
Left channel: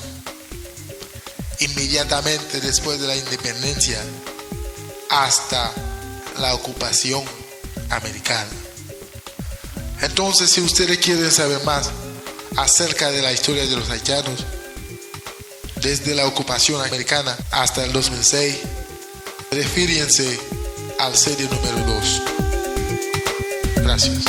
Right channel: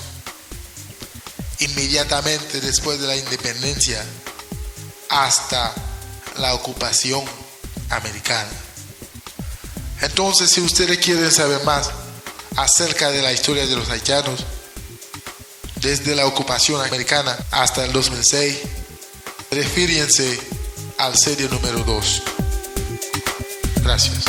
inmediatamente después de la independencia hasta la ocupación americana. Entonces, si ustedes quieren saber más acerca de la historia de los haitianos, desde la ocupación americana hasta el 2006, refírense al serie número 2. Gracias.